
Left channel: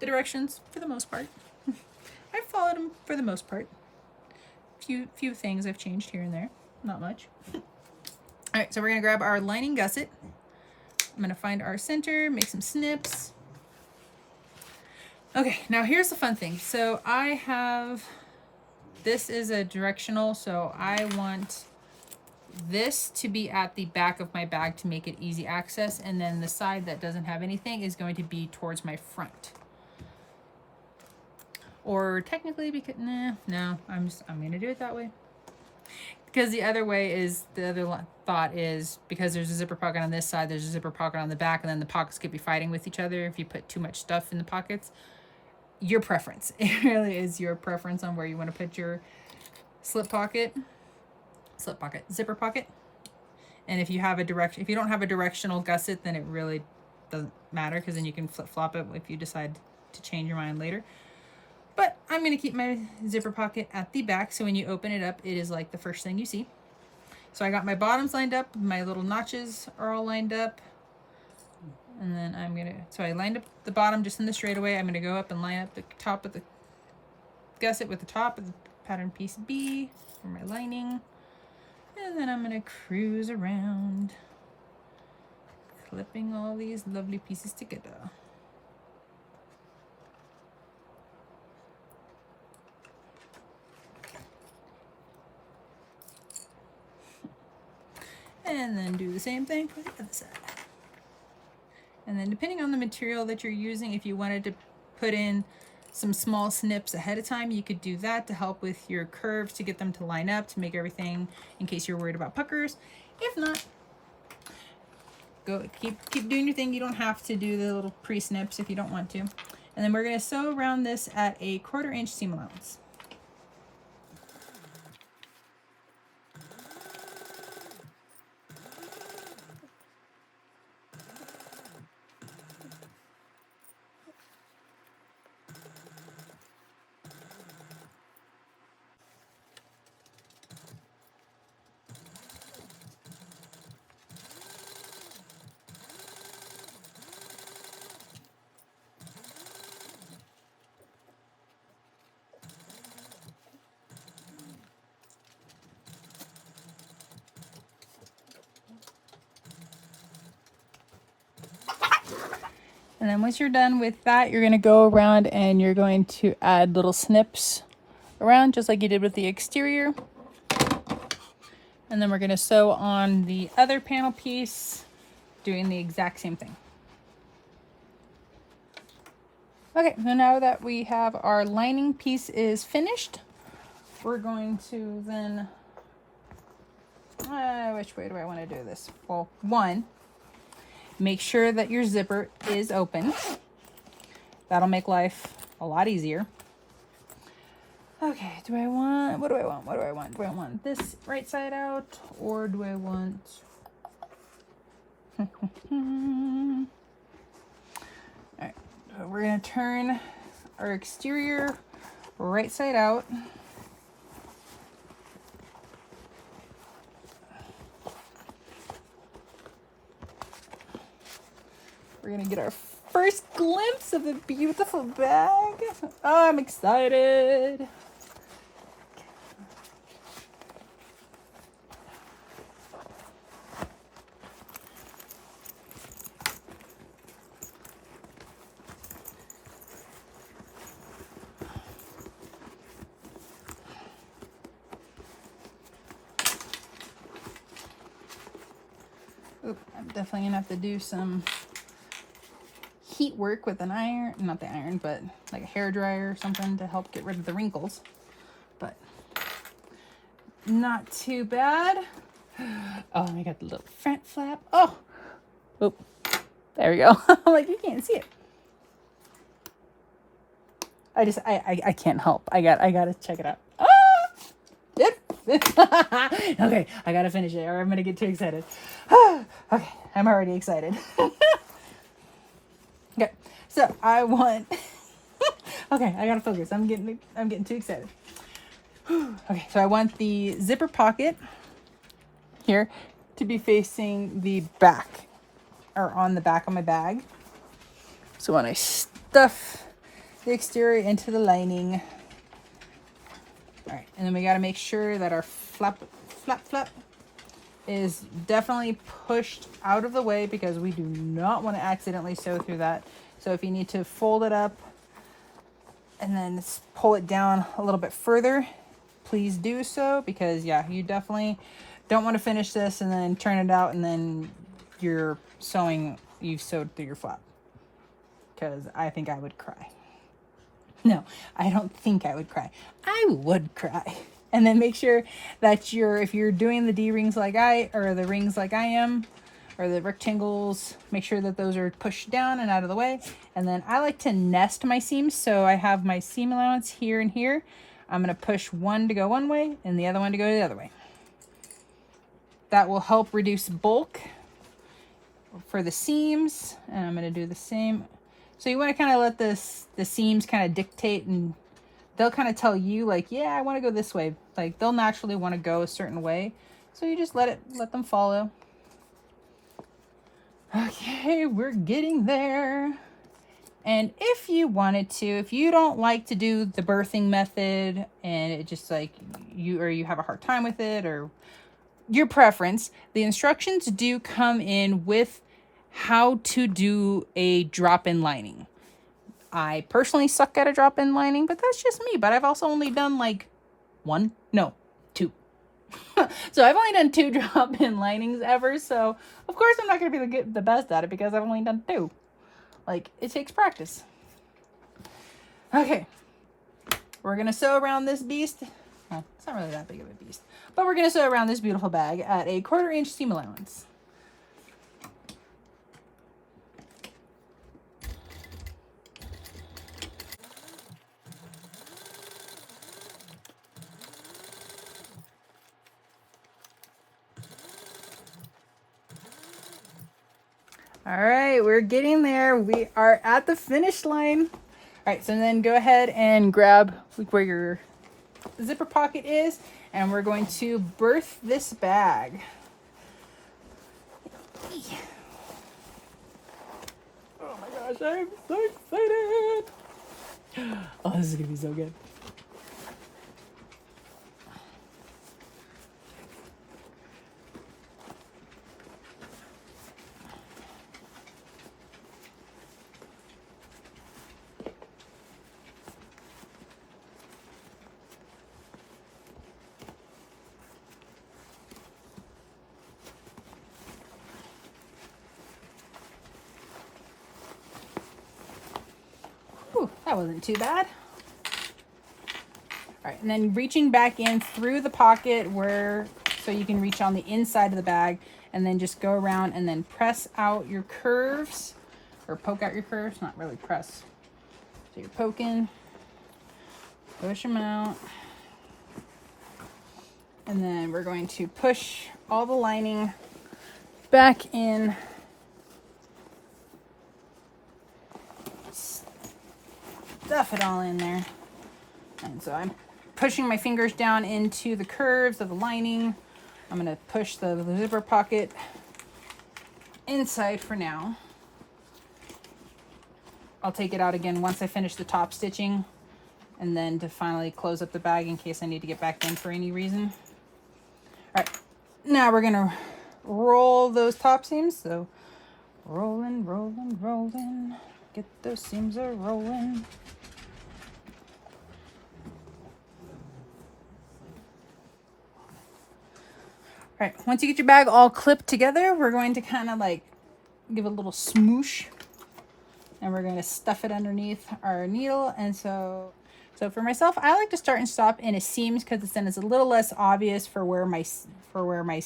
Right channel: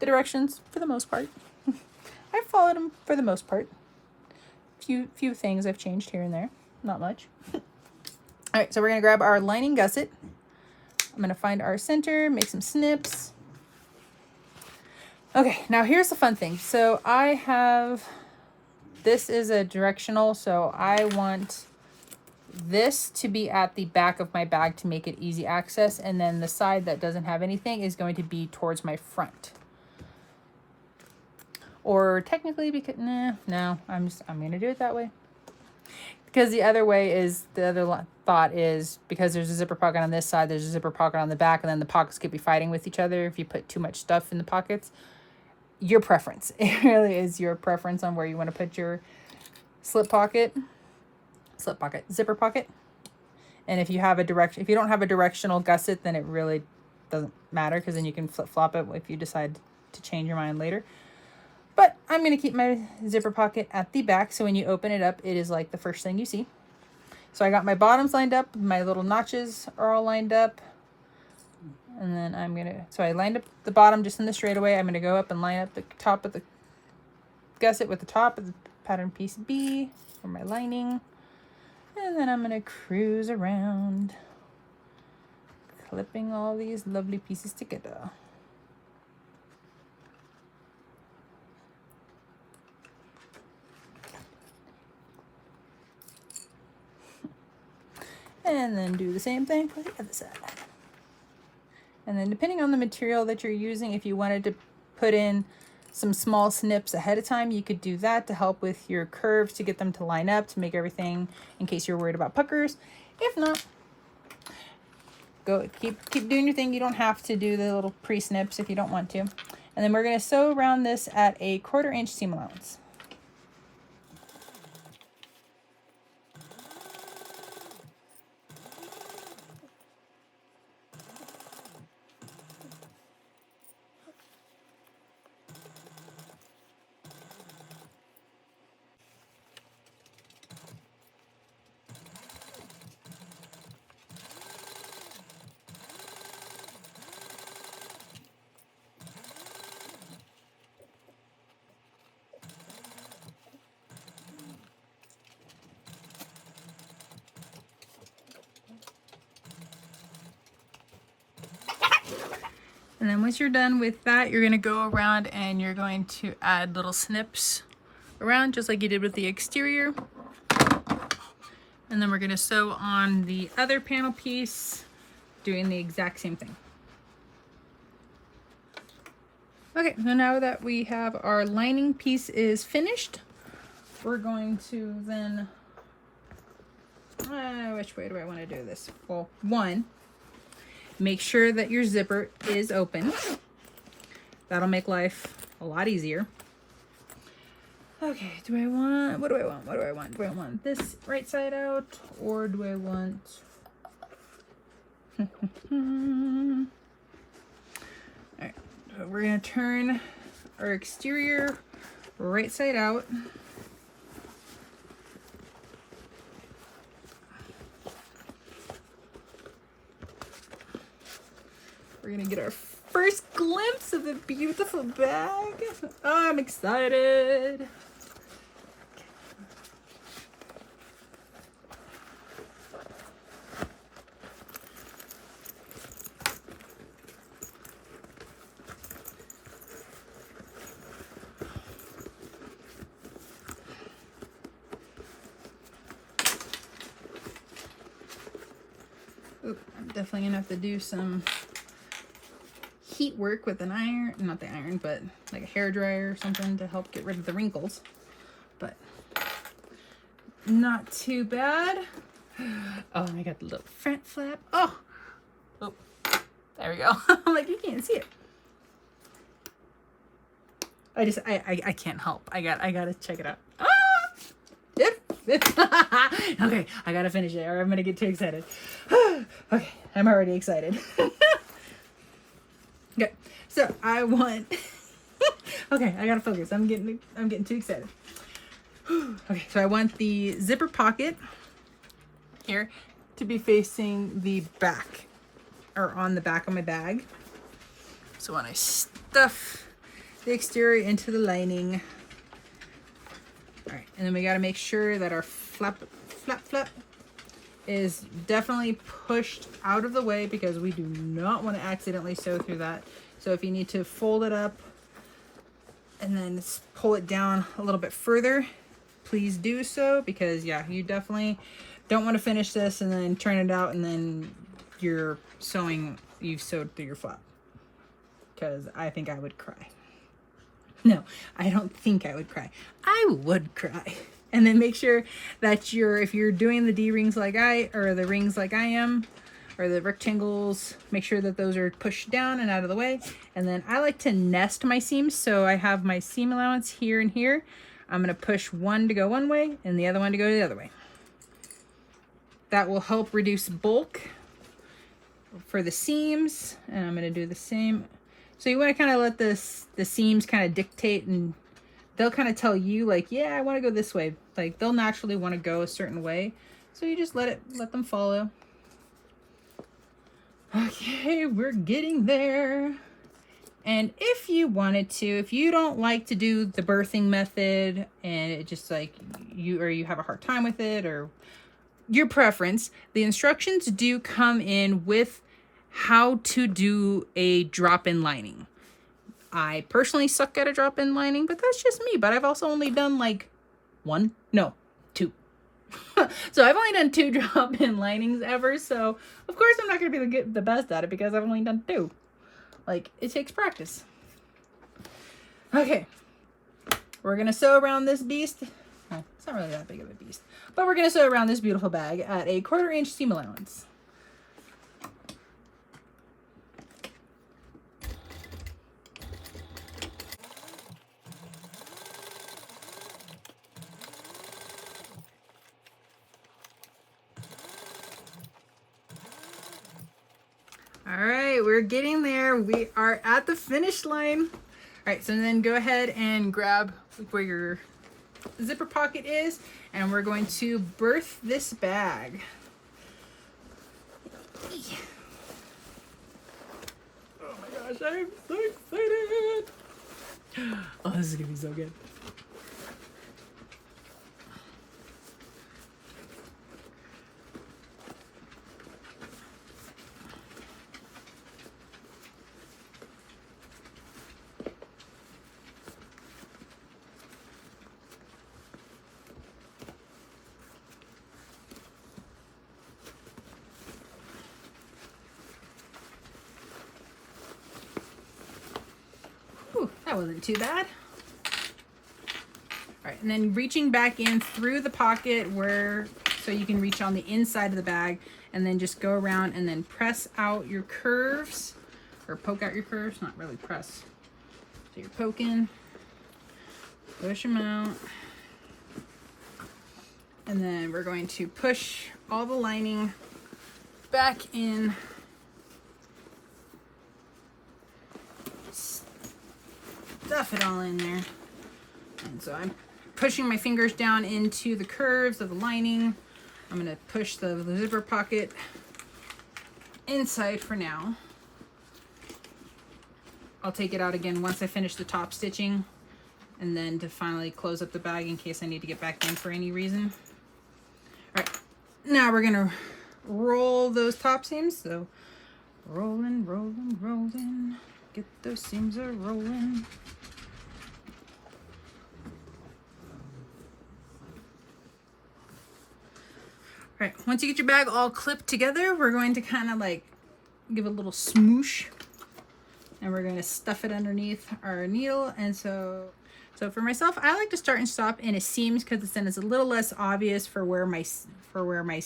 the directions for the most part. I've followed them for the most part. Few things I've changed here and there, not much. All right, so we're gonna grab our lining gusset. I'm gonna find our center, make some snips. Okay, now here's the fun thing. So I have, this is a directional, so I want this to be at the back of my bag to make it easy access, and then the side that doesn't have anything is going to be towards my front. Or technically, because no, I'm gonna do it that way. Because the other way is, the other thought is, because there's a zipper pocket on this side, there's a zipper pocket on the back, and then the pockets could be fighting with each other if you put too much stuff in the pockets. Your preference. It really is your preference on where you want to put your zipper pocket. And if you have if you don't have a directional gusset, then it really doesn't matter, because then you can flip flop it if you decide to change your mind later. But I'm going to keep my zipper pocket at the back, so when you open it up, it is like the first thing you see. So I got my bottoms lined up, my little notches are all lined up. And then so I lined up the bottom just in the straightaway. I'm going to go up and line up the top of the gusset with the top of the pattern piece B for my lining. And then I'm going to cruise around, clipping all these lovely pieces together. And then do the same thing for the other side. And then depending on the material that you're using, if you wanted to put in some small snips ahead of time, you could do that to help with your curves, to get them to line up, to make everything, in case you're worried about puckers. If not, go keep doing your thing. You don't have to do the little pre-snips if you don't want to. And then we're going to sew around this at a 1/4 inch seam allowance. And then once you're done with that, you're going to go around and you're going to add little snips around, just like you did with the exterior. And then we're going to sew on the other panel piece, doing the exact same thing. Okay, so now that we have our lining piece is finished, we're going to then, which way do I want to do this? Well, one, make sure that your zipper is open. That'll make life a lot easier. Okay, do I want, what do I want? What do I want? Do I want this right side out, or do I want... Alright, so we're gonna turn our exterior right side out. We're gonna get our first glimpse of the beautiful bag. Oh, I'm excited. Oop, I'm definitely gonna have to do some heat work with an iron, not the iron, but like a hair dryer or something to help get rid of the wrinkles. But not too bad. Oh, I got the little front flap. Oh, there we go. I'm like, you can't see it. I can't help. I gotta check it out. Ah! Okay, I gotta finish it or I'm gonna get too excited. Okay, I'm already excited. Okay, so I want, okay, I gotta focus. I'm getting too excited. Okay, so I want the zipper pocket here to be facing the back, or on the back of my bag. So when I stuff the exterior into the lining, all right, and then we gotta make sure that our flap is definitely pushed out of the way because we do not want to accidentally sew through that. So if you need to fold it up and then pull it down a little bit further, please do so, because yeah, you definitely don't want to finish this and then turn it out and then you've sewed through your flap, because I think I would cry. No, I don't think I would cry. I would cry. And then make sure that if you're doing the D-rings like the rings like I am, or the rectangles, make sure that those are pushed down and out of the way. And then I like to nest my seams. So I have my seam allowance here and here. I'm gonna push one to go one way and the other one to go the other way. That will help reduce bulk for the seams. And I'm gonna do the same. So you wanna kind of let the seams kind of dictate, and they'll kind of tell you like, yeah, I want to go this way. Like they'll naturally want to go a certain way. So you just let them follow. Okay, we're getting there. And if you wanted to, if you don't like to do the birthing method and it just like you have a hard time with it, or your preference, the instructions do come in with how to do a drop-in lining. I personally suck at a drop-in lining, but that's just me. But I've also only done like two. So I've only done 2 drop-in linings ever. So of course I'm not going to be the best at it because I've only done 2. Like, it takes practice. Okay. We're going to sew around this beast. Well, it's not really that big of a beast. But we're going to sew around this beautiful bag at a 1/4 inch seam allowance. All right, we're getting there. We are at the finish line. All right, so then go ahead and grab where your zipper pocket is, and we're going to birth this bag. Oh my gosh, I'm so excited. Oh, this is gonna be so good. Whew, that wasn't too bad. All right, and then reaching back in through the pocket so you can reach on the inside of the bag, and then just go around and then press out your curves, or poke out your curves, not really press. So you're poking. Push them out. And then we're going to push all the lining back in. Stuff it all in there. And so I'm pushing my fingers down into the curves of the lining. I'm going to push the zipper pocket inside for now. I'll take it out again once I finish the top stitching, and then to finally close up the bag in case I need to get back in for any reason. All right, now we're gonna roll those top seams. So rolling, rolling, rolling, get those seams a rolling. All right, once you get your bag all clipped together, we're going to kind of like give it a little smoosh, and we're going to stuff it underneath our needle. And so for myself, I like to start and stop in a seams because then it's a little less obvious for where my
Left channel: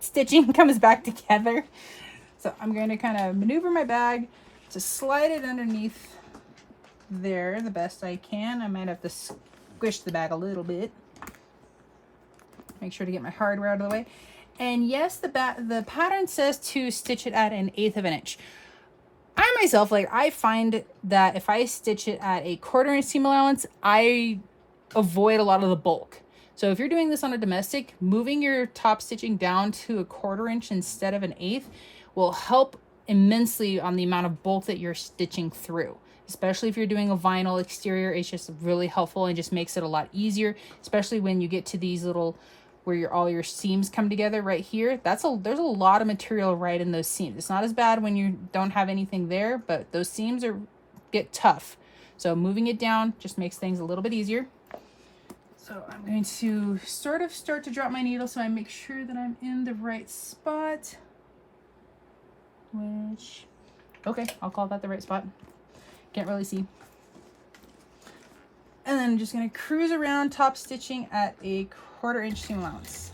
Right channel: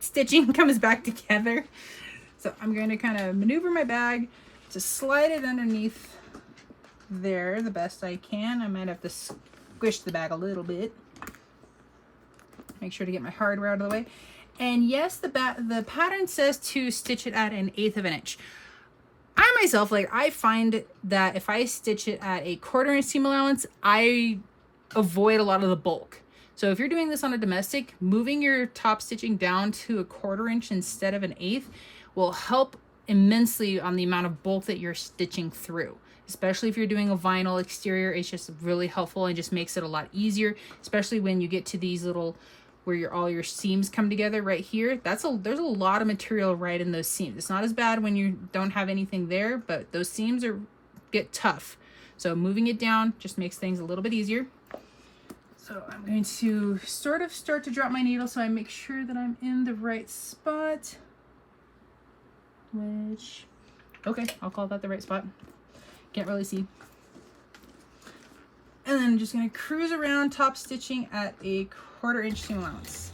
stitching comes back together. So I'm going to kind of maneuver my bag to slide it underneath there the best I can. I might have to squish the bag a little bit. Make sure to get my hardware out of the way. And yes, the pattern says to stitch it at 1/8 of an inch. I myself, I find that if I stitch it at a 1/4 inch seam allowance, I avoid a lot of the bulk. So if you're doing this on a domestic, moving your top stitching down to a 1/4 inch instead of 1/8 will help immensely on the amount of bulk that you're stitching through. Especially if you're doing a vinyl exterior, it's just really helpful and just makes it a lot easier, especially when you get to these little where all your seams come together right here. There's a lot of material right in those seams. It's not as bad when you don't have anything there, but those seams get tough. So moving it down just makes things a little bit easier. So I'm going to sort of start to drop my needle so I make sure that I'm in the right spot. Okay, I'll call that the right spot. Can't really see. And then I'm just going to cruise around top stitching at a 1/4 inch seam allowance.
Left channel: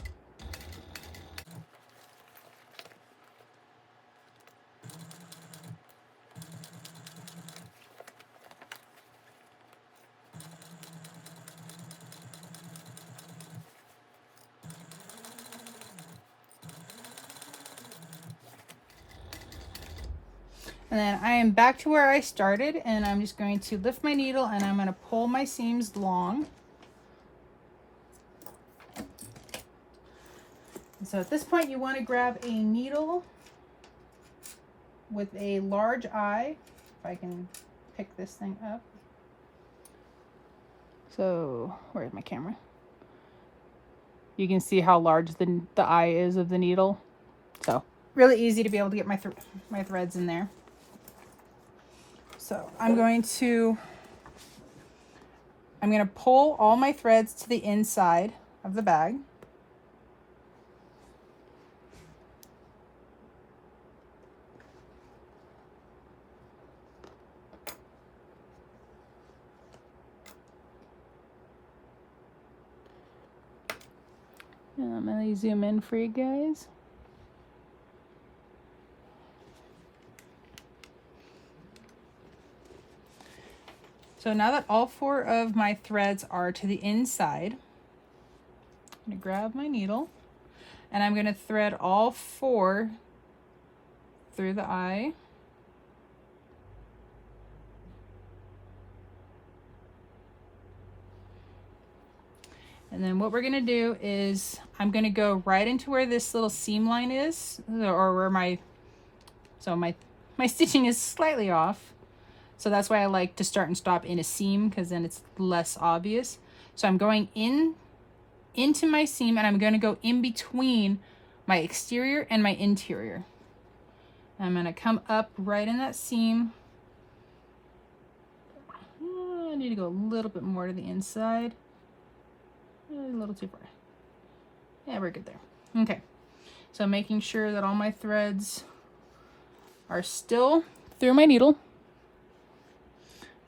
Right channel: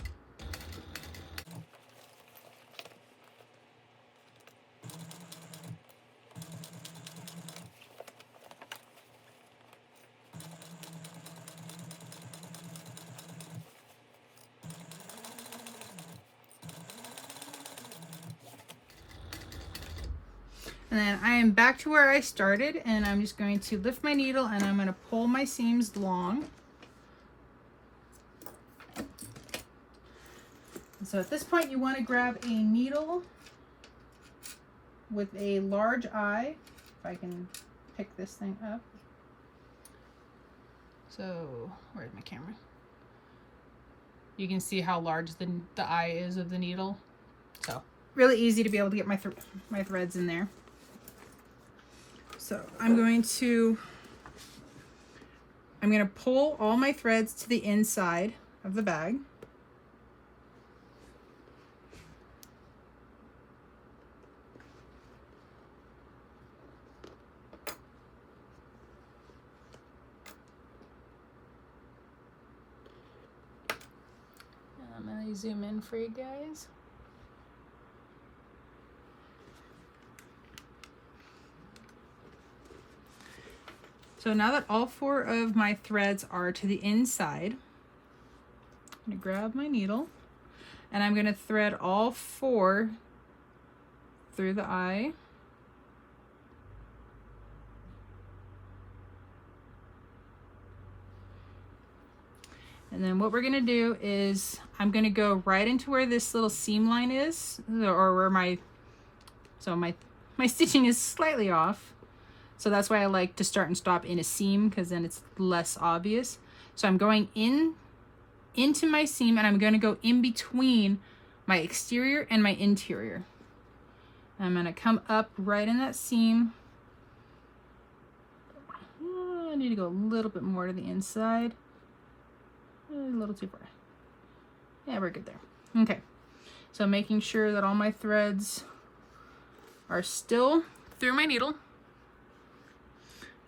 And then I am back to where I started, and I'm just going to lift my needle and I'm going to pull my seams long. And so at this point you want to grab a needle with a large eye, if I can pick this thing up. So where's my camera? You can see how large the eye is of the needle. So really easy to be able to get my threads in there. So I'm going to pull all my threads to the inside of the bag. And I'm going to zoom in for you guys. So now that all 4 of my threads are to the inside, I'm going to grab my needle and I'm going to thread all 4 through the eye. And then what we're going to do is I'm going to go right into where this little seam line is, or where my stitching is slightly off. So that's why I like to start and stop in a seam, because then it's less obvious. So I'm going into my seam and I'm going to go in between my exterior and my interior. I'm going to come up right in that seam. I need to go a little bit more to the inside. A little too far. Yeah, we're good there. Okay. So making sure that all my threads are still through my needle.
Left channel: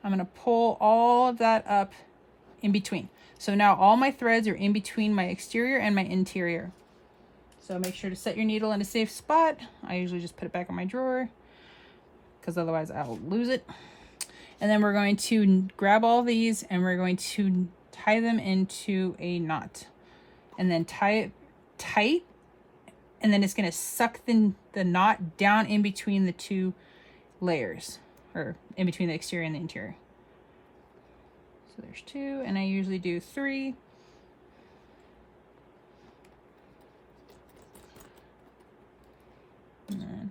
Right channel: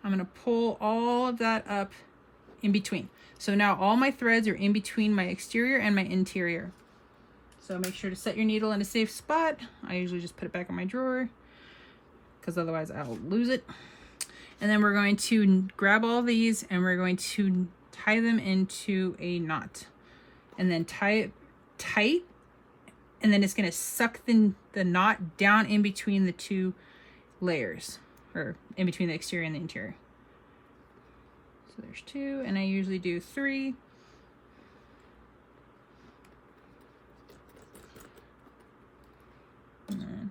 I'm going to pull all of that up in between. So now all my threads are in between my exterior and my interior. So make sure to set your needle in a safe spot. I usually just put it back in my drawer because otherwise I'll lose it. And then we're going to grab all these and we're going to tie them into a knot. And then tie it tight. And then it's going to suck the knot down in between the two layers. Or in between the exterior and the interior. So there's 2, and I usually do 3. And then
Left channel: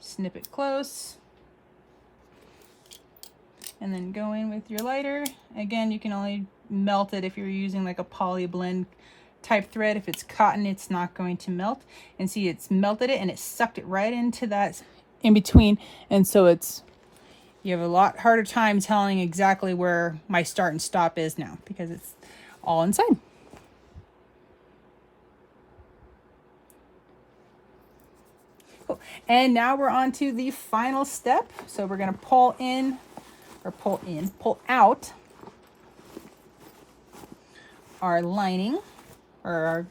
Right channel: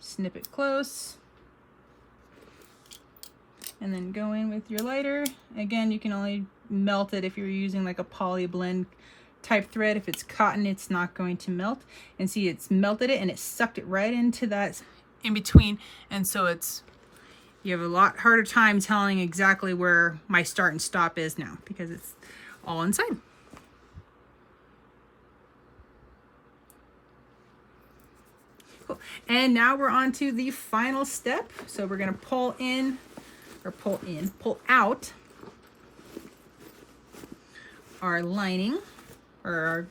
snip it close. And then go in with your lighter. Again, you can only melt it if you're using like a poly blend type thread. If it's cotton, it's not going to melt. And see, it's melted it and it sucked it right into that in between. And so you have a lot harder time telling exactly where my start and stop is now because it's all inside. Cool. And now we're on to the final step. So we're going to pull out our lining, or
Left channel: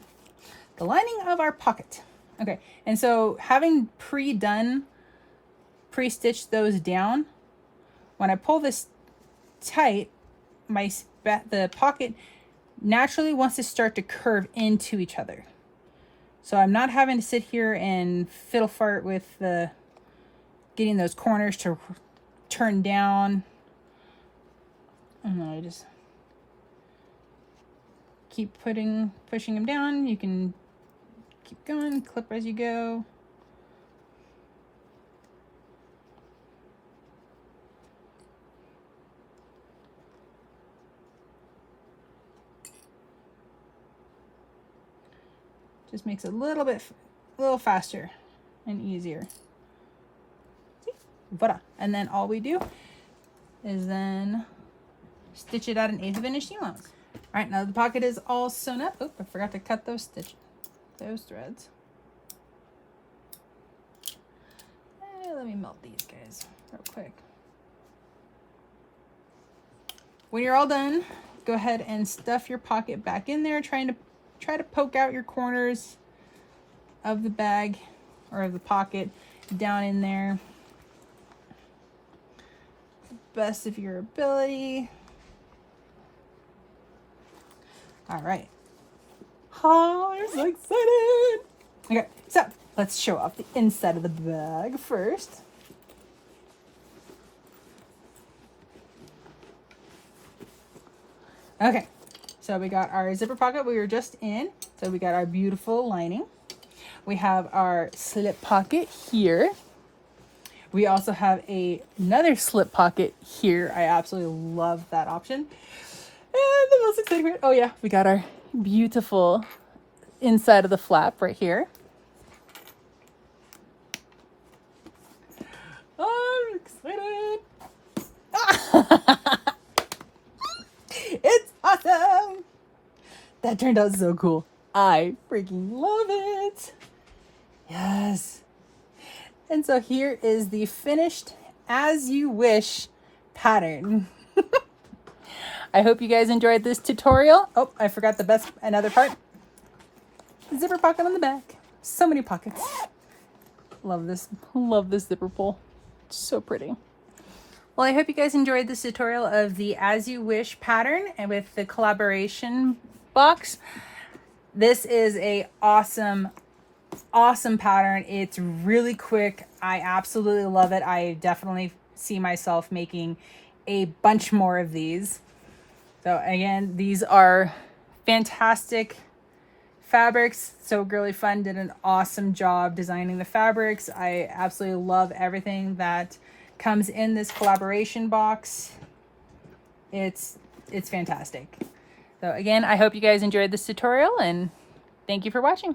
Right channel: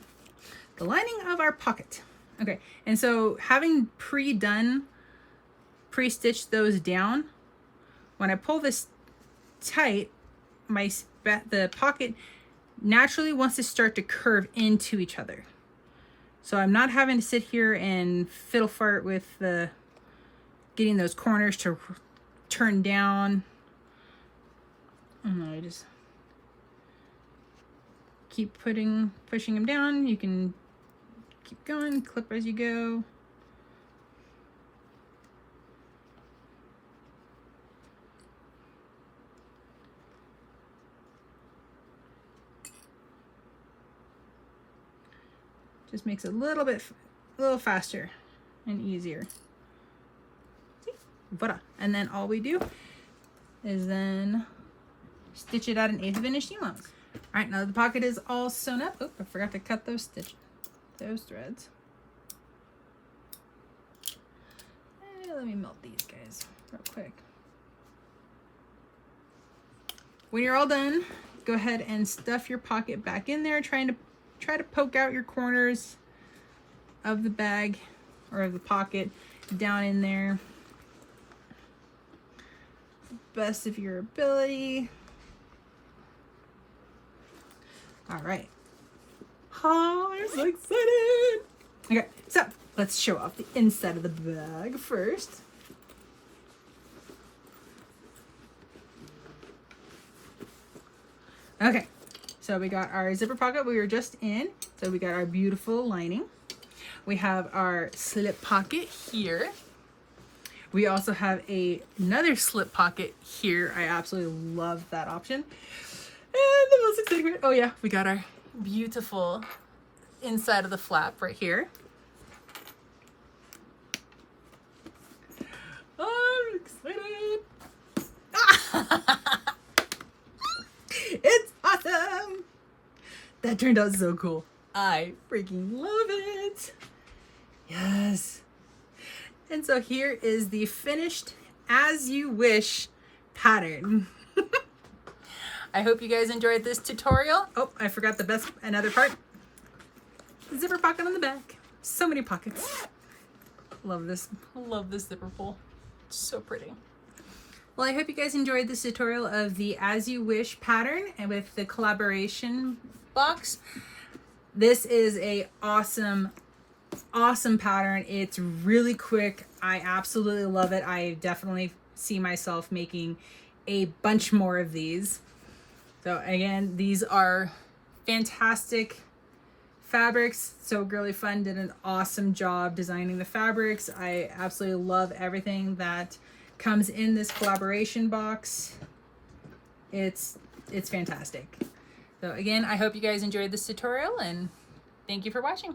the lining of our pocket. Okay, and so having pre-stitched those down, when I pull this tight, the pocket naturally wants to start to curve into each other. So I'm not having to sit here and fiddle fart with getting those corners to turn down. And I just keep pushing them down. You can keep going, clip as you go. Just makes it a little faster and easier. See? Voila. And then all we do is then stitch it at 1/8 inch seam allowance. All right, now the pocket is all sewn up. Oh, I forgot to cut those threads. Let me melt these guys real quick. When you're all done, go ahead and stuff your pocket back in there, try to poke out your corners of the bag or of the pocket down in there. Best of your ability. All right. Oh, I'm so excited. Okay, so let's show off the inside of the bag first. Okay, so we got our zipper pocket we were just in. So we got our beautiful lining. We have our slip pocket here. We also have another slip pocket here. I absolutely love that option. And the most exciting part, oh yeah, we got our beautiful inside of the flap right here. I'm excited. It's awesome. That turned out so cool. I freaking love it. Yes. And so here is the finished As You Wish pattern. I hope you guys enjoyed this tutorial. Oh, I forgot another part. Zipper pocket on the back. So many pockets. Love this zipper pull. It's so pretty. Well, I hope you guys enjoyed this tutorial of the As You Wish pattern and with the collaboration box. This is a awesome pattern. It's really quick. I absolutely love it. I definitely see myself making a bunch more of these. So again, these are fantastic fabrics. So Girly Fun did an awesome job designing the fabrics. I absolutely love everything that comes in this collaboration box. It's fantastic. So again, I hope you guys enjoyed this tutorial and thank you for watching.